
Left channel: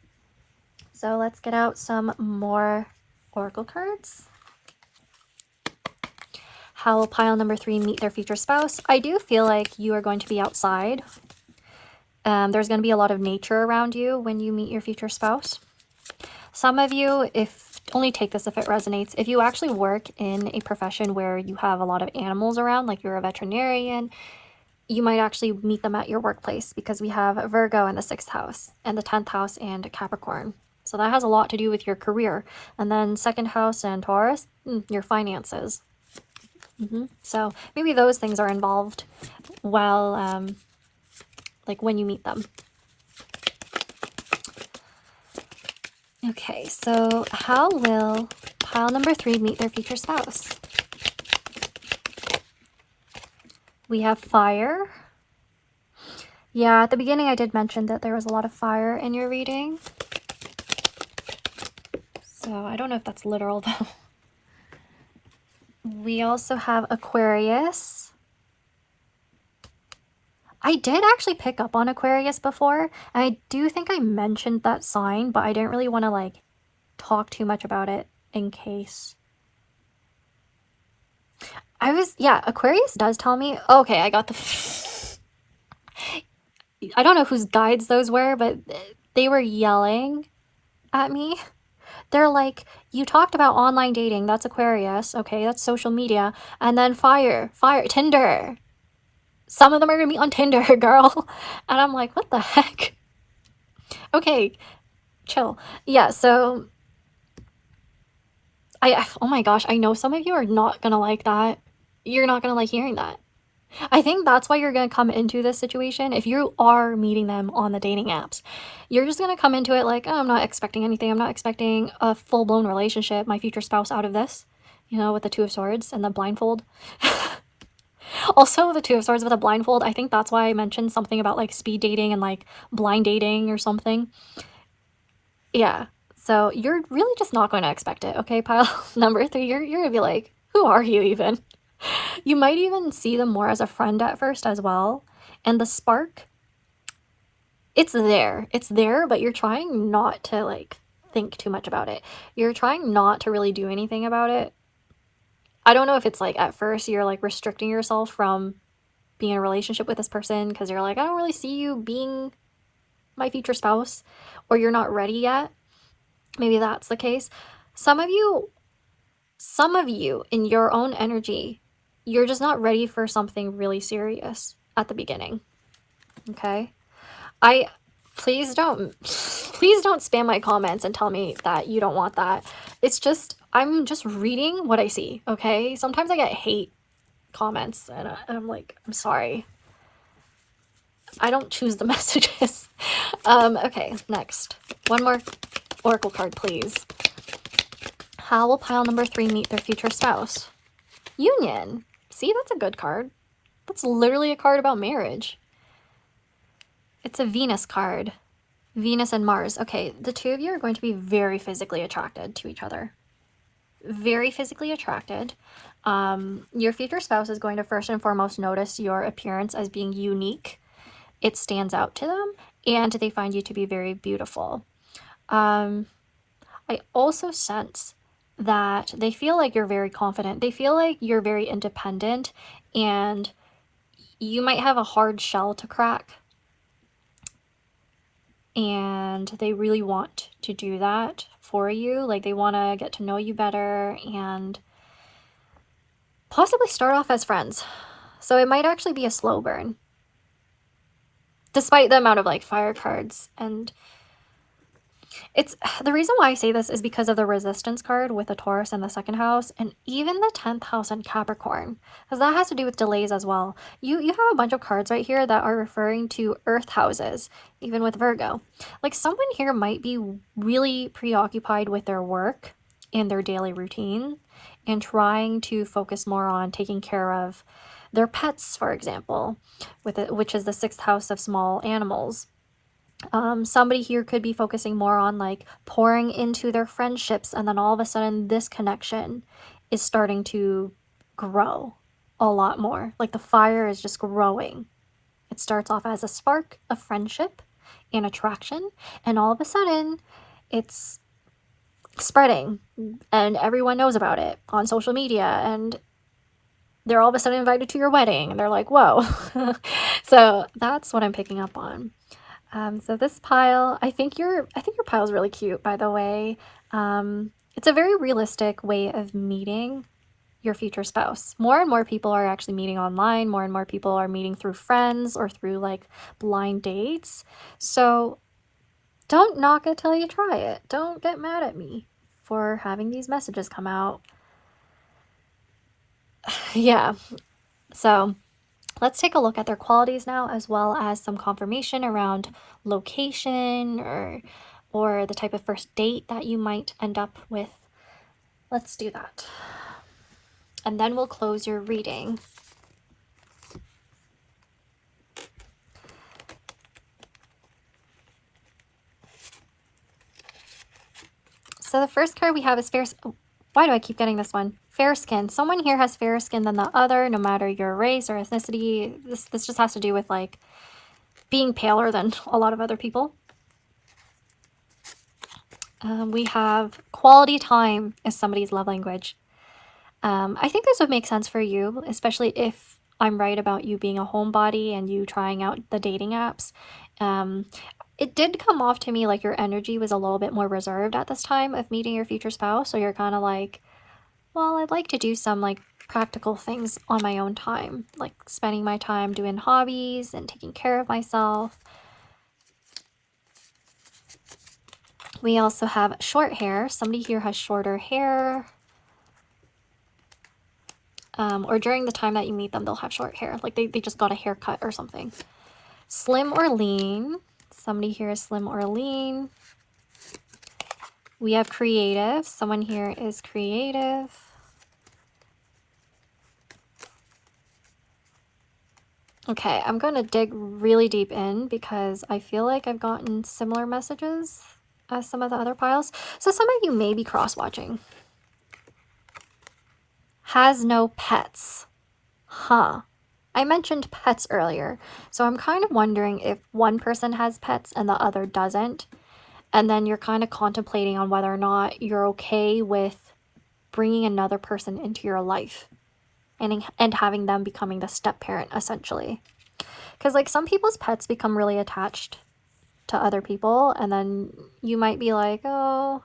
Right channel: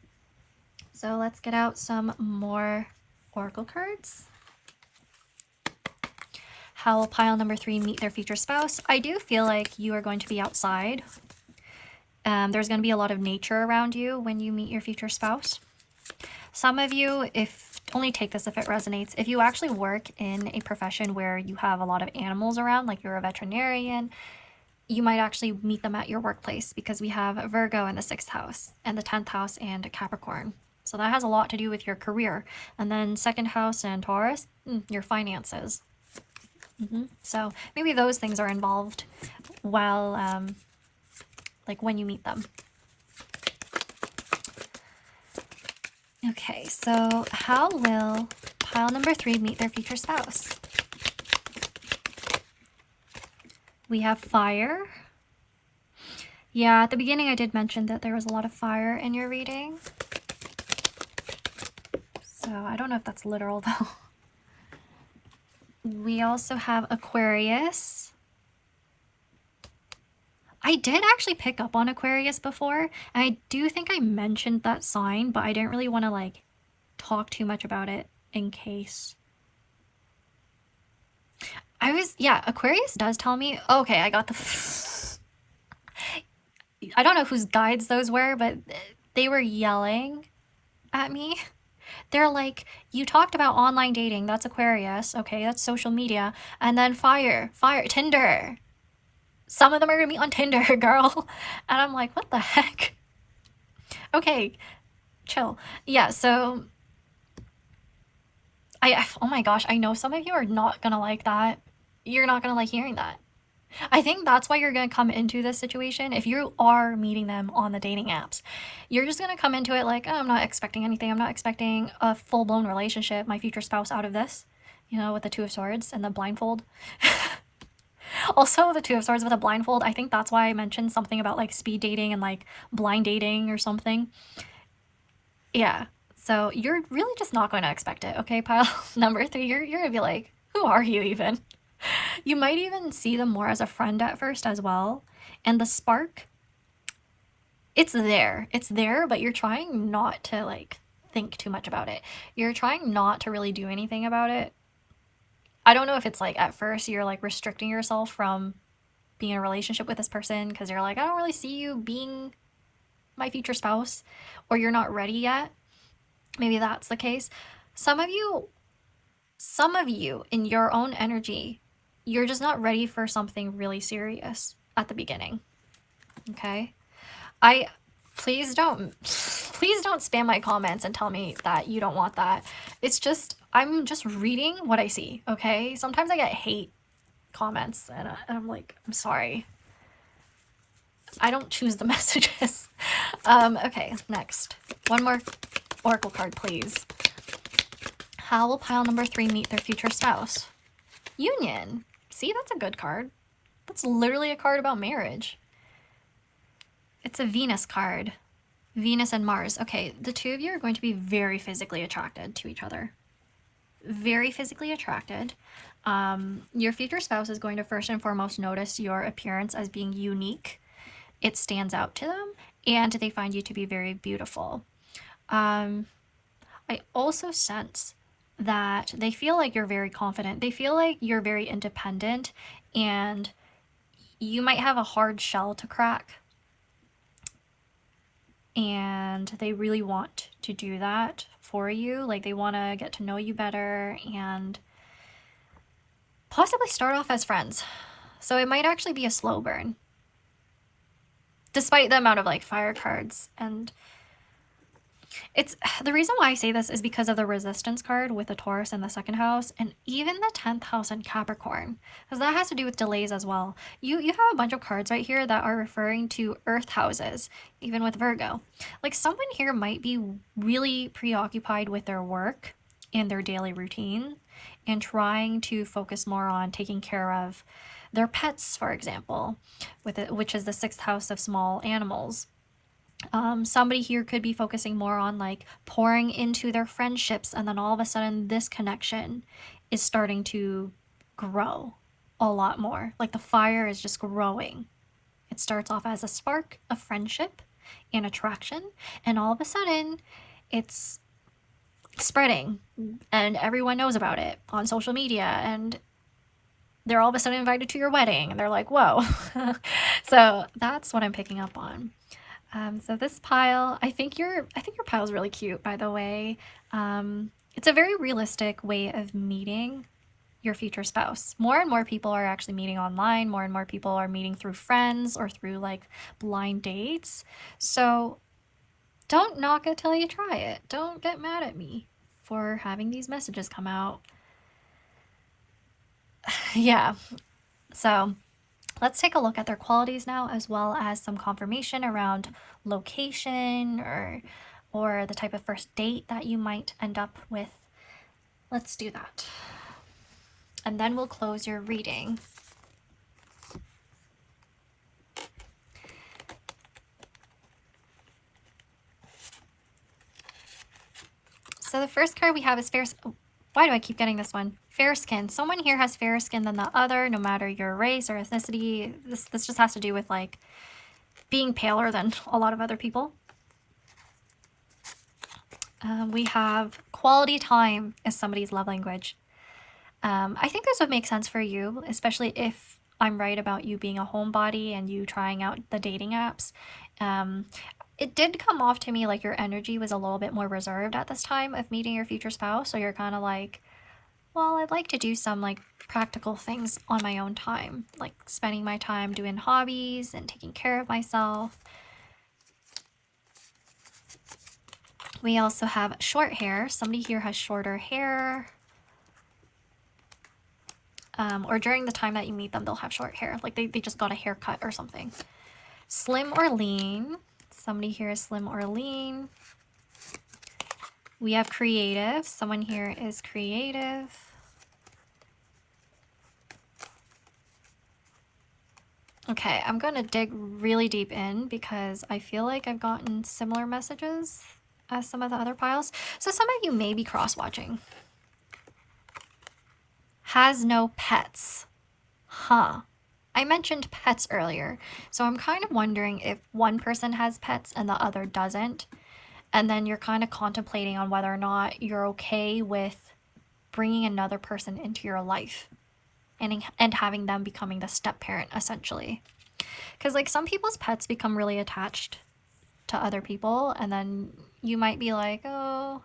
So let's get out some more oracle cards. How will pile number 3 meet their future spouse? I do feel like you are going to be outside. There's going to be a lot of nature around you when you meet your future spouse. Some of you, only take this if it resonates, if you actually work in a profession where you have a lot of animals around, like you're a veterinarian, you might actually meet them at your workplace, because we have Virgo in the 6th house and the 10th house and Capricorn. So that has a lot to do with your career. And then 2nd house and Taurus, your finances. So maybe those things are involved while, like when you meet them. Okay, so how will pile number 3 meet their future spouse? We have fire. Yeah, at the beginning I did mention that there was a lot of fire in your reading. So I don't know if that's literal though. We also have Aquarius. I did actually pick up on Aquarius before, and I do think I mentioned that sign, but I didn't really want to like talk too much about it in case. Yeah, Aquarius does tell me, okay, I got the, I don't know whose guides those were, but they were yelling at me. They're like, you talked about online dating, that's Aquarius, okay, that's social media, and then fire, Tinder. Some of them are gonna be on Tinder, girl. And I'm like, what the heck? Okay, chill. Yeah, so oh my gosh, I know some of you are not gonna like that. You're not gonna like hearing that. I think that's why you're gonna come into this situation. If you are meeting them on the dating apps, you're just gonna come into it like, oh, I'm not expecting anything. I'm not expecting a full-blown relationship, my future spouse out of this, you know, with the 2 of Swords and the blindfold. Also, the 2 of Swords with a blindfold, I think that's why I mentioned something about like speed dating and like blind dating or something. Yeah, so you're really just not going to expect it, okay, pile number 3? You're gonna be like, who are you even? You might even see them more as a friend at first as well. And the spark, it's there, but you're trying not to like think too much about it. You're trying not to really do anything about it. I don't know if it's like at first you're like restricting yourself from being in a relationship with this person because you're like, I don't really see you being my future spouse, or you're not ready yet. Maybe that's the case. Some of you in your own energy, you're just not ready for something really serious at the beginning. Okay? Please don't spam my comments and tell me that you don't want that. It's just, I'm just reading what I see, okay? Sometimes I get hate comments and I'm like, I'm sorry. I don't choose the messages. Okay, next. One more oracle card, please. How will pile number 3 meet their future spouse? Union. See, that's a good card. That's literally a card about marriage. It's a Venus card. Venus and Mars. Okay, the 2 of you are going to be very physically attracted to each other. Very physically attracted. Your future spouse is going to first and foremost notice your appearance as being unique. It stands out to them, and they find you to be very beautiful. I also sense that they feel like you're very confident. They feel like you're very independent, and you might have a hard shell to crack. And they really want to do that for you. Like, they want to get to know you better and possibly start off as friends. So it might actually be a slow burn, despite the amount of like fire cards. And it's the reason why I say this is because of the resistance card with the Taurus in the 2nd house, and even the 10th house in Capricorn, because that has to do with delays as well. You have a bunch of cards right here that are referring to earth houses, even with Virgo. Like, someone here might be really preoccupied with their work and their daily routine and trying to focus more on taking care of their pets, for example, which is the 6th house of small animals. Somebody here could be focusing more on like pouring into their friendships, and then all of a sudden this connection is starting to grow a lot more. Like, the fire is just growing. It starts off as a spark of friendship and attraction, and all of a sudden it's spreading and everyone knows about it on social media, and they're all of a sudden invited to your wedding and they're like, whoa. So that's what I'm picking up on. So this pile, I think your pile is really cute, by the way. It's a very realistic way of meeting your future spouse. More and more people are actually meeting online. More and more people are meeting through friends or through like blind dates. So don't knock it till you try it. Don't get mad at me for having these messages come out. Yeah. So let's take a look at their qualities now, as well as some confirmation around location or the type of first date that you might end up with. Let's do that. And then we'll close your reading. So the first card we have is fair. Why do I keep getting this one? Fair skin. Someone here has fairer skin than the other, no matter your race or ethnicity. This just has to do with like being paler than a lot of other people. We have quality time is somebody's love language. I think this would make sense for you, especially if I'm right about you being a homebody and you trying out the dating apps. It did come off to me like your energy was a little bit more reserved at this time of meeting your future spouse. So you're kind of like, well, I'd like to do some like practical things on my own time, like spending my time doing hobbies and taking care of myself. We also have short hair. Somebody here has shorter hair. Or during the time that you meet them, they'll have short hair. Like they just got a haircut or something. Slim or lean. Somebody here is slim or lean. We have creative. Someone here is creative. Okay, I'm going to dig really deep in because I feel like I've gotten similar messages as some of the other piles. So some of you may be cross-watching. Has no pets. Huh. I mentioned pets earlier, so I'm kind of wondering if one person has pets and the other doesn't, and then you're kind of contemplating on whether or not you're okay with bringing another person into your life and having them becoming the step parent, essentially. Because like some people's pets become really attached to other people, and then you might be like, oh,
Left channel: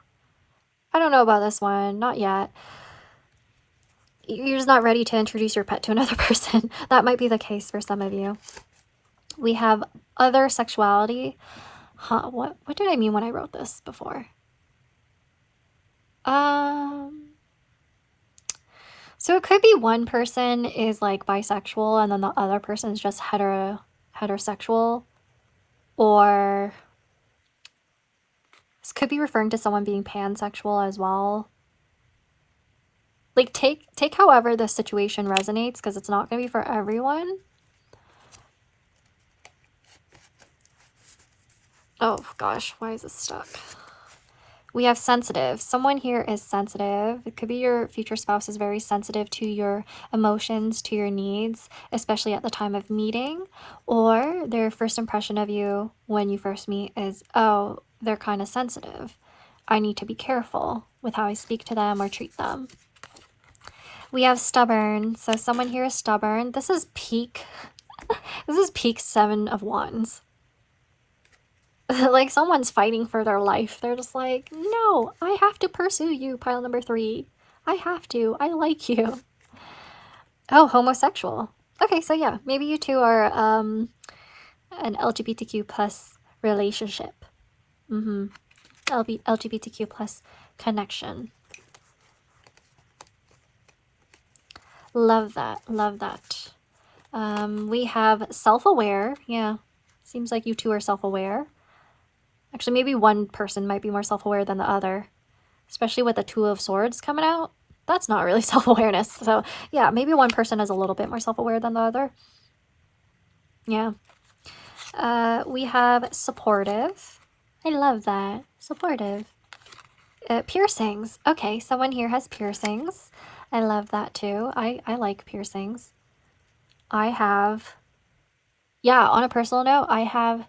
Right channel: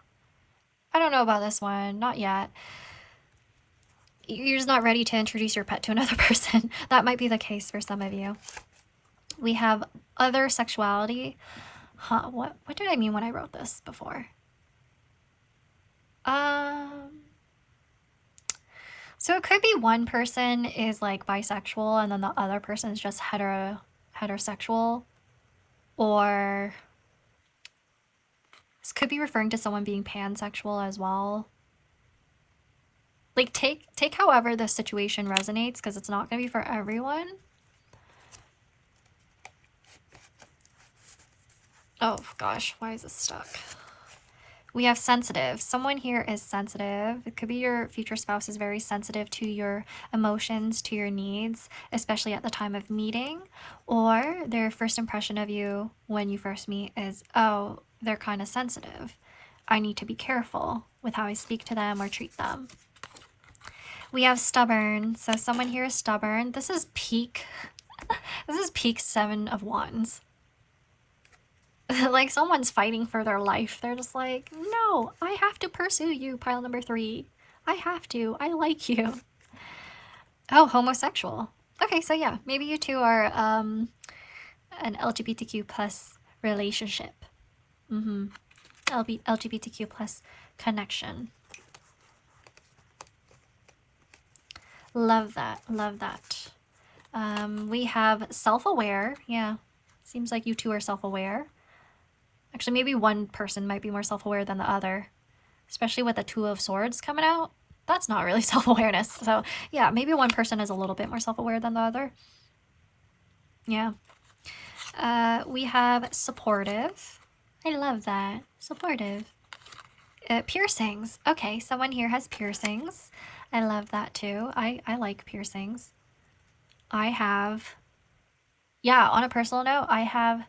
I don't know about this one, not yet. You're just not ready to introduce your pet to another person. That might be the case for some of you. We have other sexuality. Huh, what did I mean when I wrote this before? So it could be one person is like bisexual and then the other person is just heterosexual. Or this could be referring to someone being pansexual as well. Like, take however the situation resonates, because it's not going to be for everyone. Oh, gosh. Why is this stuck? We have sensitive. Someone here is sensitive. It could be your future spouse is very sensitive to your emotions, to your needs, especially at the time of meeting. Or their first impression of you when you first meet is, oh, they're kind of sensitive. I need to be careful with how I speak to them or treat them. We have stubborn. So someone here is stubborn. This is peak. This is peak 7 of Wands. Like someone's fighting for their life. They're just like, no, I have to pursue you, pile number 3. I have to. I like you. Oh, homosexual. Okay, so yeah, maybe you two are an LGBTQ plus relationship. LGBTQ plus connection. Love that. Love that. We have self-aware. Yeah, seems like you two are self-aware. Actually, maybe one person might be more self-aware than the other, especially with the 2 of Swords coming out. That's not really self-awareness. So yeah, maybe one person is a little bit more self-aware than the other. Yeah. We have supportive. I love that. Supportive. Piercings. Okay, someone here has piercings. I love that too. I like piercings. I have, yeah, on a personal note, I have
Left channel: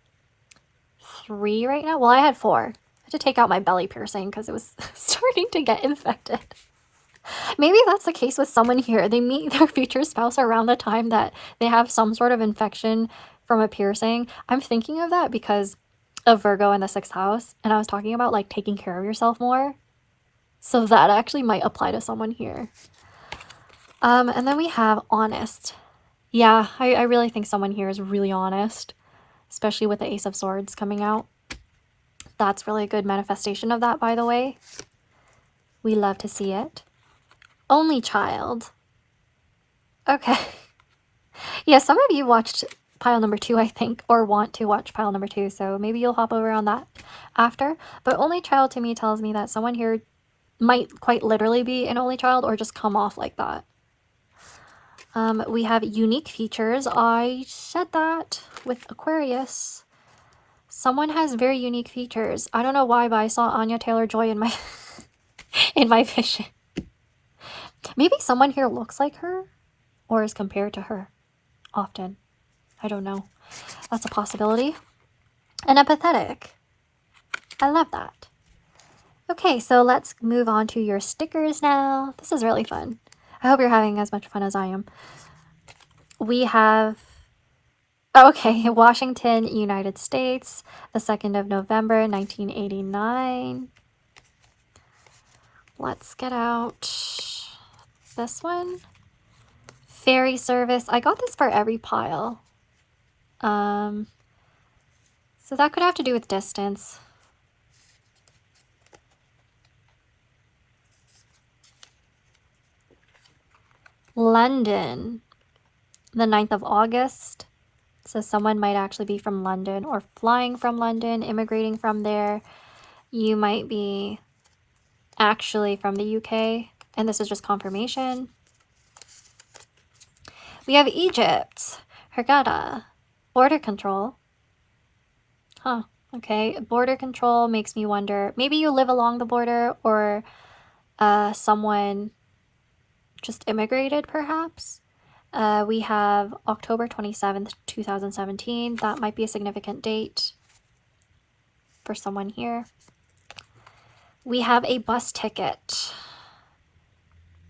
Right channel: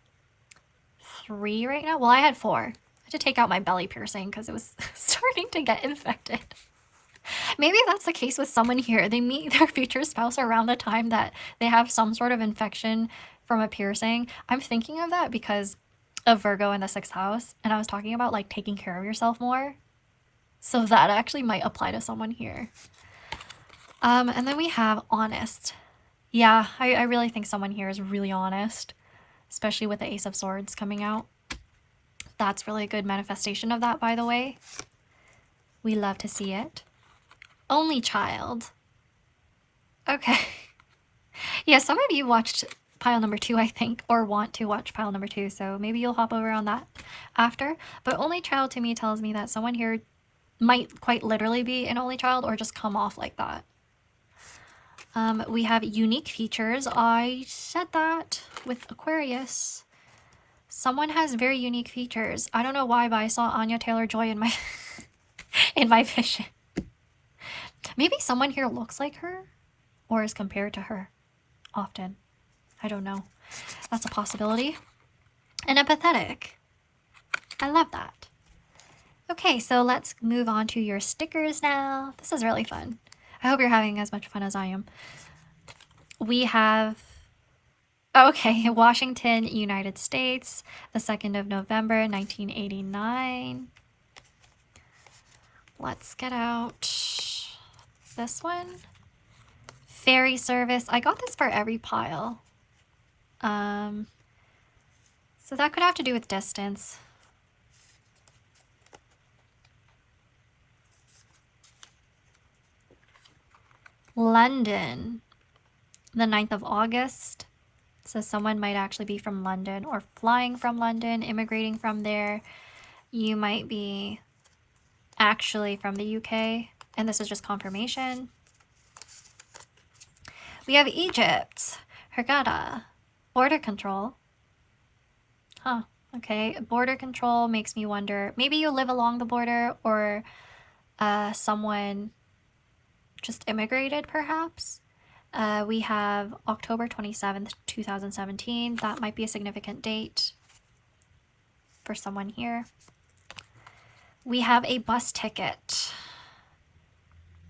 3 right now. Well, I had 4. I had to take out my belly piercing because it was starting to get infected. Maybe that's the case with someone here. They meet their future spouse around the time that they have some sort of infection from a piercing. I'm thinking of that because of Virgo in the 6th house. And I was talking about like taking care of yourself more. So that actually might apply to someone here. And then we have honest. Yeah, I really think someone here is really honest, especially with the Ace of Swords coming out. That's really a good manifestation of that, by the way. We love to see it. Only child. Okay. Yeah, some of you watched pile number 2, I think, or want to watch pile number 2, so maybe you'll hop over on that after. But only child to me tells me that someone here might quite literally be an only child or just come off like that. We have unique features. I said that with Aquarius. Someone has very unique features. I don't know why, but I saw Anya Taylor-Joy in my in my vision. Maybe someone here looks like her or is compared to her often. I don't know. That's a possibility. And empathetic. I love that. Okay, so let's move on to your stickers now. This is really fun. I hope you're having as much fun as I am. We have, okay, Washington, United States, the 2nd of November, 1989. Let's get out this one. Ferry service. I got this for every pile. So that could have to do with distance. London, the 9th of August. So someone might actually be from London or flying from London, immigrating from there. You might be actually from the UK, and this is just confirmation. We have Egypt, Hurghada, border control. Huh, okay. Border control makes me wonder, maybe you live along the border, or someone just immigrated perhaps. We have October 27th, 2017. That might be a significant date for someone here. We have a bus ticket.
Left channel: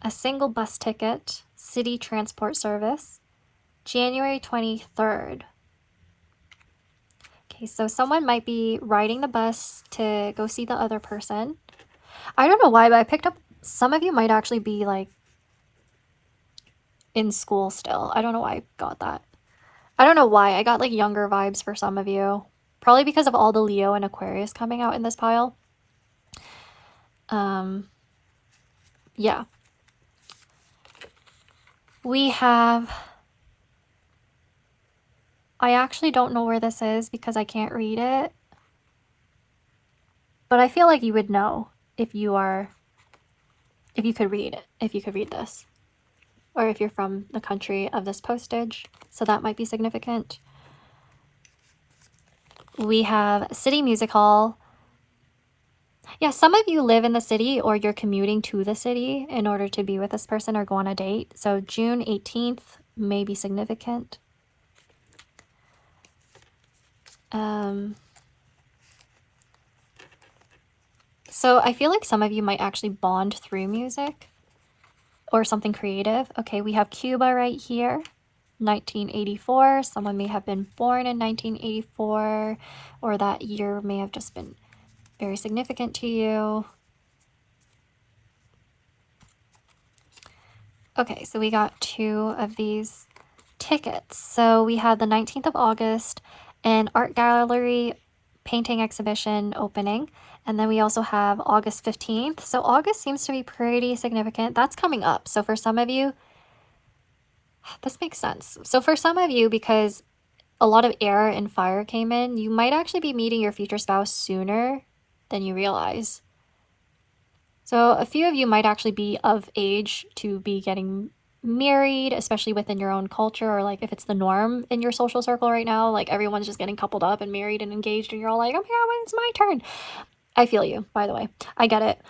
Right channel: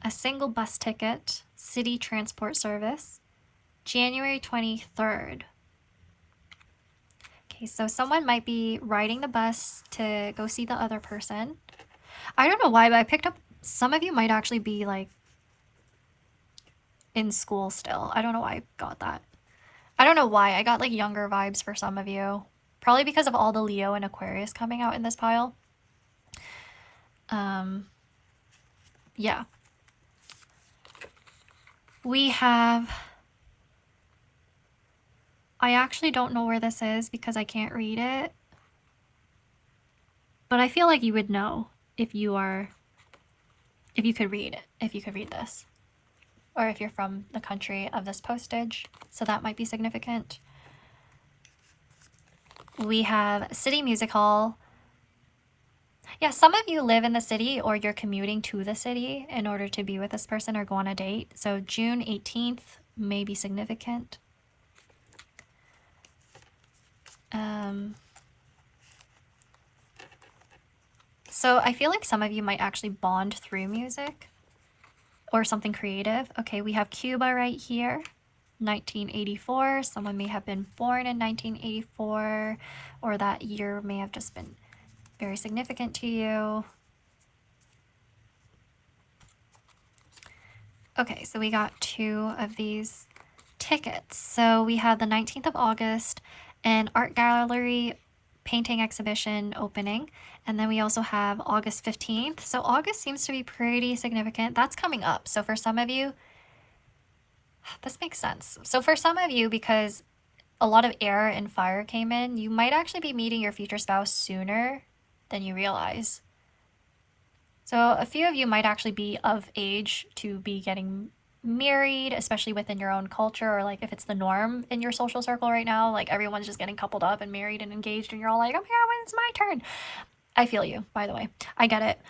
A single bus ticket, city transport service, January 23rd. Okay, so someone might be riding the bus to go see the other person. I don't know why, but I picked up, some of you might actually be like in school still. I don't know why I got that. I don't know why. I got like younger vibes for some of you. Probably because of all the Leo and Aquarius coming out in this pile. Yeah. We have, I actually don't know where this is because I can't read it. But I feel like you would know if you could read it, if you could read this. Or if you're from the country of this postage. So that might be significant. We have City Music Hall. Yeah, some of you live in the city or you're commuting to the city in order to be with this person or go on a date. So June 18th may be significant. So I feel like some of you might actually bond through music or something creative. Okay, we have Cuba right here, 1984. Someone may have been born in 1984, or that year may have just been very significant to you. Okay, so we got 2 of these tickets. So we had the 19th of August, an art gallery painting exhibition opening. And then we also have August 15th. So August seems to be pretty significant. That's coming up. So for some of you, this makes sense. So for some of you, because a lot of air and fire came in, you might actually be meeting your future spouse sooner than you realize. So a few of you might actually be of age to be getting married, especially within your own culture, or like if it's the norm in your social circle right now, like everyone's just getting coupled up and married and engaged, and you're all like, oh my god, when it's my turn. I feel you, by the way. I get it.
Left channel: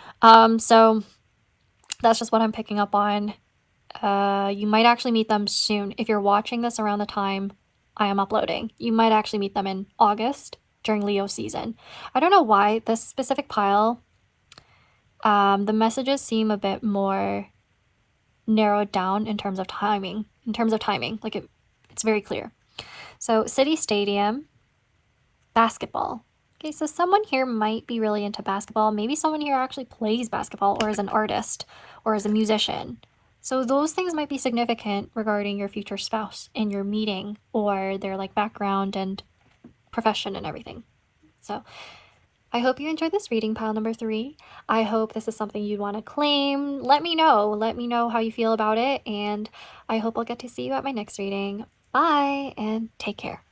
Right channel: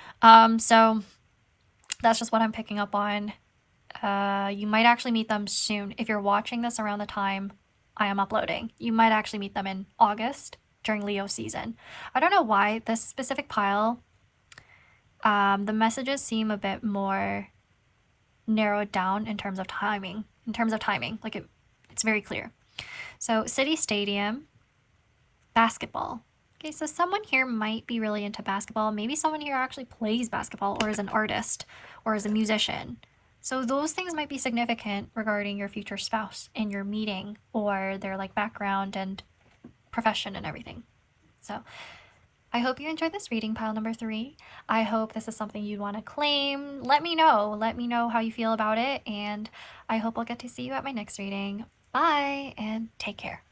So that's just what I'm picking up on. You might actually meet them soon. If you're watching this around the time I am uploading, you might actually meet them in August during Leo season. I don't know why this specific pile, the messages seem a bit more narrowed down in terms of timing. Like it's very clear. So city stadium, basketball. Okay, so someone here might be really into basketball. Maybe someone here actually plays basketball or is an artist or is a musician. So those things might be significant regarding your future spouse and your meeting, or their like background and profession and everything. So I hope you enjoyed this reading, pile number 3. I hope this is something you'd want to claim. Let me know. Let me know how you feel about it, and I hope I'll get to see you at my next reading. Bye, and take care.